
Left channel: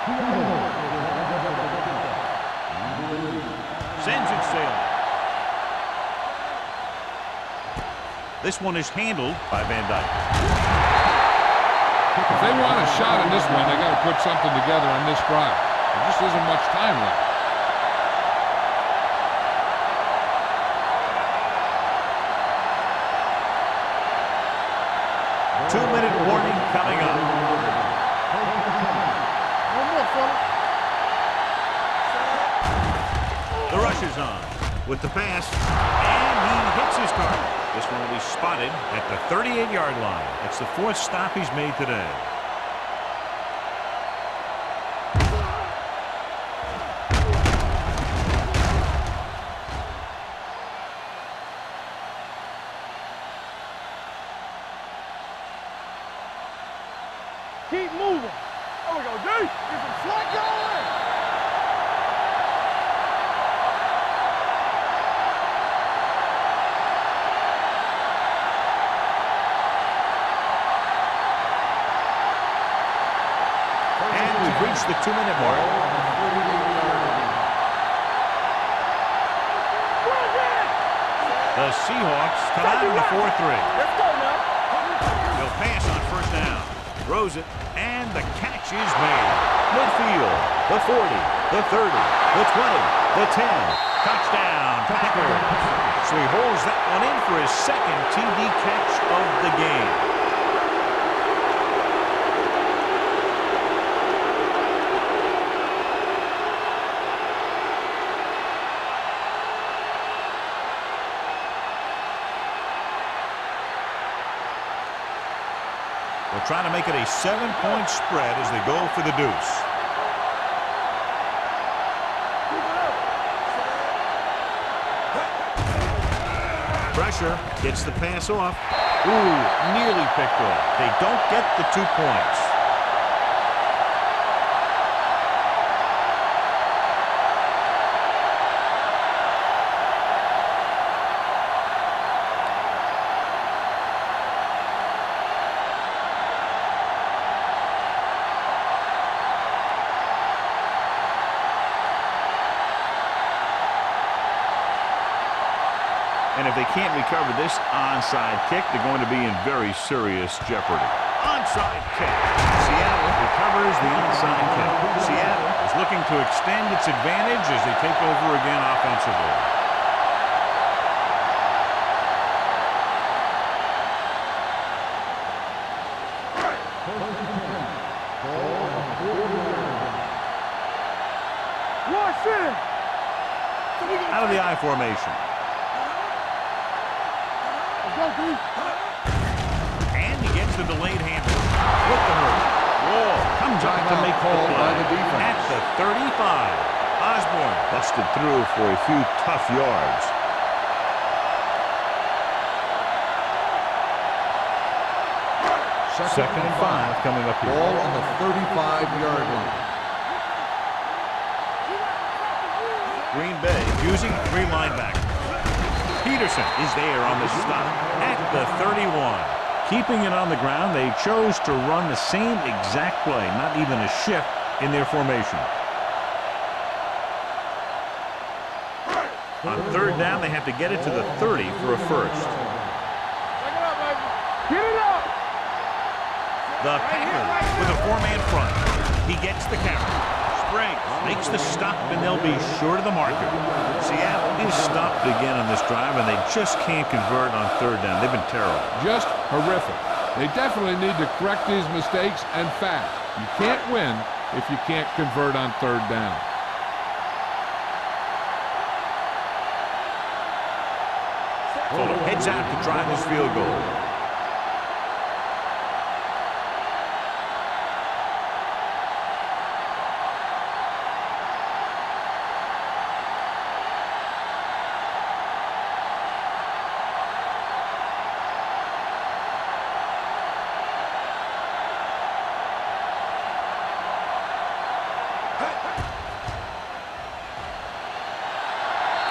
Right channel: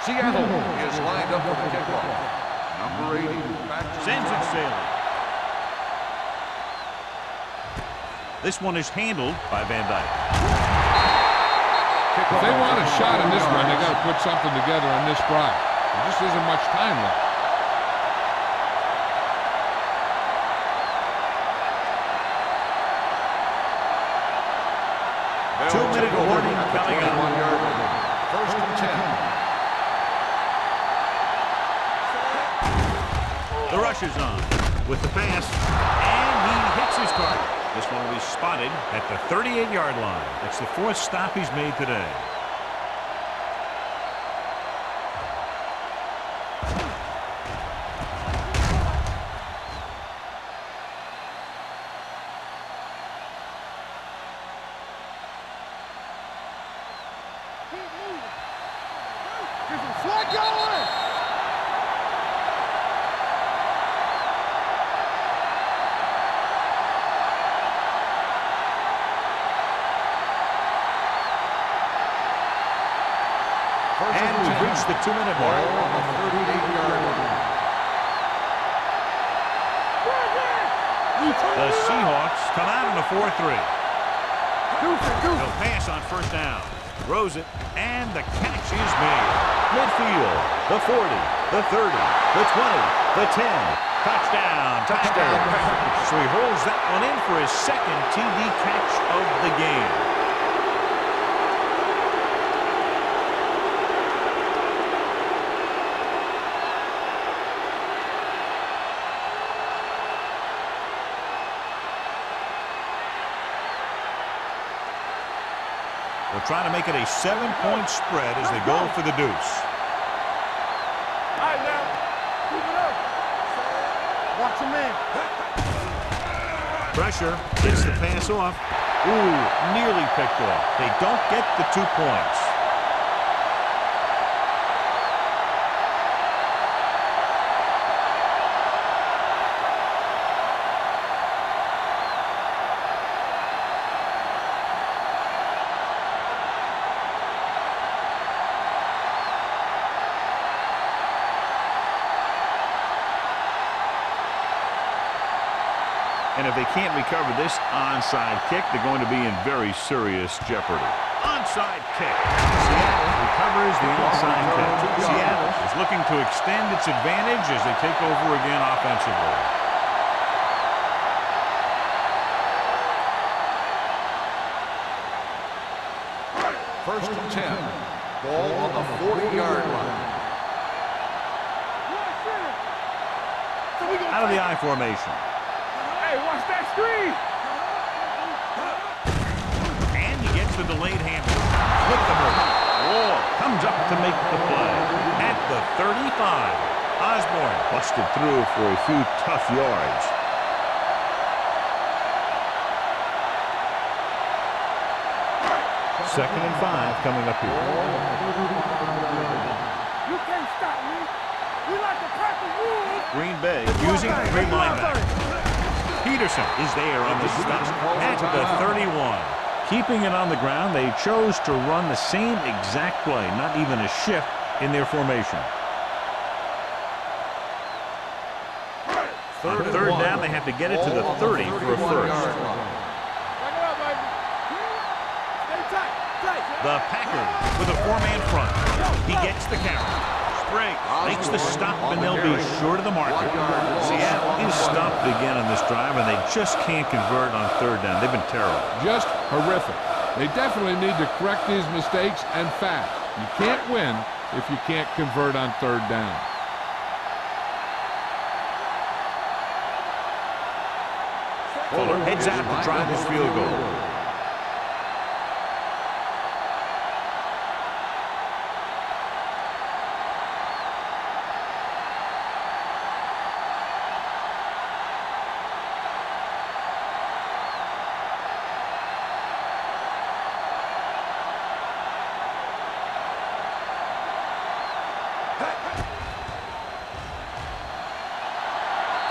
Seattle is lined up for the kickoff. Number 80. Sends it sailing. This one is handled by Van Dyke. If they want a shot in this one, they got to put something together on this drive. There just isn't much time left. 2-minute warning coming up. First and 10. The rush is on with the pass, and he hits his target. This one will be spotted at the 38-yard line. That's the 4th stop he's made today. Keep moving. There we go, D. Get some slack going. And we've reached the 2-minute mark. Ball on the 38-yard line. The Seahawks come out in a 4-3. They'll pass on first down. Throws it, and the catch is made. Midfield, the 40, the 30, the 20, the 10. Touchdown, Packers. So he holds that one in for his 2nd TD catch of the game. They'll try to make it a 7-point spread as they go for the deuce. Keep it up. Watch your man. Pressure gets the pass off. Ooh, nearly picked off. They don't get the 2 points. And if they can't recover this onside kick, they're going to be in very serious jeopardy. Onside kick. Seattle recovers the onside kick. Seattle is looking to extend its advantage as they take over again offensively. First and 10. Ball on the 40-yard line. Watch it. Out of the I formation. Hey, watch that screen. And he gets the delayed handoff with the move. Wall comes up to make the play at the 35. Osborne busted through for a few tough yards. Second and 5 coming up here. Ball on the 35-yard line. You can't stop me. We like to crack the wood. Green Bay using 3 linebackers. Peterson is there on the stop at the 31. Keeping it on the ground, they chose to run the same exact play, not even a shift in their formation. On 3rd down, they have to get it to the 30 for a first. Back it up, baby. Get it up. The Packers with a 4-man front. He gets the carry. Spriggs makes the stop, and they'll be short of the marker. Seattle is stopped again on this drive, and they just can't convert on 3rd down. They've been terrible. Just horrific. They definitely need to correct these mistakes and fast. You can't win if you can't convert on 3rd down. Fuller heads out to try this field goal.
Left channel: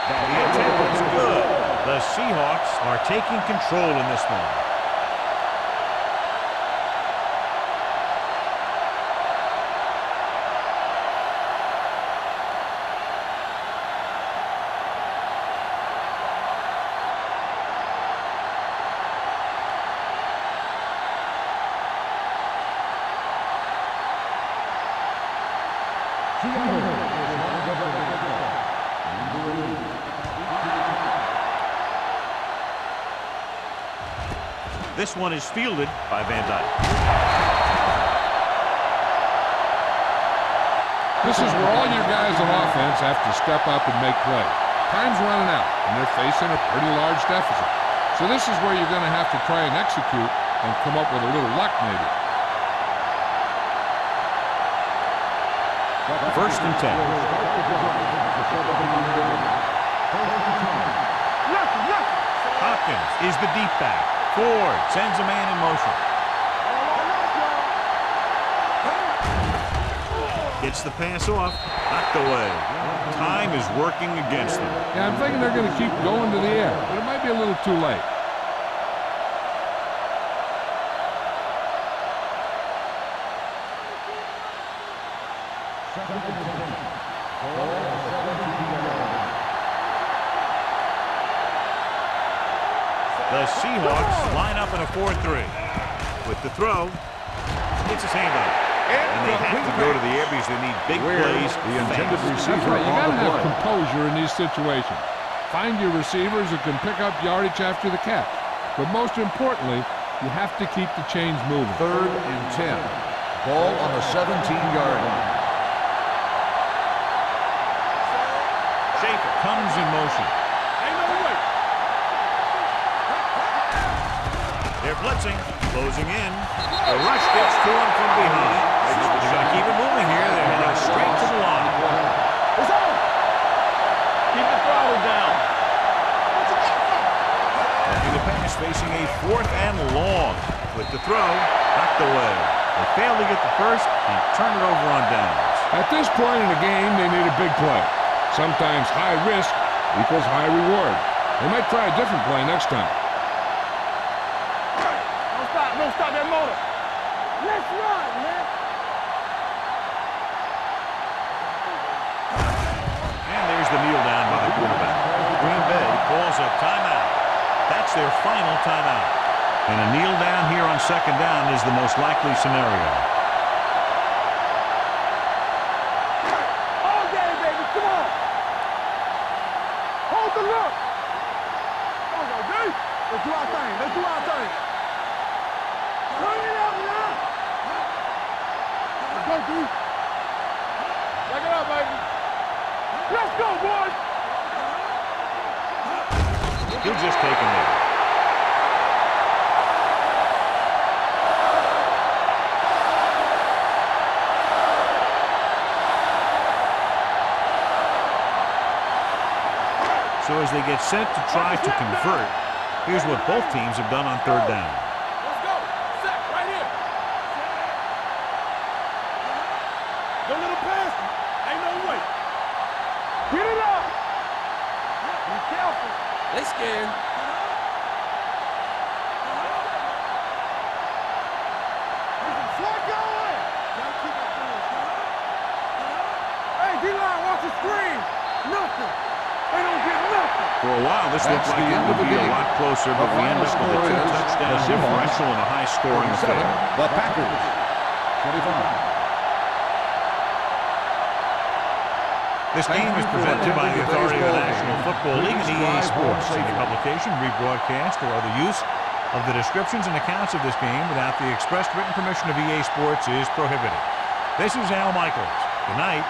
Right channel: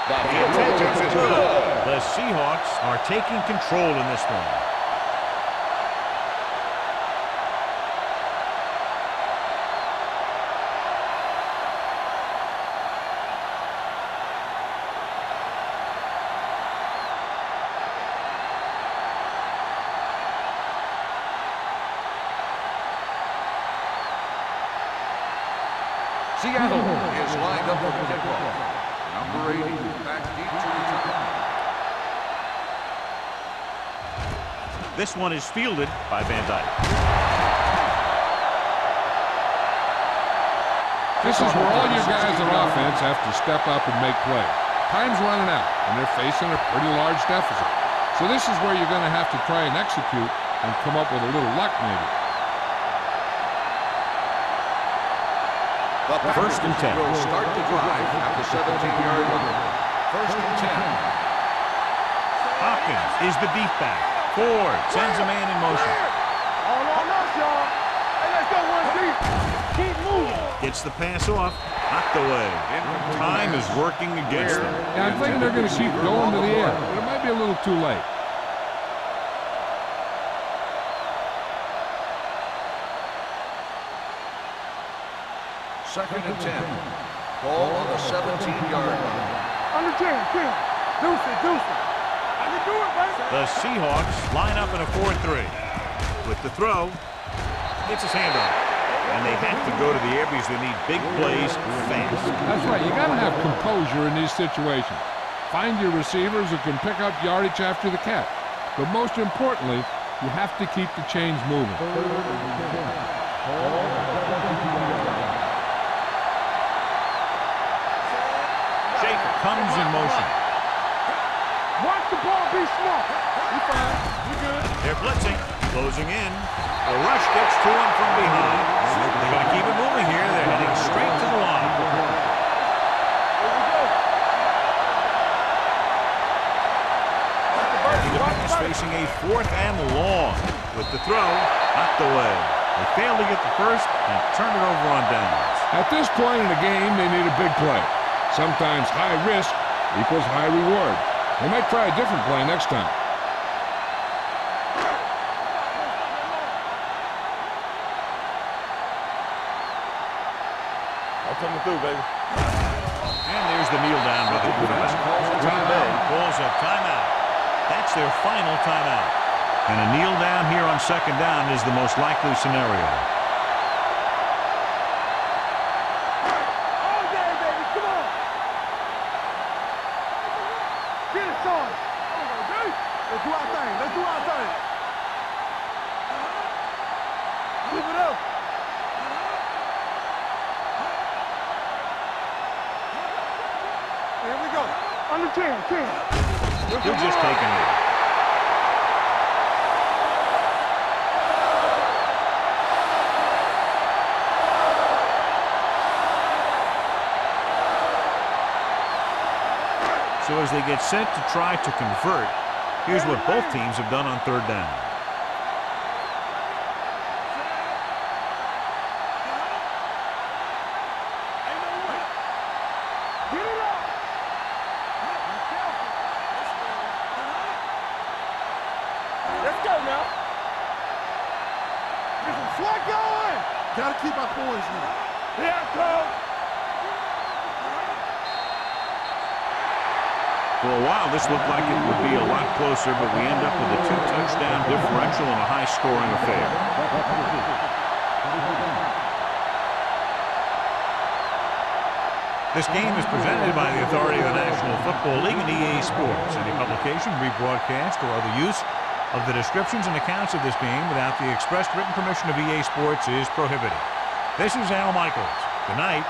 The attempt is good. The Seahawks are taking control in this one. Seattle is lined up with the football. Number 80, back deep to return. This one is fielded by Van Dyke. This is where all your guys on offense have to step up and make plays. Time's running out, and they're facing a pretty large deficit. So this is where you're going to have to try and execute and come up with a little luck, maybe. First and 10. Start the drive at the 17-yard line. First and 10. Hopkins is the deep back. Ford sends a man in motion. All on us, y'all. Keep moving. Gets the pass off. Knocked away. Time is working against them. Yeah, I'm thinking they're going to keep going to the air, but it might be a little too late. Second and 10. Ball on the 17-yard line. On the 10. Deuce it. The Seahawks line up in a 4-3. With the throw, gets his hand on it. And they have to go to the air because they need big plays fast. That's right. You got to have composure in these situations. Find your receivers who can pick up yardage after the catch. But most importantly, you have to keep the chains moving. Third and 10. Ball on the 17-yard line. Schaefer comes in motion. They're blitzing, closing in. The rush gets to him from behind. They're going to keep it moving here. They're heading straight to the line. Keep the throttle down. Taking the pass, facing a 4th and long. With the throw, knocked away. They fail to get the first and turn it over on downs. At this point in the game, they need a big play. Sometimes high risk equals high reward. They might try a different play next time. Don't stop that motor. Let's run, man. I'll take it through, baby. And there's the kneel down by the quarterback. Green Bay calls a timeout. That's their final timeout. And a kneel down here on second down is the most likely scenario. All day, baby. Come on. Hold the look. Get it started. There we go, D. Let's do our thing. Hurry up now. Move it up. Go, D. Back it up, baby. Let's go, boys. Here we go. On the 10. He'll just take a knee. So as they get set to try to convert, here's what both teams have done on third down. Get it up. Be careful. They scared. Let's go now. Get some slack going. Gotta keep our poise now. Yeah, hey, D-line wants to screen. Nothing. They don't get nothing. For a while, this looked like it would be a lot closer, but we end up with a 2-touchdown differential and a high-scoring affair. The Packers. 25. This game is presented by the authority of the National Football League and EA Sports. Any publication, rebroadcast, or other use of the descriptions and accounts of this game without the expressed written permission of EA Sports is prohibited. This is Al Michaels. Good night.